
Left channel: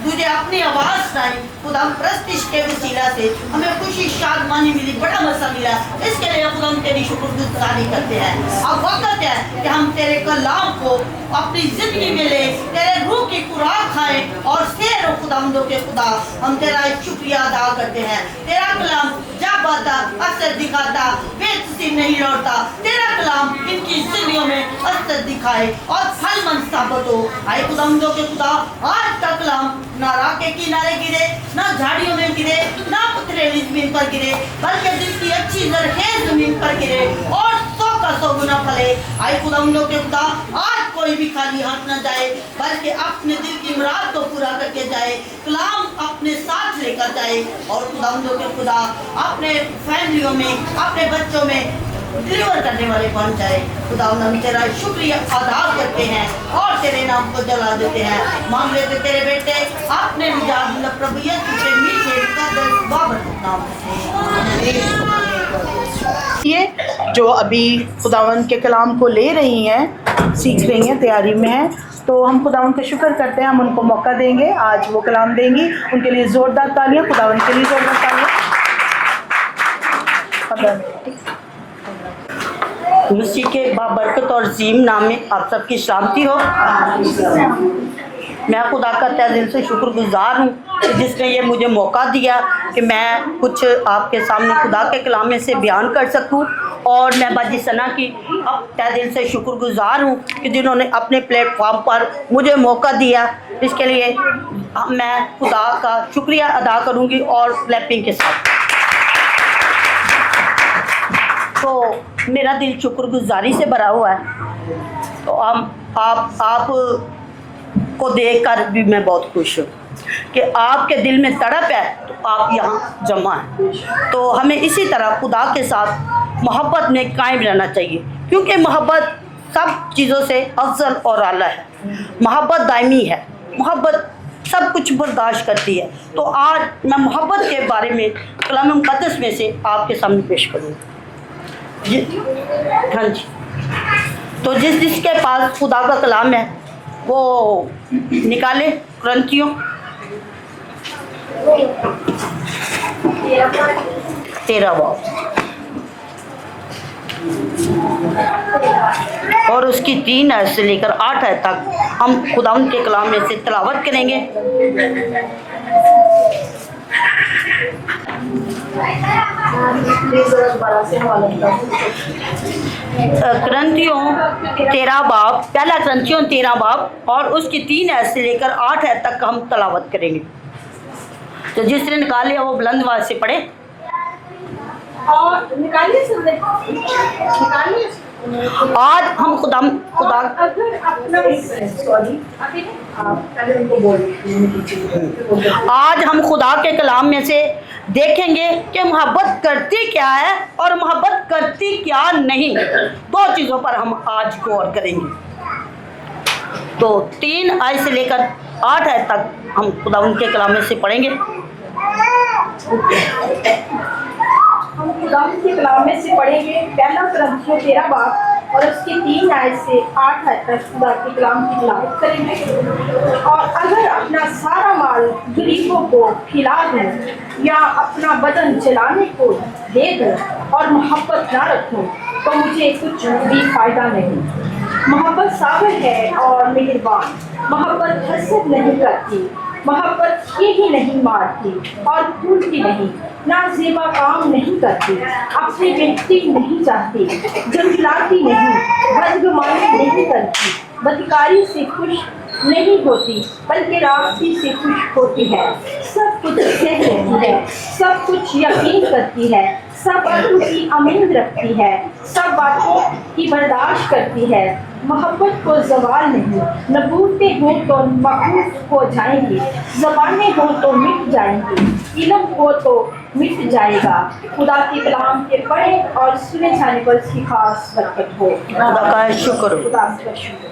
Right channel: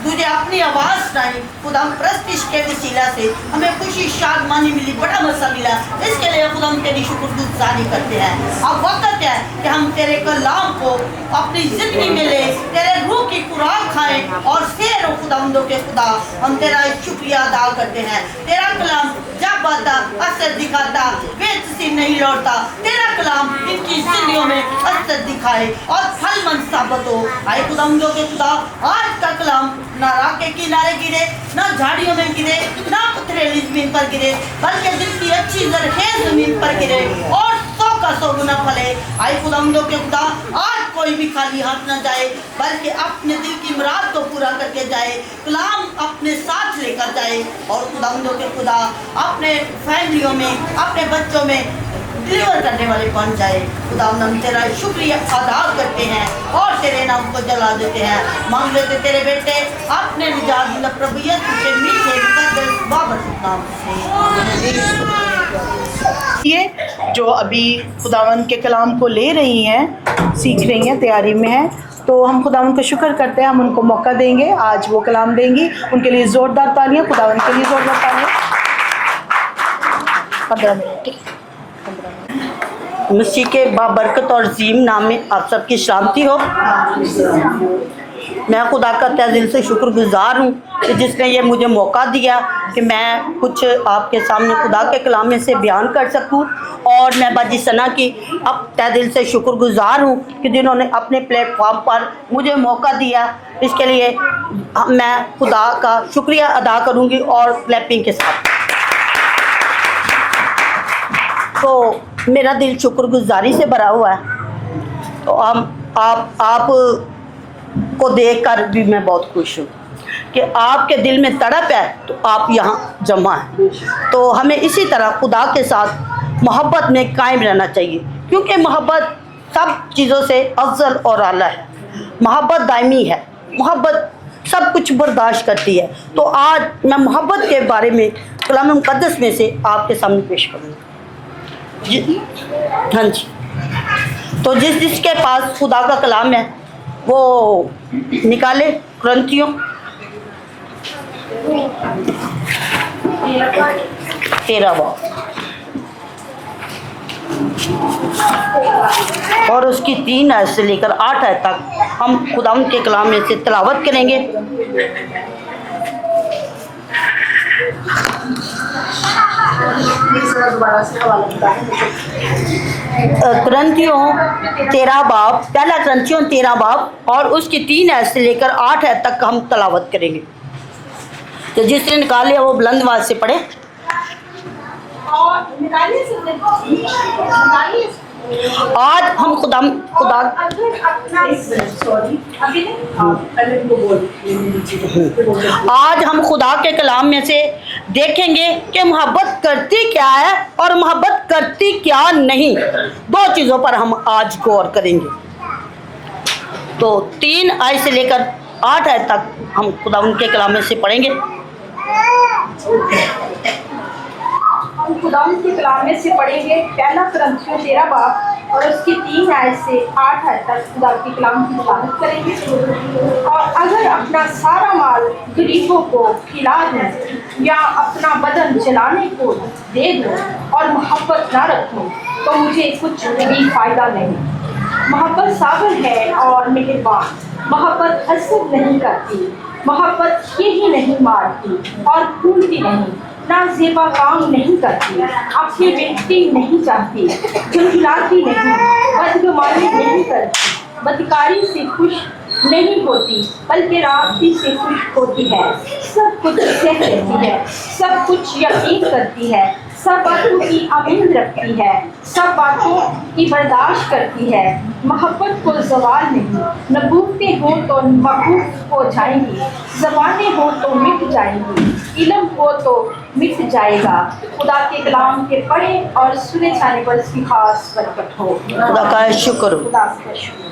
तुझे अपनी आवाज़ सुनाई, खुदा हम प्रस्तिश के वसीला से हमें खुशी शादमानी मिली, बड़ा मसा मिला। इसके लिए खुदा हम तेरी शुक्रगुजारी करते हैं। अब वक्त है कि हम तेरे कलाम को अपनी ज़िंदगी में ले, तेरे रूह की खुराक खाएं और शेर खुदावंदों के खुदा, हम तेरा शुक्रिया अदा करते हैं। तेरा कलाम जब आता असर दिखाता, बेचसी नहीं लौटता। तेरा कलाम इनकी जिंदगियों में असर दिखाए और फलमंद साबित हो। आए खुदावंदों के खुदा, आज का कलाम ना राह के किनारे गिरे, ना झाड़ियों में गिरे, ना पथरीली जमीन पर गिरे, बल्कि दिल की अच्छी जरखेज जमीन पर गिरे और 100 का 100 गुना फले। आए खुदावंदों के खुदा, आज कोई भी खाली हाथ न जाए, बल्कि अपने दिल की मुराद को पूरा करके जाए। कलाम अपने साथ लेकर जाए और खुदावंदों के खुदा अपने फैमिलियों में, अपने बच्चों में डिलीवर करने वाले बन जाए। खुदा हम तेरा शुक्रिया अदा करते हैं और तेरे नाम को जला देते हैं। मांग लेते तेरे बेटे अपने निजात प्रभु यीशु के मीठे मुकद्दस बाबरकत नाम से। ये जो अभी खुदावंद के कलाम को ले रही हैं, सीख रही हैं, तैयारी में हैं, तो हम खुदावंद को शुक्र करते हैं, हम उनको मौका देंगे, आज वो कलाम देंगी, उनके लिए ज़ोरदार तालियां, खुदावंद के लिए ज़ोरदार तालियां। 15 मिनट। मसीह के बाबरकत और अजीम नाम में आप सबकी सलामती हो। मैं खुदा का तहे दिल से शुक्रगुजार हूँ कि जिसने ये मुझे मौका दिया कि मैं कुछ आपके सामने खुदा के कलाम में से बयान कर सकूँ। और मैं बाजी सना की अब तहे दिल से शुक्रगुजार हूँ कि जिन्होंने अपने प्लेटफॉर्म पर मुझे मौका दिया, इसके लिए मैं खुदा का शुक्रिया अदा करूँगी और क्लैपिंग के साथ। तो मेरा दिल शुक्रगुजारी से भरा हुआ है। तो आप को देखकर भी मैं बहुत खुश हूँ कि आपके दिल में तड़प है तो आप यहाँ जमा हैं। तो हमें इसी तरह खुदा के साथ मोहब्बत में कायम रहना चाहिए, क्योंकि मोहब्बत सब चीज़ों से अफजल और आला है। मोहब्बत दायमी है, मोहब्बत सब कुछ बर्दाश्त करती है। तो आज मैं मोहब्बत के बारे में कलाम मुक़द्दस में से आपके सामने पेश करूँगा। हाँ जी, तो जिसके पास खुदा का कलाम है वो निकाले। क्रंथियों 13 बाब और उसकी 3 आयत से लेकर 8 आयत तक हम खुदावंद के कलाम में से तिलावत करेंगे। क्रंथियों 13 बाब, पहला क्रंथियों 13 बाब और उसकी 3 आयत से लेकर 8 आयत तक हम तलावत करेंगे। तो जिसने निकाले वो बुलंद आवाज से पढ़े। और निकालिए आज हम खुदा अगर अपना आज हम खुदा के कलाम में से देखेंगे कि मोहब्बत करती क्या है और मोहब्बत करती क्या नहीं। 2 चीज़ों पर हम आज गौर करेंगे। तो 3 आयत से लेकर 8 आयत तक हम खुदा उनके कलाम में से पढ़ेंगे। हम खुदावंद के कलाम में से पढ़ेंगे पहला क्रंथियों 13 बाब और उसकी 3 आयत से 8 आयत तक खुदा के कलाम की तिलावत करेंगे। और अगर अपना सारा माल गरीबों को खिला दूं या अपना बदन जलाने को दे दूं और मोहब्बत ना रखूं तो मुझे कुछ भी फायदा नहीं। मोहब्बत साबर है और मेहरबान, मोहब्बत हसद नहीं करती, मोहब्बत यही नहीं मारती और भूलती नहीं, ना ज़ेबा काम नहीं करती, अपनी बेइज्जती नहीं चाहती, झुठलाती नहीं, बदगुमानी नहीं करती, बदकारी से खुश नहीं होती बल्कि रास्ती से खुश होती है, सब कुछ सह लेती है, सब कुछ यकीन करती है, सब बातों की उम्मीद रखती है, सब बातों की बर्दाश्त करती है। मोहब्बत को ज़वाल नहीं, नबूतें हों तो मकूफ हो जाएंगी, ज़बानें हों तो मिट जाएंगी, इल्म हो तो मिट जाएगा। खुदा के कलाम के पढ़े और सुने जाने पर इसकी खास बरकत हो। खुदा का शुक्र हो। खुदा का शुक्र।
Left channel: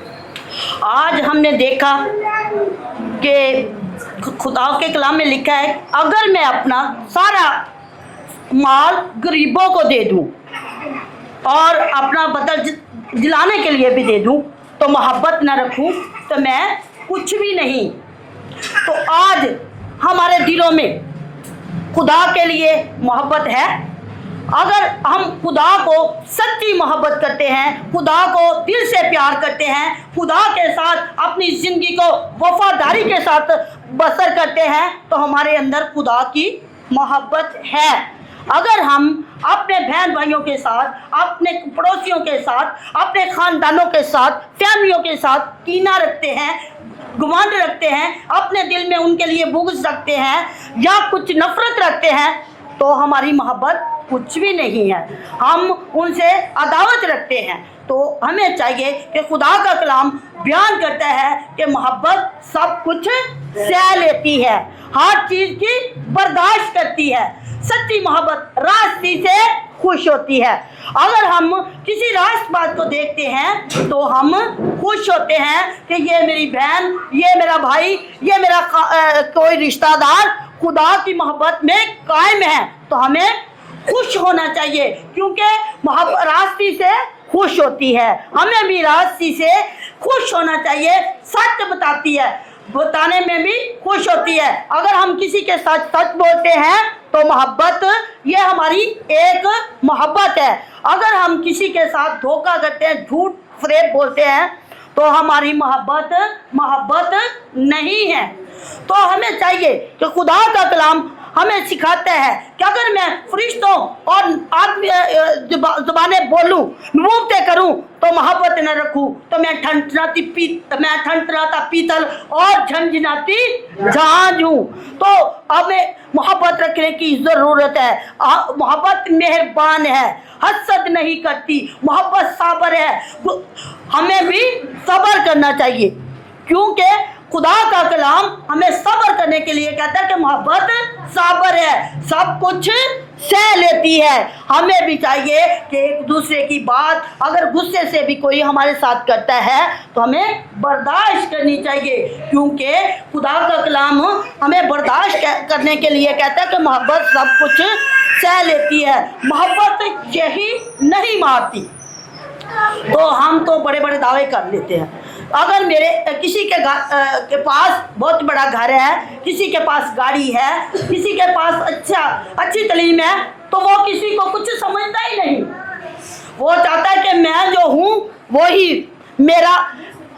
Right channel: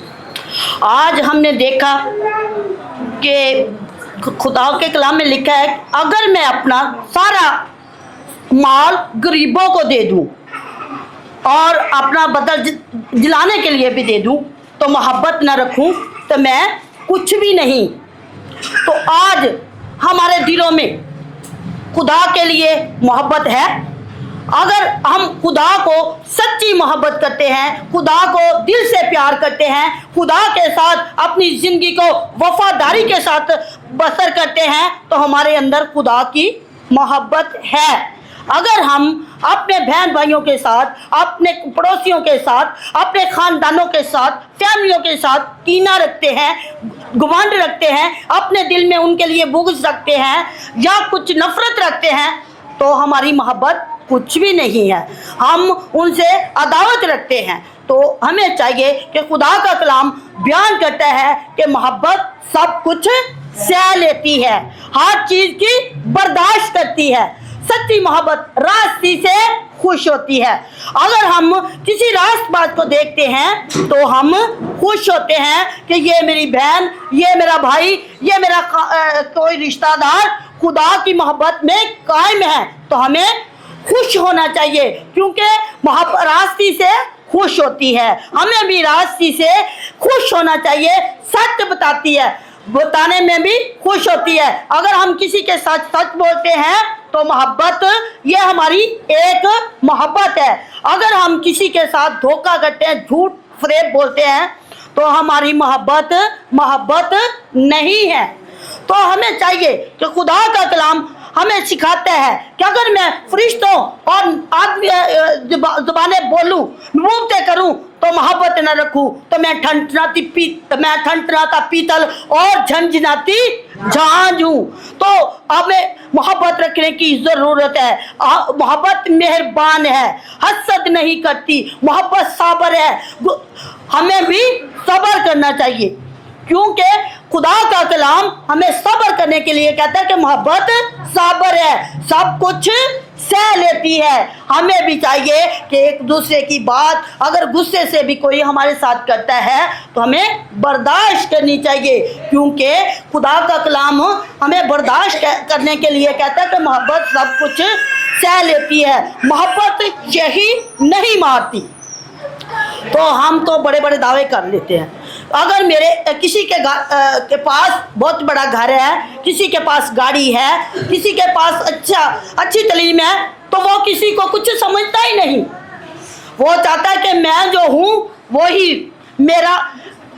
आज हमने देखा कि खुदा के कलाम में लिखा है अगर मैं अपना सारा माल गरीबों को दे दूं और अपना बदल जलाने के लिए भी दे दूं तो मोहब्बत न रखूं तो मैं कुछ भी नहीं। तो आज हमारे दिलों में खुदा के लिए मोहब्बत है। अगर हम खुदा को सच्ची मोहब्बत करते हैं, खुदा को दिल से प्यार करते हैं, खुदा के साथ अपनी ज़िंदगी को वफादारी के साथ बसर करते हैं तो हमारे अंदर खुदा की मोहब्बत है। अगर हम अपने बहन भाइयों के साथ, अपने पड़ोसियों के साथ, अपने ख़ानदानों के साथ, फैमिलियों के साथ कीना रखते हैं, गुमान रखते हैं, अपने दिल में उनके लिए बुग़्ज़ रखते हैं या कुछ नफ़रत रखते हैं तो हमारी मोहब्बत कुछ भी नहीं है, हम उनसे अदावत रखते हैं। तो हमें चाहिए कि खुदा का कलाम बयान करता है कि मोहब्बत सब कुछ सह लेती है, हर चीज़ की बर्दाश्त करती है। सच्ची मोहब्बत रास्ती से खुश होती है। अगर हम किसी रास्तबाज को देखते हैं तो हम खुश होते हैं कि ये मेरी बहन, ये मेरा भाई, ये मेरा कोई रिश्तेदार खुदा की मोहब्बत में कायम है, तो हमें खुश होना चाहिए क्योंकि रास्ती से खुश होती है। हमें भी रास्ती से खुश होना चाहिए, सच बताती है, बताने में भी खुश होती है। अगर हम किसी के साथ सच बोलते हैं तो मोहब्बत, ये हमारी एक मोहब्बत है। अगर हम किसी के साथ धोखा करते हैं, झूठ फरेब बोलते हैं, तो हमारी मोहब्बत नहीं है। तो हमें चाहिए कि खुदा का कलाम हमें सिखाते हैं कि अगर मैं फरिश्तों और आदमी ज़बानें बोलूं, नबूवतें करूं, तो मोहब्बत न रखूं, तो मैं ठनठनाता पीतल और झंझनाती झांझ हूं। तो हमें मोहब्बत रखने की ज़रूरत है। मोहब्बत मेहरबान है, हसद नहीं करती, मोहब्बत साबर है। हमें भी सब्र करना चाहिए, क्योंकि खुदा का कलाम हमें सब्र करने के लिए कहता है कि मोहब्बत साबर है, सब कुछ सह लेती है। हमें भी चाहिए कि एक दूसरे की बात अगर गुस्से से भी कोई हमारे साथ करता है तो हमें बर्दाश्त करनी चाहिए, क्योंकि खुदा का कलाम हमें बर्दाश्त करने के लिए कहता है कि मोहब्बत सब कुछ सह लेती है। मोहब्बत यही नहीं मारती। तो हम तो बड़े बड़े दावे कर लेते हैं। अगर मेरे किसी के पास बहुत बड़ा घर है, किसी के पास गाड़ी है, किसी के पास अच्छी तालीम है, तो वो किसी को कुछ समझता ही नहीं। वो चाहता है कि मैं जो हूँ वही मेरा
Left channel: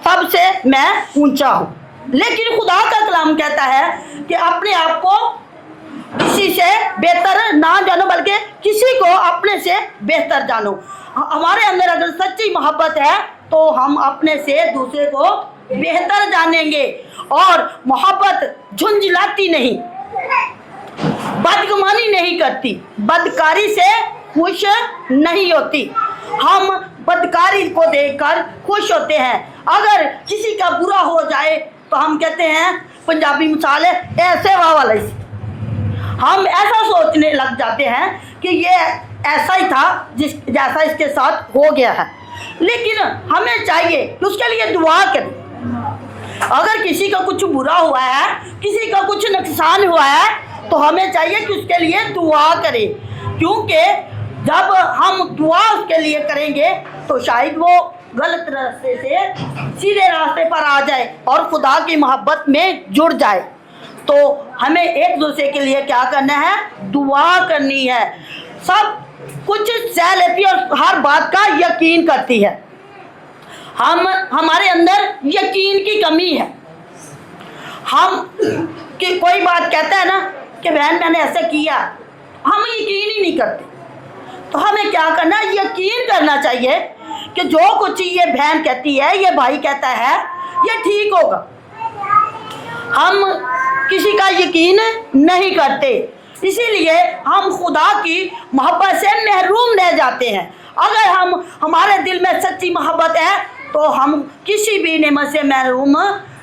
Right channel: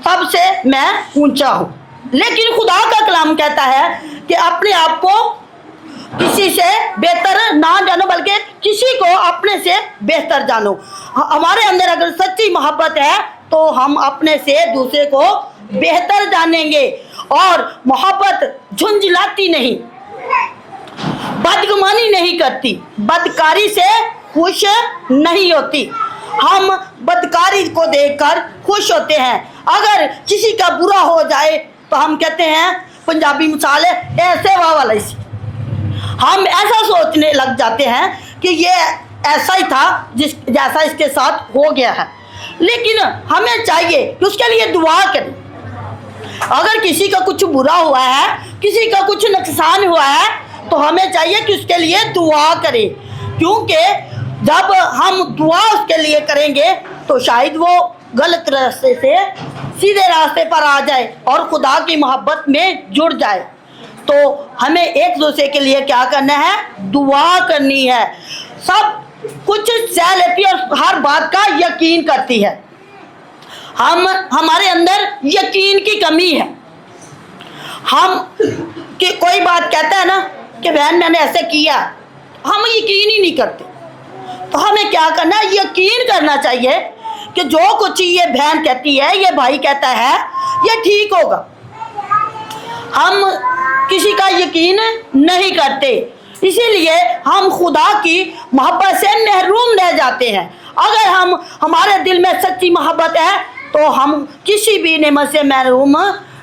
सबसे मैं ऊंचा हूँ। लेकिन खुदा का कलाम कहता है कि अपने आप को किसी से बेहतर ना जानो, बल्कि किसी को अपने से बेहतर जानो। हमारे अंदर अगर सच्ची मोहब्बत है तो हम अपने से दूसरे को बेहतर जानेंगे। और मोहब्बत झुंझलाती नहीं, बदगुमानी नहीं करती, बदकारी से खुश नहीं होती। हम बदकारी को देखकर खुश होते हैं। अगर किसी का बुरा हो जाए तो हम कहते हैं, पंजाबी मिसाल है, ऐसे वाह वाला इसी। हम ऐसा सोचने लग जाते हैं कि ये ऐसा ही था जैसा इसके साथ हो गया है। लेकिन हमें चाहिए कि उसके लिए दुआ करें। अगर किसी का कुछ बुरा हुआ है, किसी का कुछ नुकसान हुआ है, तो हमें चाहिए कि उसके लिए दुआ करें, क्योंकि जब हम दुआ उसके लिए करेंगे तो शायद वो गलत रास्ते से सीधे रास्ते पर आ जाए और खुदा की मोहब्बत में जुड़ जाए। तो हमें एक दूसरे के लिए क्या करना है? दुआ करनी है। सब कुछ सह लेती है और हर बात का यकीन करती है। हमारे अंदर यकीन की कमी है। हम कि कोई बात कहता है ना कि बहन मैंने ऐसे किया, हम यकीन ही नहीं करते। तो हमें क्या करना है? यकीन करना चाहिए कि जो कुछ ये बहन कहती है, ये भाई कहता है, ये ठीक होगा। हम किसी का यकीन नहीं करते, इसीलिए हम खुदा की मोहब्बत से महरूम रह जाते हैं। अगर हमारे दिल में सच्ची मोहब्बत है तो हम किसी भी नेमत से महरूम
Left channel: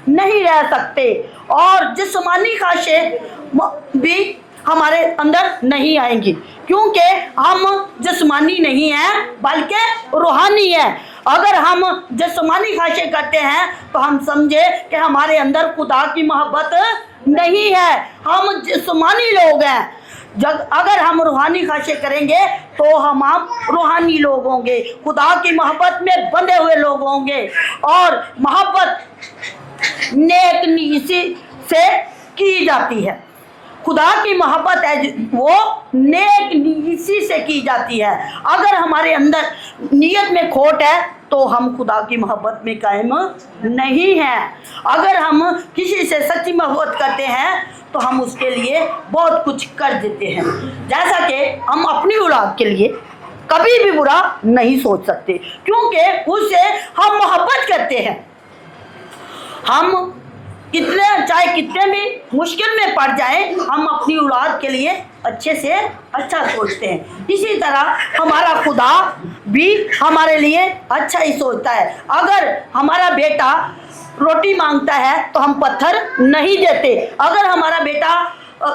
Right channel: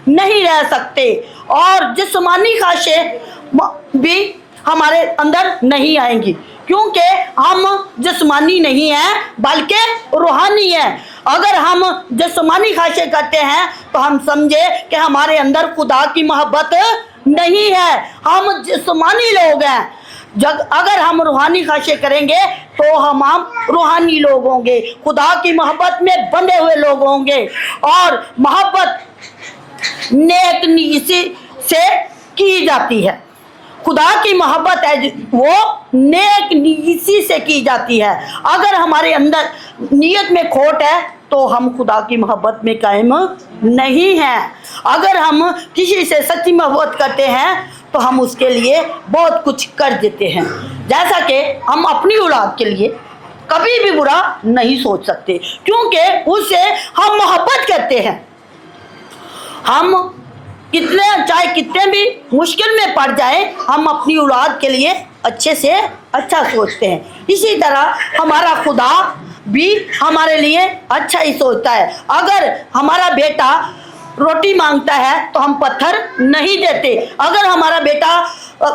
नहीं रह सकते, और जिस्मानी ख्वाहिशें भी हमारे अंदर नहीं आएंगी, क्योंकि हम जिस्मानी नहीं हैं बल्कि रूहानी हैं। अगर हम जिस्मानी ख्वाहिशें करते हैं तो हम समझे कि हमारे अंदर खुदा की मोहब्बत नहीं है, हम जिस्मानी लोग हैं। अगर हम रूहानी ख्वाहिशें करेंगे तो हम रूहानी लोग होंगे, खुदा की मोहब्बत में बंधे हुए लोग होंगे। और मोहब्बत नेक नीयती से की जाती है। खुदा की मोहब्बत है वो नेक नीयती से की जाती है। अगर हमारे अंदर नीयत में खोट है तो हम खुदा की मोहब्बत में कायम नहीं हैं। अगर हम किसी से सच्ची मोहब्बत करते हैं तो हम उसके लिए बहुत कुछ कर देते हैं। जैसा कि हम अपनी औलाद के लिए कभी भी बुरा नहीं सोच सकते, क्योंकि उससे हम मोहब्बत करते हैं। हम चाहे कितने भी मुश्किल में पड़ जाए, हम अपनी औलाद के लिए अच्छे से अच्छा सोचते हैं। इसी तरह हमारा खुदा भी हमारे लिए अच्छा ही सोचता है। अगर हमारा बेटा रोटी मांगता है तो हम पत्थर नहीं देते, अगर हमारा बेटा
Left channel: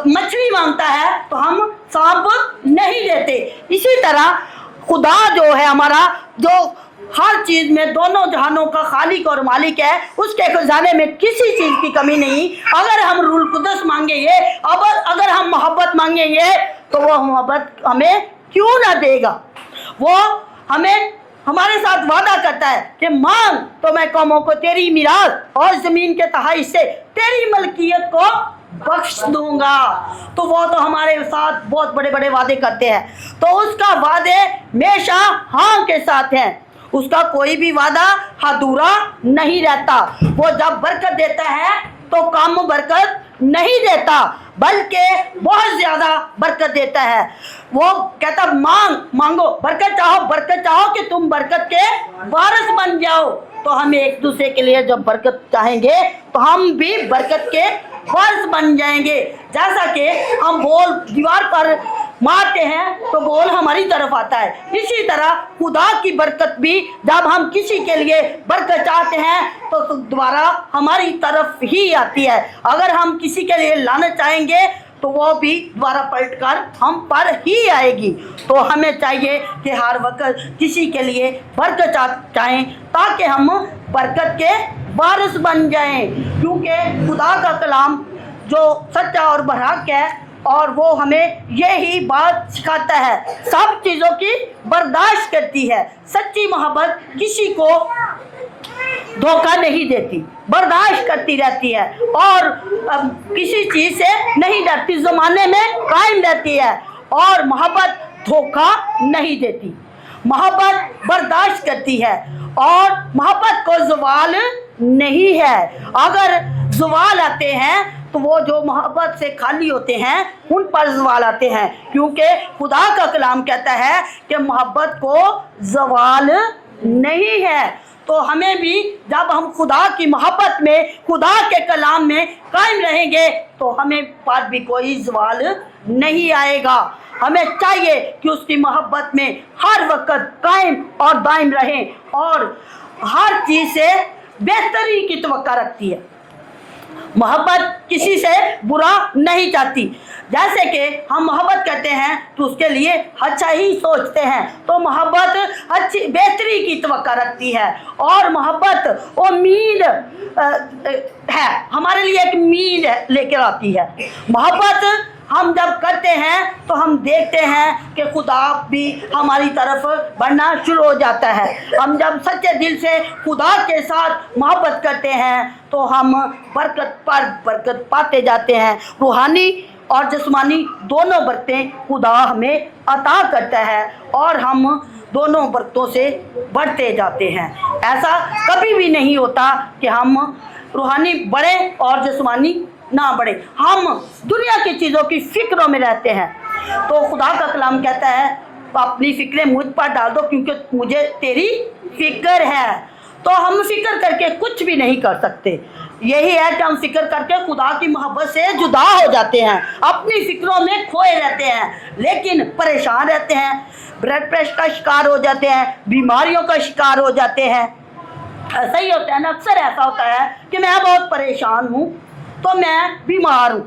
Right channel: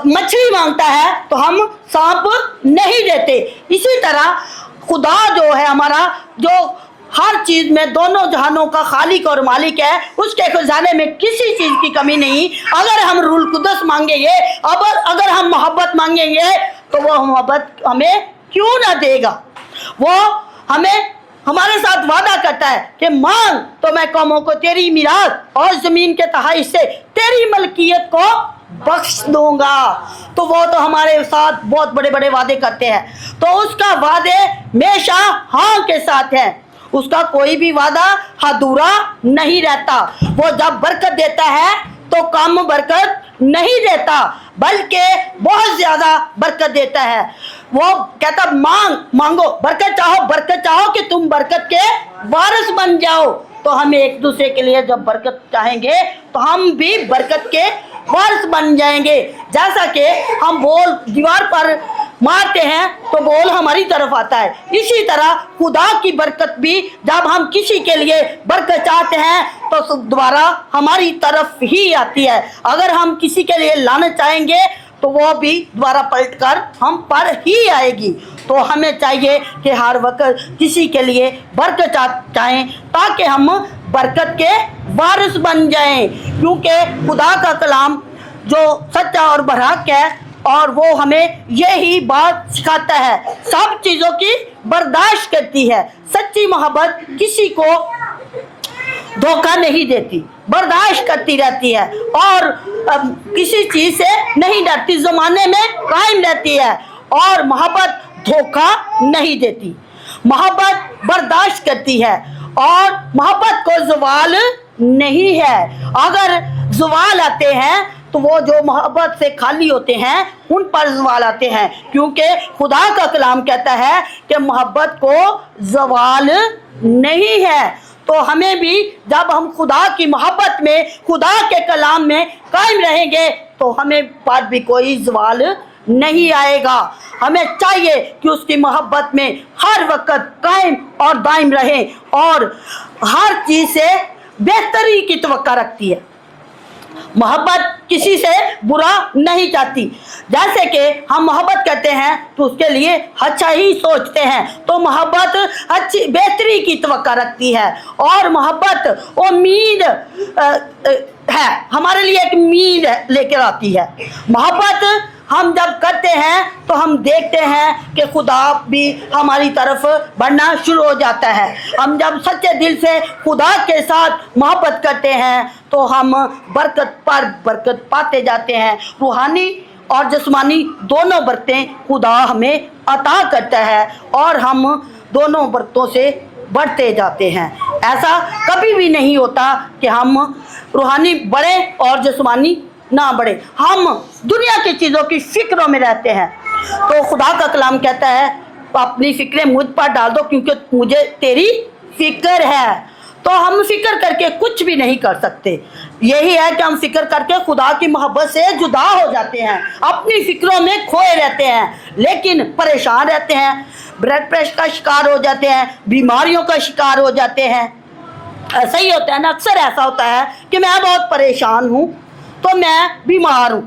मछली मांगता है तो हम सांप नहीं देते। इसी तरह खुदा जो है हमारा, जो हर चीज़ में दोनों जहानों का खालिक और मालिक है, उसके खजाने में किसी चीज़ की कमी नहीं। अगर हम रूल कुदस मांगेंगे, अगर हम मोहब्बत मांगेंगे, तो वो मोहब्बत हमें क्यों ना देगा। वो हमें हमारे साथ वादा करता है कि मांग तो मैं कौमों को तेरी मीरास और जमीन के तहाई से तेरी मलकियत को बख्श दूंगा। तो वो तो हमारे साथ बहुत बड़े बड़े वादे करते हैं, तो उसका वादे हमेशा हाँ के साथ है, उसका कोई भी वादा अधूरा नहीं रहता। वो जब बरकत देता है तो कम बरकत नहीं देता, बल्कि बहुत ज्यादा बरकत देता है। वो कहता मांगो बरकत चाहो कि तुम बरकत के वारिस बन जाओ। तो हम एक दूसरे के लिए जब बरकत चाहेंगे तो हम भी बरकत के वारिस बन जाएंगे। जैसा कि हम बॉल दीवार पर मारते हैं तो बॉल हमारी तरफ आता है, इसी तरह खुदा की बरकत भी जब हम किसी के लिए बरकत चाहते हैं तो दोबारा हमारी तरफ ही आती है। अगर हम किसी के लिए लानत चाहेंगे तो वो भी दोबारा पलटकर हम पर ही आएगी। तो हमें चाहिए कि हर वक्त किसी के लिए बरकत चाहें ताकि हम बरकत के वारिस बन जाएं, क्योंकि खुदा का कलाम जो सच्चा और बरहक है और वो हमें यही बात सिखाता है, सब चीज़ों की बर्दाश्त करती है। सच्ची मोहब्बत किसी को धोखा नहीं देती, बर्दाश्त करती रहती है और किसी चीज़ से नहीं डरती, ज़माने में कायम रहती है। और मोहब्बत धोखा नहीं देती, मोहब्बत बर्दाश्त करती है और मोहब्बत को ज़वाल नहीं है। अगर ज़वाल आते हैं तो वो जो मोहब्बत से खाली होते हैं उन पर ज़वाल आते हैं, क्योंकि खुदा का कलाम कहता है कि मोहब्बत को ज़वाल नहीं है। तो हमें भी जब हम खुदा की मोहब्बत में, खुदा के कलाम में कायम रहेंगे तो हमें पर भी कोई ज़वाल नहीं आएगा। हमें चाहिए कि उसकी मोहब्बत में हर वक्त कायम और दायम रहें और हर चीज़ से बेहतरी की तवक्का रखती है। मोहब्बत किसी से बुरा नहीं चाहती। जैसे कि हम मोहब्बत करते हैं तो उसके लिए अच्छा ही सोचते हैं, तो मोहब्बत अच्छी बेहतरी की तवक्का रखती है और मोहब्बत उम्मीद है, हमारे लिए एक उम्मीद लेकर आती है। मोहब्बत हम जब करते हैं तो हम देखते हैं कि खुदा भी हमारी तरफ बढ़ना शुरू हो जाता है। हम जब सच्चे दिल से खुदा के साथ मोहब्बत करते हैं तो हम बरकत पर बरकत पाते जाते हैं। रूहानी और जिस्मानी दोनों बरकतें खुदा हमें अता करता है और हम दोनों बरकतों से बढ़ते जाते हैं। ऐसा कभी भी नहीं होता कि हम रूहानी बढ़े और जिस्मानी ना बढ़े। हम दुनिया की चीज़ों की फिक्रों में रहते हैं। तो खुदा का कलाम कहता है अपनी फिक्रें मुझ पर डाल दो क्योंकि मुझे तेरी फिक्र है। तो हम फिक्र करके कुछ भी नहीं कर सकते। यही है कि हम फिक्र करके खुदा की मोहब्बत से जुदा हो जाते हैं, अपनी फिक्रों में खोए रहते हैं, लेकिन परेशान रहते हैं, ब्लड प्रेशर का शिकार हो जाते हैं, बीमारियों का शिकार हो जाते हैं। ऐसा ही होता है ना, अक्सर ऐसा होता है कि मैं बहुत परेशान हूँ तो मैं बीमार हूँ।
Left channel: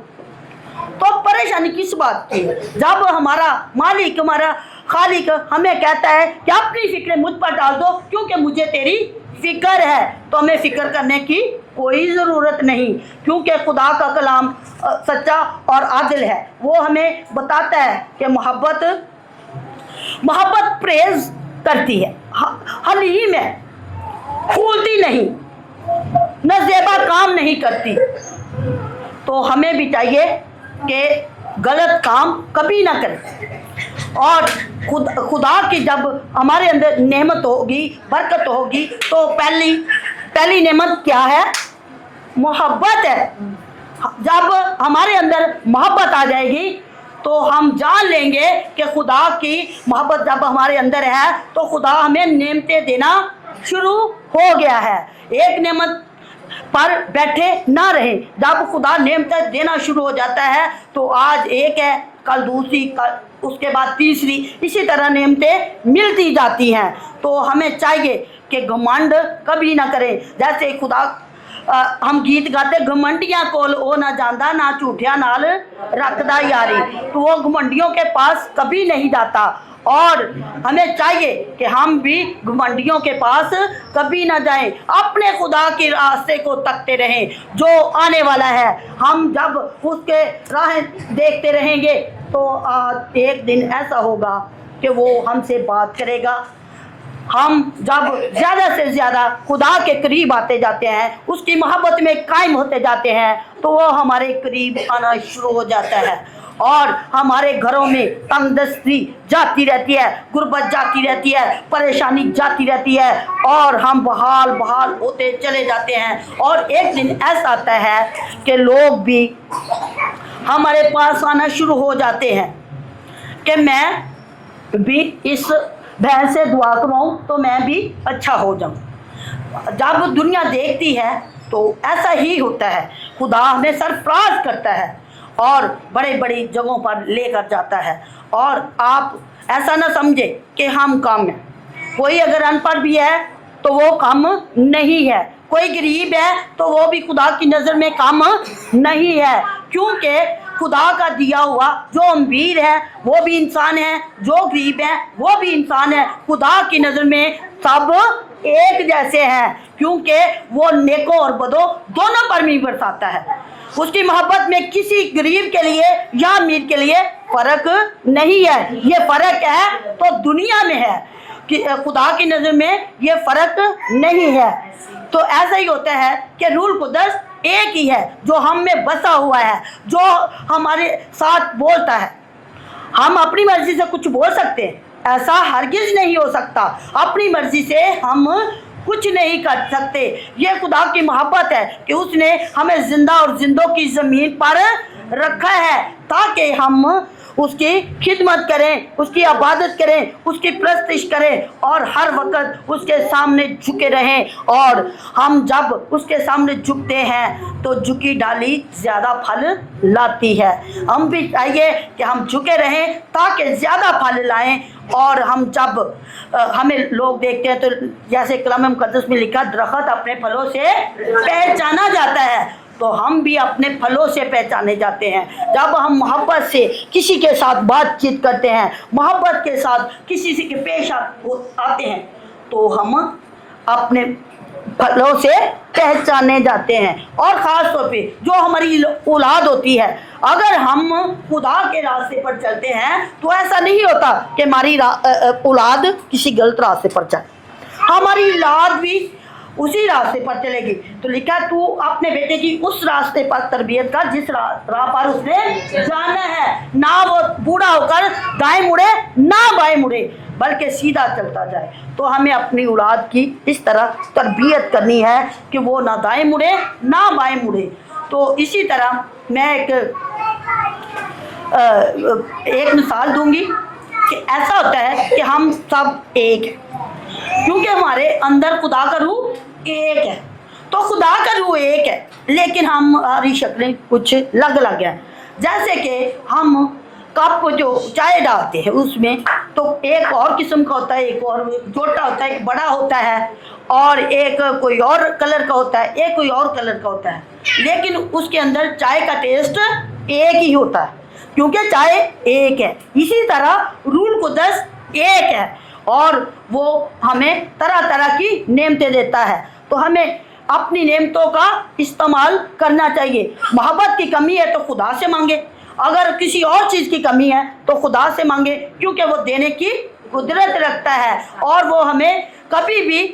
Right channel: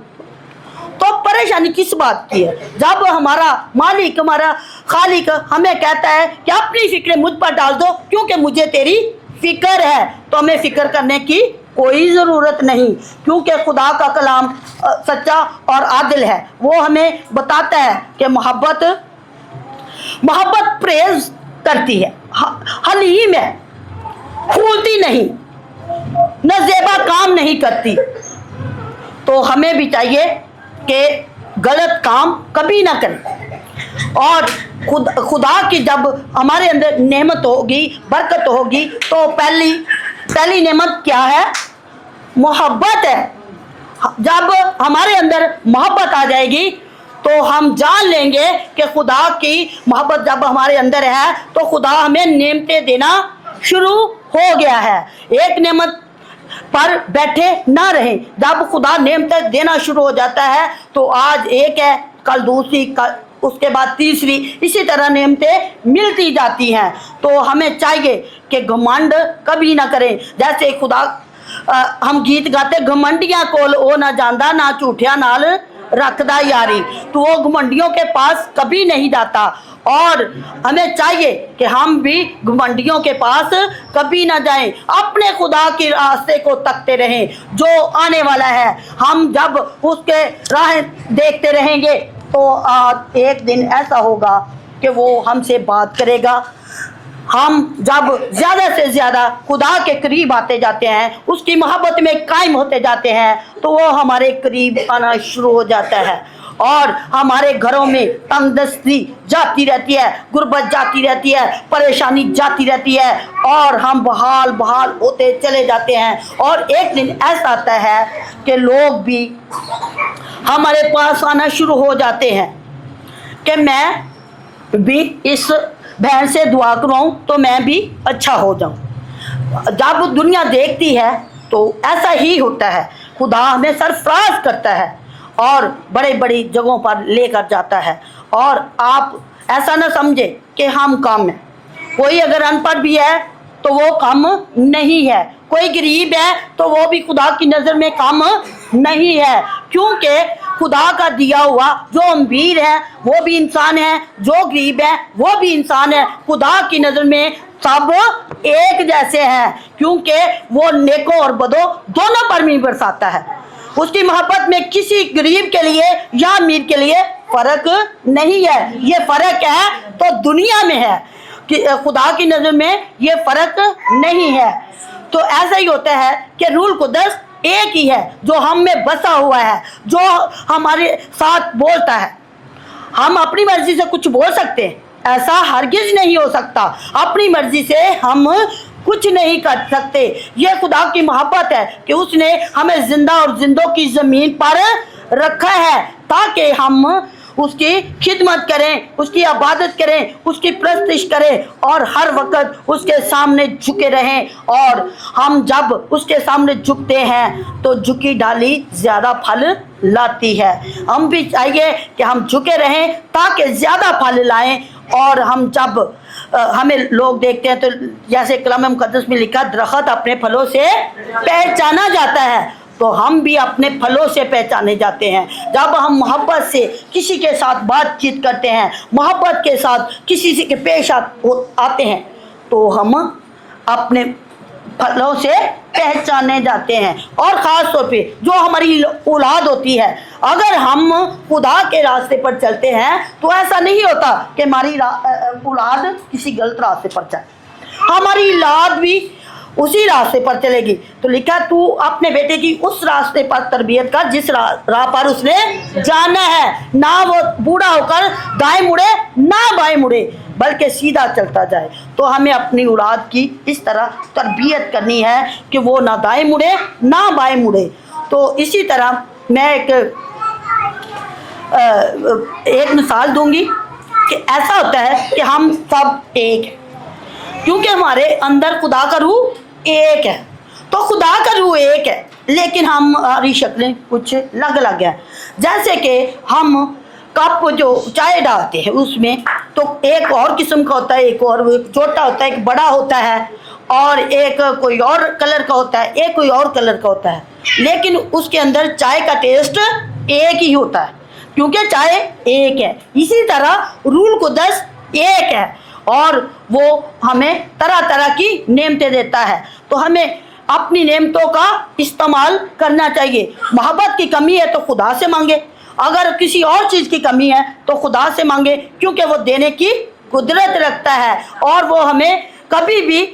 तो परेशानी किस बात की है? जब हमारा मालिक, हमारा खालिक हमें कहता है कि अपनी फिक्रें मुझ पर डाल दो क्योंकि मुझे तेरी फिक्र है, तो हमें फिक्र करने की कोई ज़रूरत नहीं, क्योंकि खुदा का कलाम सच्चा और आदिल है। वो हमें बताता है कि मोहब्बत प्रेज करती है, हलीम है, फूलती नहीं, नज़ेबा काम नहीं करती। तो हमें भी चाहिए कि गलत काम कभी ना करें और खुदा की जब हमारे अंदर नेमत होगी, बरकत होगी, तो पहली नेमत क्या है? मोहब्बत है। जब हमारे अंदर मोहब्बत आ जाएगी तो हम जान लेंगे कि खुदा की मोहब्बत जब हमारे अंदर है तो खुदा हमें नेमतें देना शुरू हो गया है। एक नेमत पर बैठे ना रहे। जब खुदा नेमतें देना शुरू हो जाता है तो आज एक है, कल दूसरी, उसके बाद तीसरी, इसी तरह नेमतें मिलती जाती हैं। तो हमें चाहिए कि घमंड कभी ना करें। जैसे खुदा हम गीत गाते, घमंडियां कोल ओ ना जांदा ना झूठिया नाल रखदा यारी, तो वो घमंडियों के पास कभी नहीं जाता। और हमें चाहिए कि हम भी घमंडियों के पास कभी ना जाएं, अपने खुदा के रास्ते को तकते रहें जो आने वाला है। हम जब उसके राह देखते रहेंगे तो एक दिन ऐसा होगा कि वो हमसे बात करेगा। हम जब ज़्यादा से ज़्यादा खुदा के करीब आते जाते हैं, उसकी मोहब्बत में कायम होते जाते हैं, तो वो हमारे करीब आना शुरू हो जाता है और हमारे घरों में तंगदस्ती जाती रहती है, गुर्बत जाती रहती है, परेशानी जाती रहती है और हम बहाल बहाल होते चले जाते हैं। और एक दिन ऐसा आता है कि लोग भी हमारे पास आना शुरू हो जाते हैं कि मैं भी इस बहन से दुआ करवाऊं तो मैं भी अच्छा हो जाऊं। जब दुनिया देखती है तो ऐसा ही होता है, खुदा हमें सरफराज करता है और बड़े बड़ी जगहों पर लेकर जाता है। और आप ऐसा ना समझे कि हम कम हैं, कोई अगर अनपढ़ भी है तो वो कम नहीं है, कोई गरीब है तो वो भी खुदा की नज़र में कम नहीं है, क्योंकि खुदा का दिया हुआ जो अमीर है वो भी इंसान है, जो गरीब है वो भी इंसान है। खुदा की नज़र में सब एक जैसे हैं, क्योंकि वो नेकों और बदों दोनों पर भी बरसाता है। उसकी मोहब्बत में किसी गरीब के लिए या अमीर के लिए फ़र्क नहीं है। ये फ़र्क है तो दुनिया में है कि खुदा की नज़र में ये फ़र्क नहीं है। तो ऐसा ही होता है कि रूल कुदस एक ही है जो हम में बसा हुआ है, जो हमारे साथ बोलता है। हम अपनी मर्जी से कुछ बोल सकते हैं, ऐसा हरगिज नहीं हो सकता। अपनी मर्जी से हम कुछ नहीं कर सकते। ये खुदा की मोहब्बत है कि उसने हमें जिंदा और जिंदों की ज़मीन पर रखा है ताकि हम उसकी खिदमत करें, उसकी इबादत करें, उसकी परस्तिश करें और हर वक्त उसके सामने झुके रहें। और हम जब उसके सामने झुकते हैं तो झुकी डाली ज़्यादा फल लाती है। हम भी चाहिए कि हम झुके रहें ताकि ज़्यादा फल लाएं। और हम जब हमें लोग देखते हैं तो जैसे कलाम मुकद्दस में लिखा, दरख्त अपने फलों से पहचाना जाता है, तो हम भी अपने फलों से पहचाने जाते हैं। जब हम मोहब्बत से किसी के साथ बातचीत करते हैं, मोहब्बत के साथ किसी से के पेश आते हैं, तो हम अपने फलों से पहचाने जाते हैं। और ख़ास तौर पे जो हमारी औलाद होती है, अगर हम खुदा के रास्ते पर चलते हैं तो ऐसा नहीं होता कि हमारी औलाद किसी गलत रास्ते पर चले, हमारी औलाद भी उसी रास्ते पर चलेगी। तो लिखा, तू अपने बेटे की उस रास्ते पर तरबियत कर जिस राह पर उसने जाना है, ना वो बूढ़ा होकर दाएं मुड़े ना बाएं मुड़े, बल्कि सीधा चलता जाए। तो हमें अपनी औलाद की इस तरह तरबियत करनी है कि वो ना दाएं मुड़े ना बाएं मुड़े। तो इसी तरह मैं एक मिसाल दूंगी कि ऐसा होता है कि हम सब एक हैं, क्योंकि हमारे अंदर खुदा का रूह एक है। तो खुदा का रूह एक है, लेकिन हमारी शक्लें कुछ अलग अलग हैं। जैसे कि हम कप जो चाय डालते हैं उसमें तो एक और किस्म का होता है, एक और छोटा होता है, एक बड़ा होता है, और एक कोई और कलर का होता है, एक कोई और कलर का होता है, लेकिन उसके अंदर चाय का टेस्ट एक ही होता है, क्योंकि चाय एक है। इसी तरह रूल कुदस एक है और वो हमें तरह तरह की नेमतें देता है। तो हमें अपनी नेमतों का इस्तेमाल करना चाहिए। मोहब्बत की कमी है तो खुदा से मांगे, अगर किसी और चीज़ की कमी है तो खुदा से मांगे, क्योंकि वो देने की कुदरत रखता है और वो हमें कभी भी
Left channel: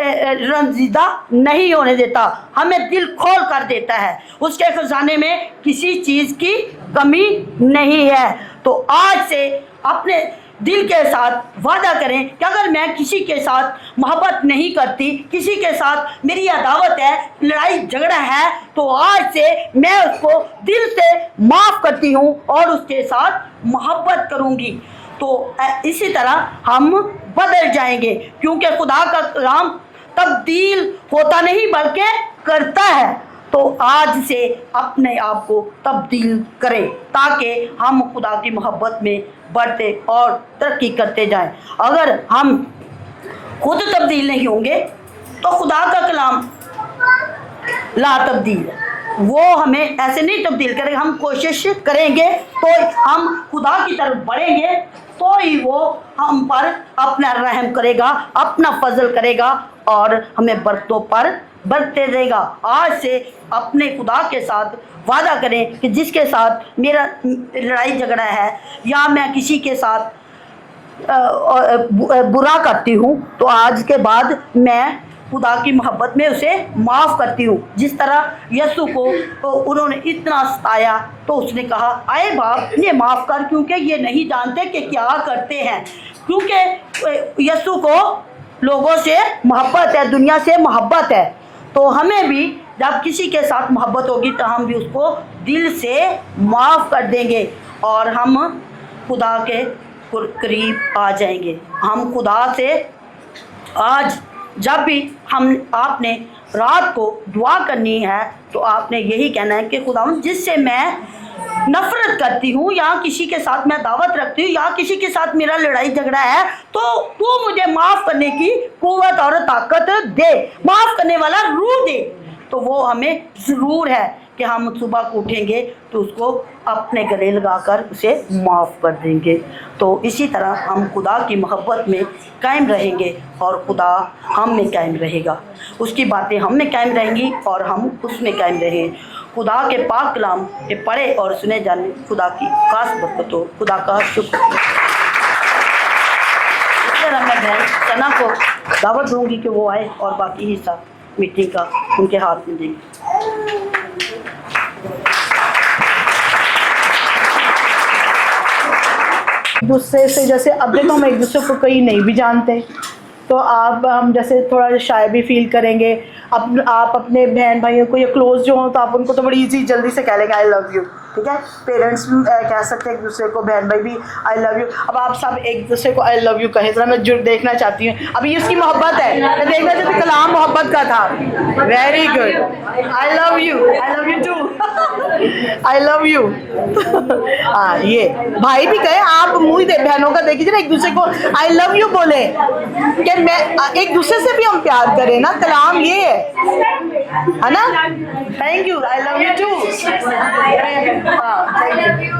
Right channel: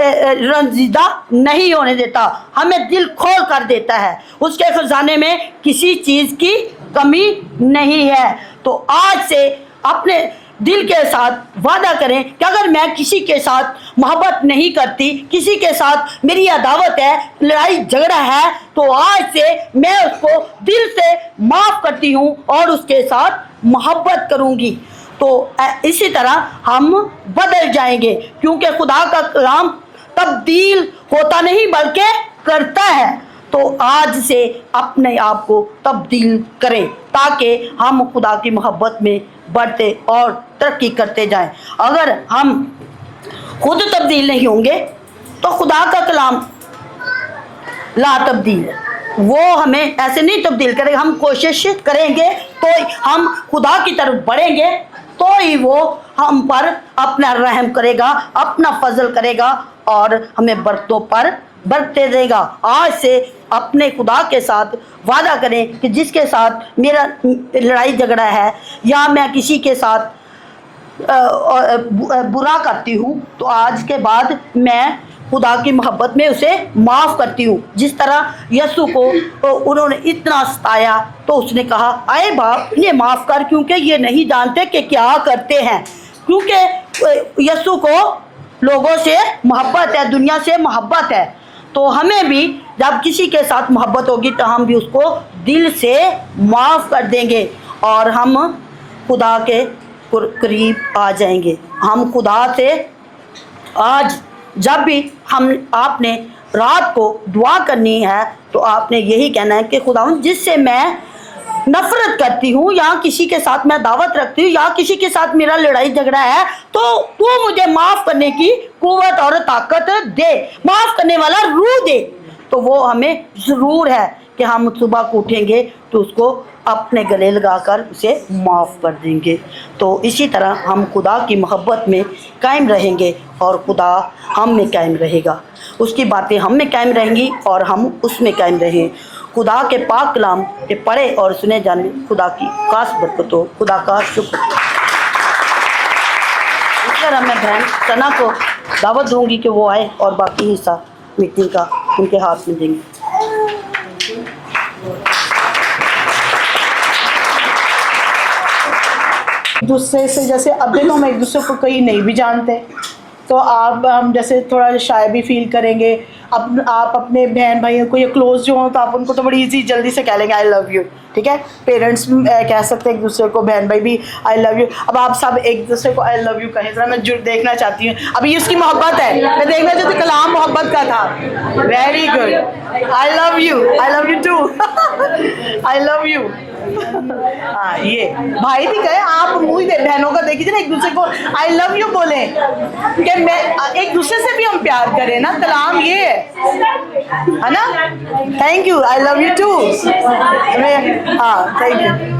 रंजीदा नहीं होने देता, हमें दिल खोल कर देता है। उसके खजाने में किसी चीज़ की कमी नहीं है। तो आज से अपने दिल के साथ वादा करें कि अगर मैं किसी के साथ मोहब्बत नहीं करती, किसी के साथ मेरी अदावत है, लड़ाई झगड़ा है, तो आज से मैं उसको दिल से माफ़ करती हूँ और उसके साथ मोहब्बत करूँगी। तो इसी तरह हम बदल जाएंगे, क्योंकि खुदा का कलाम तब्दील होता नहीं बल्कि करता है। तो आज से अपने आप को तब्दील करें ताकि हम खुदा की मोहब्बत में बढ़ते और तरक्की करते जाएं। अगर हम खुद तब्दील नहीं होंगे तो खुदा का कलाम ला तब्दील है, वो हमें ऐसे नहीं तब्दील करेगा। हम कोशिश करेंगे तो हम खुदा की तरफ बढ़ेंगे, तो ही वो हम पर अपना रहम करेगा, अपना फजल करेगा और हमें बरतों पर बढ़ते देगा। आज से अपने खुदा के साथ वादा करें कि जिसके साथ मेरा लड़ाई झगड़ा है या मैं किसी के साथ बुरा करती हूँ तो आज के बाद मैं खुदा की मोहब्बत में उसे माफ़ करती हूँ। जिस तरह यीशु को उन्होंने इतना सताया तो उसने कहा आए बाप इन्हें माफ़ कर, क्योंकि ये नहीं जानते कि क्या करते हैं। क्योंकि यीशु को लोगों से मोहब्बत है, दुनिया से मोहब्बत है। तो हमें भी जब किसी के साथ मोहब्बत होगी तो हम भी उसको दिल से माफ़ कर देंगे और हम खुदा के करीब आ जाएंगे। हम खुदा से आज जब भी आपने रात को दुआ करनी है तो आपने यही कहना है कि खुदा जिससे मैं नफरत करती हूँ या किसी के साथ मैं दावत रखती हूँ या किसी के साथ मेरा लड़ाई झगड़ा है तो तू मुझे माफ़ करने की कुव्वत और ताकत दे, माफ़ करने वाला रूह दे। तो वो हमें ज़रूर है कि हम सुबह को उठेंगे तो उसको अपने गले लगाकर उसे माफ़ कर देंगे। तो इसी तरह हम खुदा की मोहब्बत में कायम रहेंगे और खुदा हम में कायम रहेगा, उसकी बातें हम में कायम रहेंगी और हम उसमें कायम रहें। खुदा के पाक कलाम के पढ़े और सुने जाने खुदा की खास बरकत हो। खुदा का शुक्र। इसलिए मैं बहन सना को दावत दूंगी कि वो आए और बाकी हिस्सा मीटिंग का उनके हाथ में देंगे। दूसरे से जैसे अब देखो हम एक दूसरे को कहीं नहीं भी जानते तो हम जैसे थोड़ा शाय भी फील करेंगे। आप अपने बहन भाइयों को या क्लोज जो हो तो आप उनको तो बड़ी इजी जल्दी से कह लेंगे आई लव यू, ठीक है। पेरेंट्स कह सकते हैं एक दूसरे को, बहन भाई भी आई लव यू। अब आप सब एक दूसरे को आई लव यू कहें, जरा मैं देखना चाहती हूँ। अभी इसकी मोहब्बत है, मैं देखना चाहती हूँ। कलाम मोहब्बत का था, very good. I love you too I love you. हाँ ये भाई भी कहे, आप मुँह दे बहनों का देखिए ना, एक दूसरे को आई लव यू बोले कि मैं एक दूसरे से भी हम प्यार करें ना। कलाम ये है ना, thank you, I love you too. हाँ थैंक यू।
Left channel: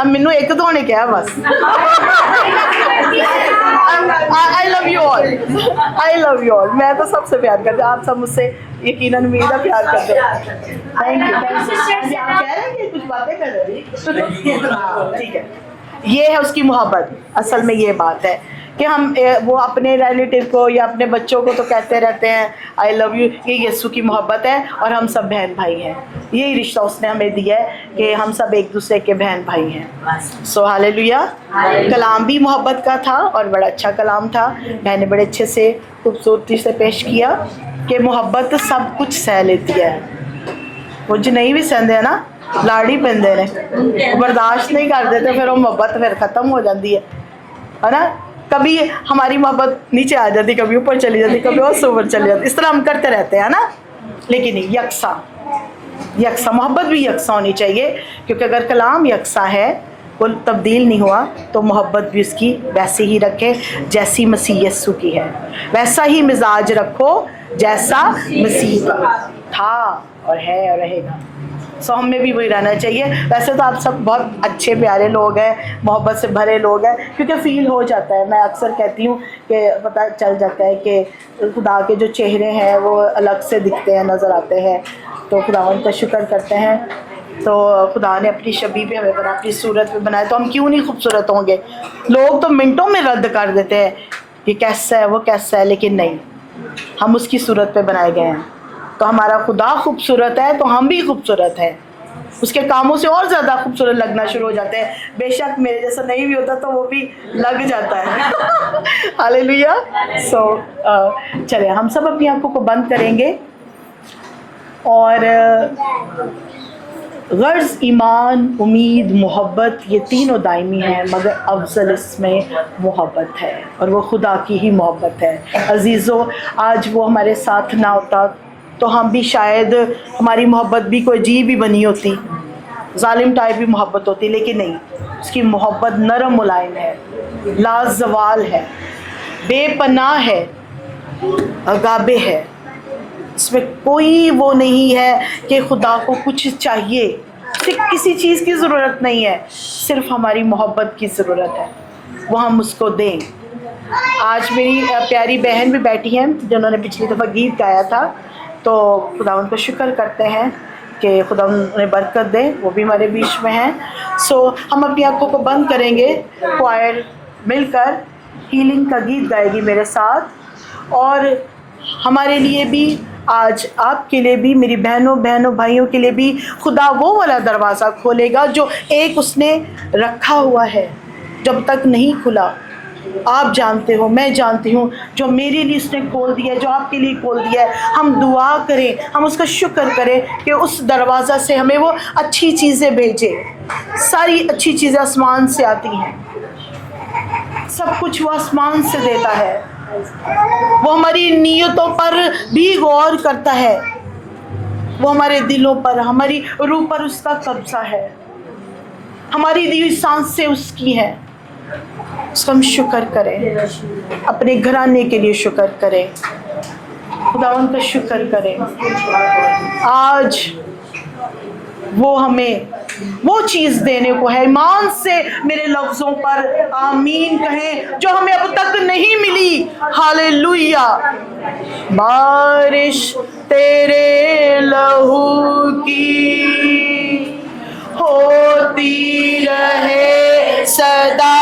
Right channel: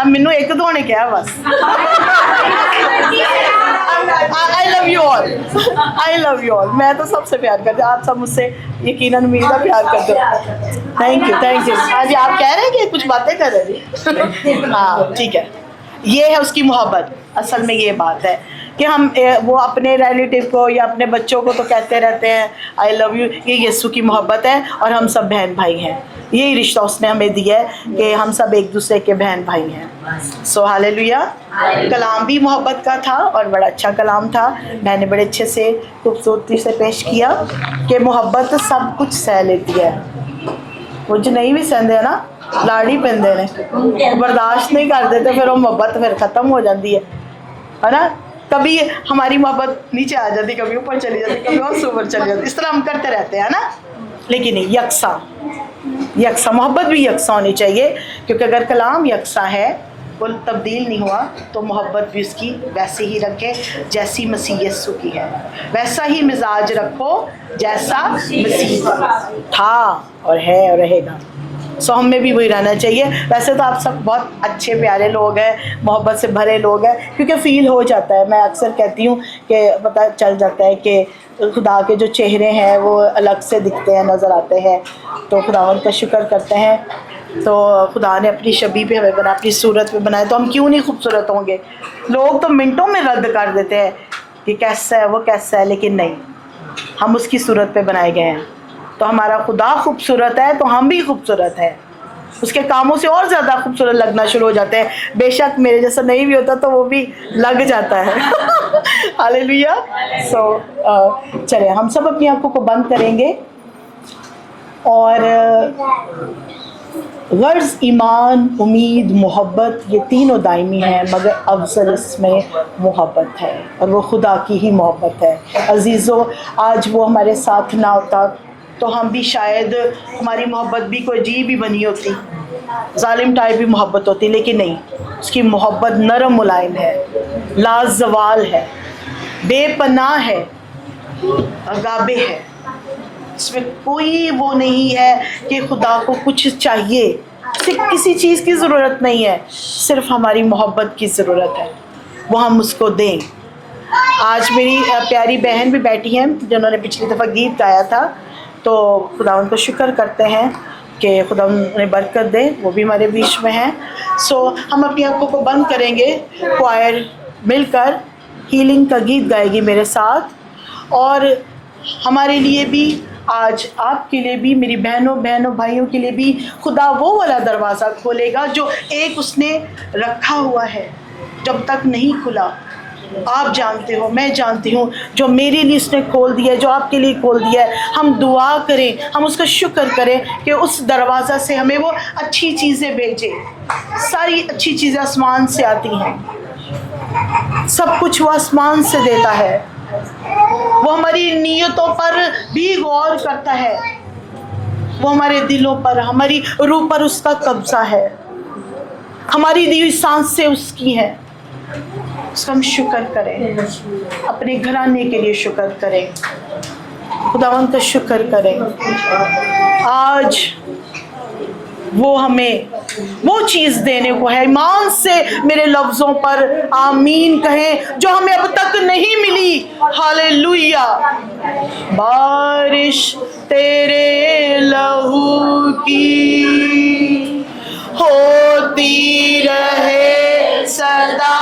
अब मैनू एक तो होने क्या बस I love you all, I love you all. मैं तो सबसे प्यार करती हूँ, आप सब मुझसे यकीनन उम्मीद प्यार करते हो। Thank you thank you. हाँ जी, आप कह रहे हैं कि कुछ बातें कर रहे थे। हाँ ठीक है, ये है उसकी मोहब्बत। असल में ये बात है कि हम वो अपने रिलेटिव को या अपने बच्चों को तो कहते रहते हैं आई लव यू। ये यीशु की मोहब्बत है और हम सब बहन भाई हैं। यही रिश्ता उसने हमें दिया है कि हम सब एक दूसरे के बहन भाई हैं। सो हालेलुया। कलाम भी मोहब्बत का था और बड़ा अच्छा कलाम था। मैंने बड़े अच्छे से खूबसूरती से पेश किया कि मोहब्बत सब कुछ सह लेती है। वो जो नहीं भी सहते है ना, लाड़ी पैंदे ने, बर्दाश्त नहीं कर देते, फिर वो मोहब्बत फिर ख़त्म हो जाती है ना। कभी हमारी मोहब्बत नीचे आ जाती, कभी ऊपर चली जाती, कभी और ऊपर चली जाती, इस तरह हम करते रहते हैं ना। लेकिन यकसा मोहब्बत भी यकसा होनी चाहिए, क्योंकि अगर कलाम यकसा है, वो तब्दील नहीं हुआ, तो मोहब्बत भी उसकी वैसे ही रखें जैसी मसीह यीशु की है। वैसा ही मिजाज रखो जैसा मसीह का था और है और रहेगा। सो हमें भी वही रहना चाहिए। वैसे तो आप सब बहुत अच्छे प्यारे लोग हैं, मोहब्बत से भरे लोग हैं, क्योंकि फ़ील हो जाता है। मैं अक्सर कहती हूँ कि पता चल जाता है कि खुदा के जो चेहरे हैं वो अलग से दिखते हैं, नज़र आते हैं। तो खुदावंद का शुक्र करते हैं। तो खुदा ने अपनी शबीह पे हमें बनाया, अपनी सूरत पे बनाया, तो हम क्यों नहीं खूबसूरत होंगे। लोग तो मिनटों में रद्द कर देते हैं कि कैसा है वो कैसा है, लेकिन नहीं, हम उसकी सूरत पे बनाए गए हैं। तो हमारा खुदा खूबसूरत है तो हम भी खूबसूरत हैं। उसके कामों से और ज़्यादा खूबसूरत लगना शुरू हो जाते हैं। बेशक मेरे जैसा नहीं भी होता तो वो भी लग जाता है। हालेलुया। सो चलिए हम सब अपनी आंखों को बंद करेंगे और गर्ज़, ईमान, उम्मीद, मोहब्बत, ये तीनों दायमी हैं, मगर अफजल इसमें मोहब्बत है और वो खुदा की ही मोहब्बत है। अजीज़ों, आज वो हमारे साथ ना होता तो हम भी शायद, हमारी मोहब्बत भी कोई अजीब ही बनी होती, जालिम टाइप भी मोहब्बत होती, लेकिन नहीं, उसकी मोहब्बत नरम मुलायम है, लाजवाल है, बेपनाह है, अगाबे है। इसमें कोई वो नहीं है कि खुदा को कुछ चाहिए, सिर्फ किसी चीज़ की ज़रूरत नहीं है, सिर्फ हमारी मोहब्बत की ज़रूरत है, वो हम उसको दें। आज मेरी प्यारी बहन भी बैठी हैं जिन्होंने पिछली दफ़ा गीत गाया था, तो खुदा उनको शुक्र करते हैं कि खुदा उन्हें बरकत दे, वो भी हमारे बीच में हैं। सो हम अपनी आंखों को बंद करेंगे, क्वायर मिलकर हीलिंग का गीत गाएगी मेरे साथ। और हमारे लिए भी, आज आपके लिए भी, मेरी बहनों भाइयों के लिए भी खुदा वो वाला दरवाज़ा खोलेगा जो एक उसने रखा हुआ है, जब तक नहीं खुला। आप जानते हो, मैं जानती हूँ, जो मेरे लिए उसने खोल दिया है, जो आपके लिए खोल दिया है। हम दुआ करें, हम उसका शुक्र करें कि उस दरवाज़ा से हमें वो अच्छी चीज़ें भेजे। सारी अच्छी चीज़ें आसमान से आती हैं, सब कुछ वो आसमान से देता है। वो हमारी नीयतों पर भी गौर करता है, वो हमारे दिलों पर, हमारी रूह पर उसका कब्जा है, हमारी दी हुई सांस से उसकी है। उसका हम शुक्र करें, अपने घराने के लिए शुक्र करें, खुदावंद का शुक्र करें। आज वो हमें वो चीज़ देने को है। ईमान से मेरे लफ्ज़ों पर आमीन कहें, जो हमें अब तक नहीं मिली। हालेलुया। बारिश तेरे लहू की होती रहे सदा,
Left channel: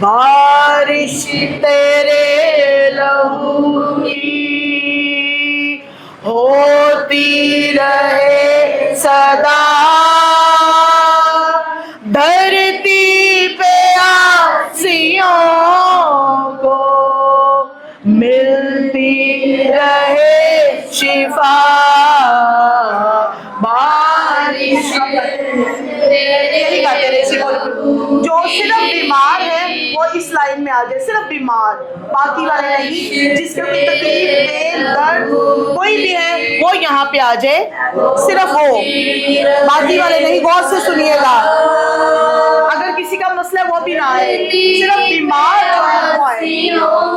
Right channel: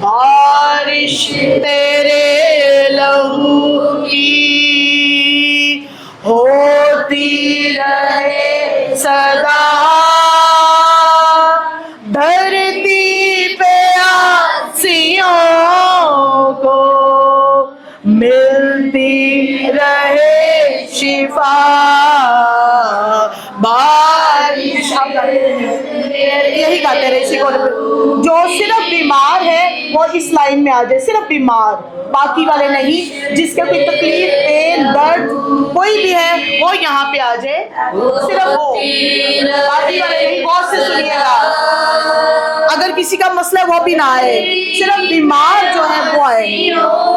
बारिश तेरे लहू की होती रहे सदा, धरती पे आसियों को मिलती रहे शिफा, बारिश। यही गाते रहे। जो सिर्फ बीमार है वो इस लाइन में आ जाए, सिर्फ बीमार, बाकी वाले नहीं। जिसका कोई तकलीफ, पेन, दर्द कोई भी है वो यहाँ पे आ जाए, सिर्फ वो, बाकी वाले नहीं। गौर से सुनिएगा, अगर किसी का मसला वो भी ना आए, सिर्फ बीमार जो है वो आए।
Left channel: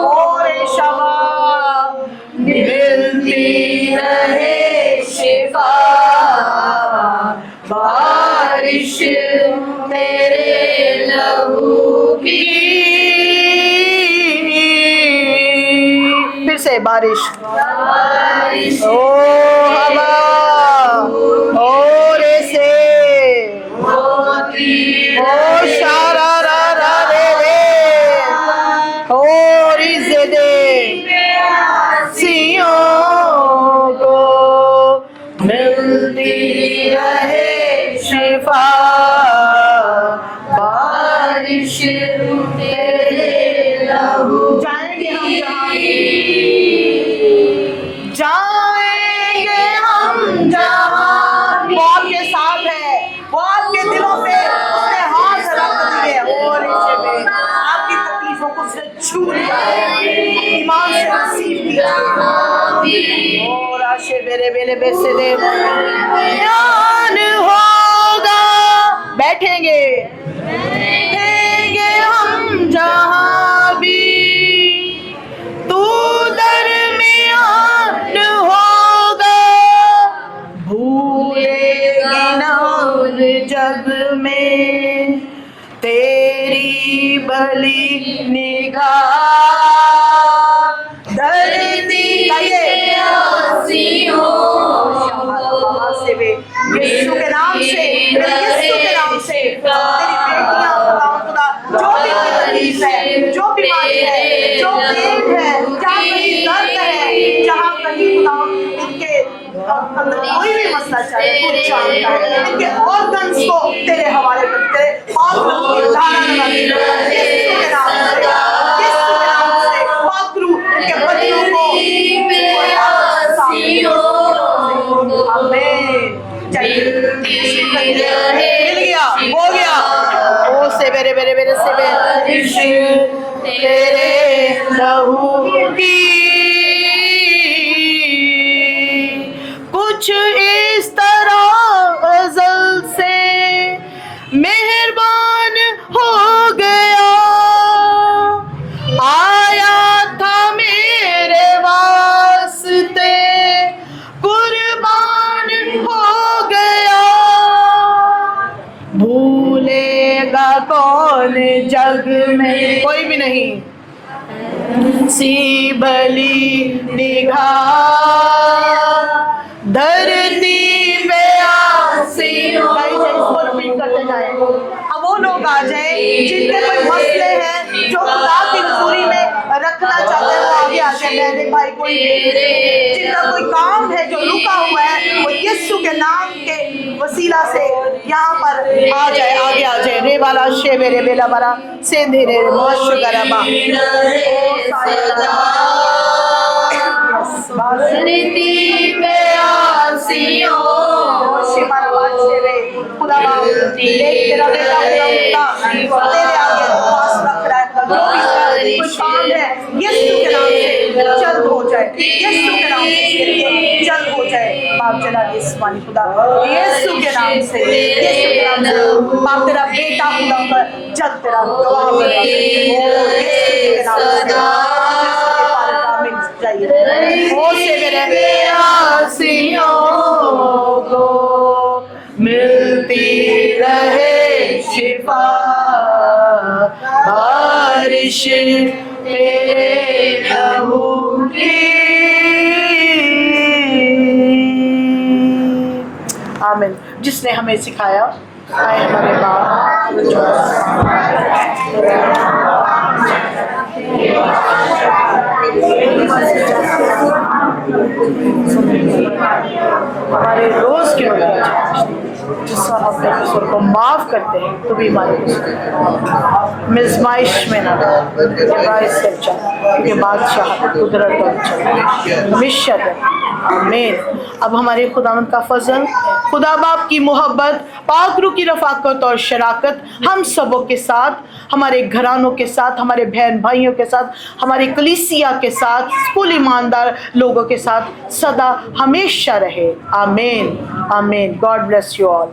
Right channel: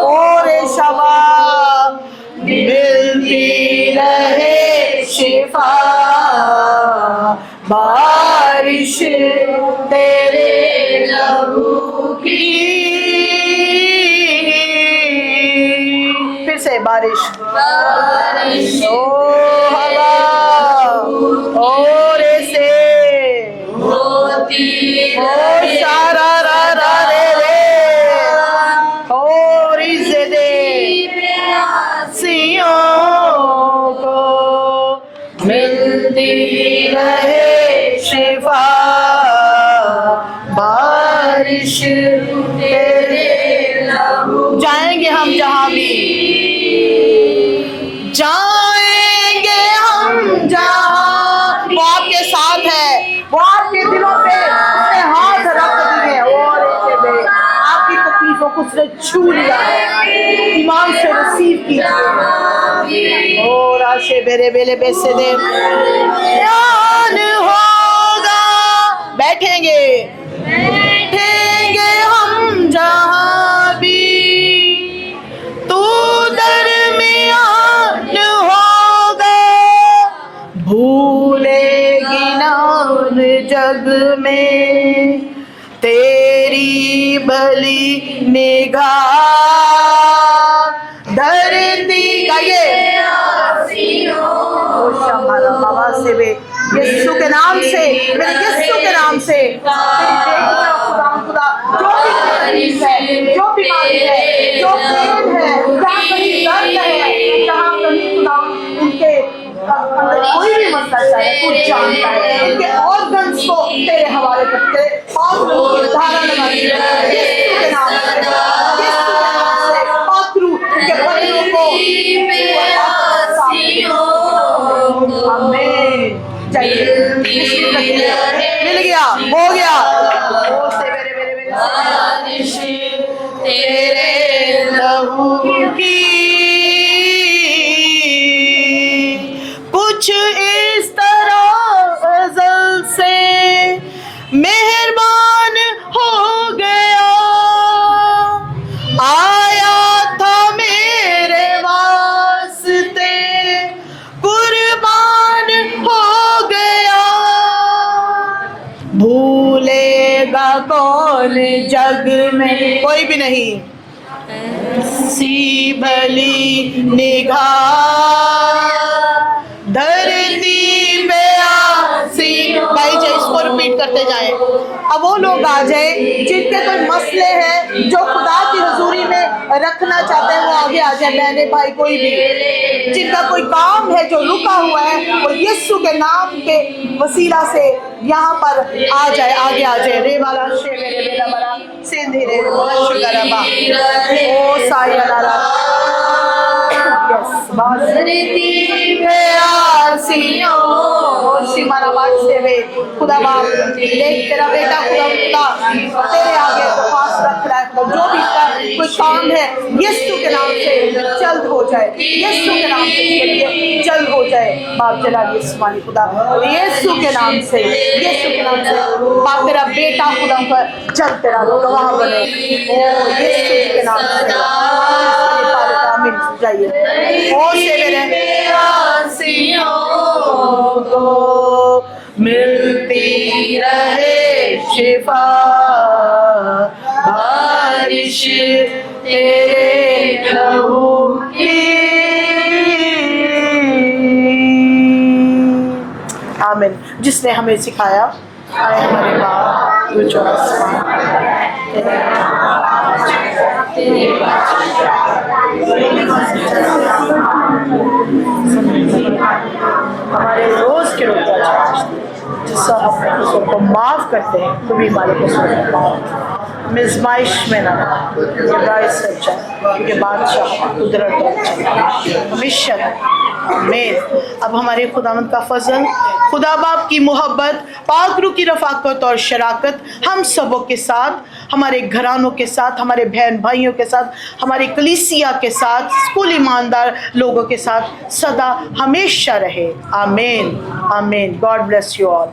और शवा मिलती रहे शिफा, बारिश तेरे लहू की। फिर से बारिश, ओ हवा और से ओ शारा रा रा रे रे और इज़्ज़त सियों को मिलती रहे शिफा, बारिश तेरे लहू। जाएंगे हम जहाँ भी, जाएंगे हम जहाँ, वो आपके साथ है, वो आपके दिलों पे उसने हाथ रख दिए और ऐसे में आपकी तकलीफों को उसने छू लिया है, ईमान से रिसीव किया। और आशे बेरे बेले बेसे दे ध्यान होगा, बैठेंगे हम जहाँ भी, तू दरमियान होगा, भूलेगी ना जग में तेरी भली निगाह, धरती गाइए यीशु के नाम से, यीशु के नाम से, जो बीमारी है, जो पेन है, जहाँ कहीं दर्द है, जहाँ कहीं उनके अंदर कोई भी मसला चाहे, तू जानता है। इनके ऑर्गन्स को तेरे हवाले करते, ऑर्गन की धारा लगाती है यीशु के नाम से, वाकरू के बच्चों को आमीन। मिल गया, हो गया। ओ से बेरे बेरे बेरे से बारिश तेरे लहू की, कुछ इस तरह अज़ल से मेहरबान हो गया, आया था मेरे वास्ते, कुर्बान हो गया, भूलेगा कौन जग में, कोई भी नहीं, सी भली निगाह, धरती पे आसी। भाई जी इसको रिपीट करते करते जाए। अब वो लोग आ जाए जिनके कोई मसले हैं, जो खुदा की हुजूरी में रखना चाहते हैं, वो आगे आ जाए। बहने भाई कोई भी जिनका कोई काम है जो रुका हुआ है, वो यीशु के नाम के वसीला से यहाँ पर आ जाए, आगे आ जाए। रे वाला शे मेरे बेला मरा सेंधी रे माशुगरबा ओ साया खुदा बाप देख तेरा बेटा खुदा तेरे आगे पास रख रहा है। जो भी कोई काम है यीशु के नाम से जल्द हो जाए, यीशु के नाम से जल्द हो जाए। बाप जलाल इस्माइल खुदा यीशु के नाम से, यीशु के नाम से बाप तेरा बेटा खुदा पर जल्द तेरा गवाह बने यीशु के नाम से। को मिलती रहे शिफा, बारिश तेरे लहू की। आमीन। जिसने हमें सिखाया, आए हमारे बाप जो आसमान हमारे रोज के रोज जिससे हम अपने कसूर को माफ़ करते हैं, तो भी हमारे कसूर को माफ़ मिज़माइश में ना बाइस सच्चा, क्योंकि बादशाह कुदरत और हमेशा आमीन। अब हमारे खुदावंद का फजल, खुदा बाप की मोहब्बत, पाक रूह की रफ़ाकत और शराकत हम सबों के साथ, हमारे घरानों के साथ, हमारे बहन भाइयों के साथ, हमारे कलीसिया के साथ, कुल ईमानदार लोगों के साथ सदा हमेशा रहे। आमीन आमीन। God bless you all.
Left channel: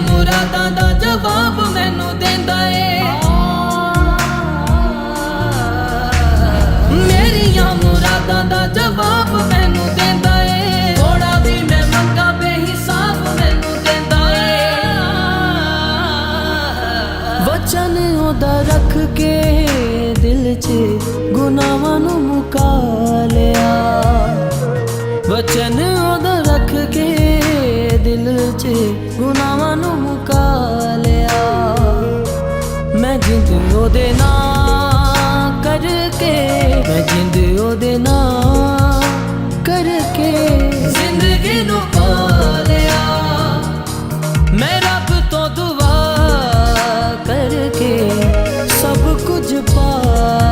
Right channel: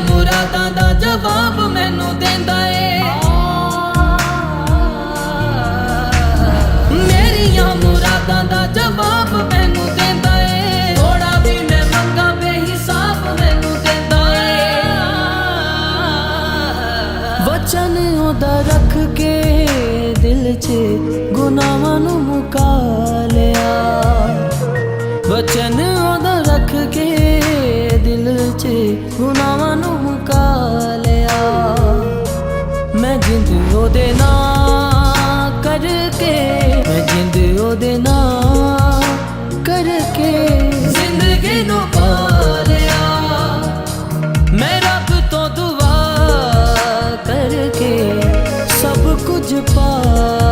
मुरादां दा जवाब मैनू देंदा ए, मेरियां मुरादां दा जवाब मैनू देंदा ए। थोड़ा भी मैं मंगा बेहिसाब मैनू देंदा ए। वचन ओदा रख के दिल च गुनाहां नू मुका लिया, वचन ओदा रख के दिल च गुनाहां नू मुका लिया। मैं जिंद ओदे नां करके, मैं जिंद ओदे नां करके जिंदगी नू पा लिया। मैं रब तो दुआ करके सब कुछ पा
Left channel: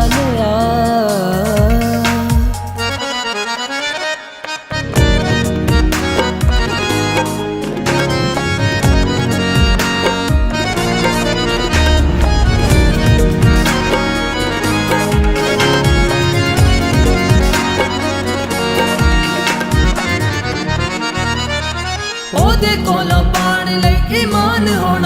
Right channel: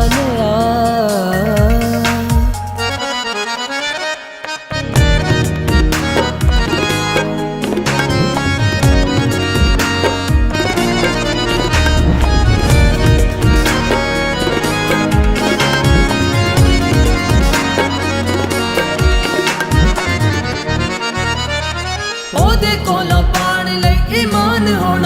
लिया। ओदे कोलों पाण लई ईमान होना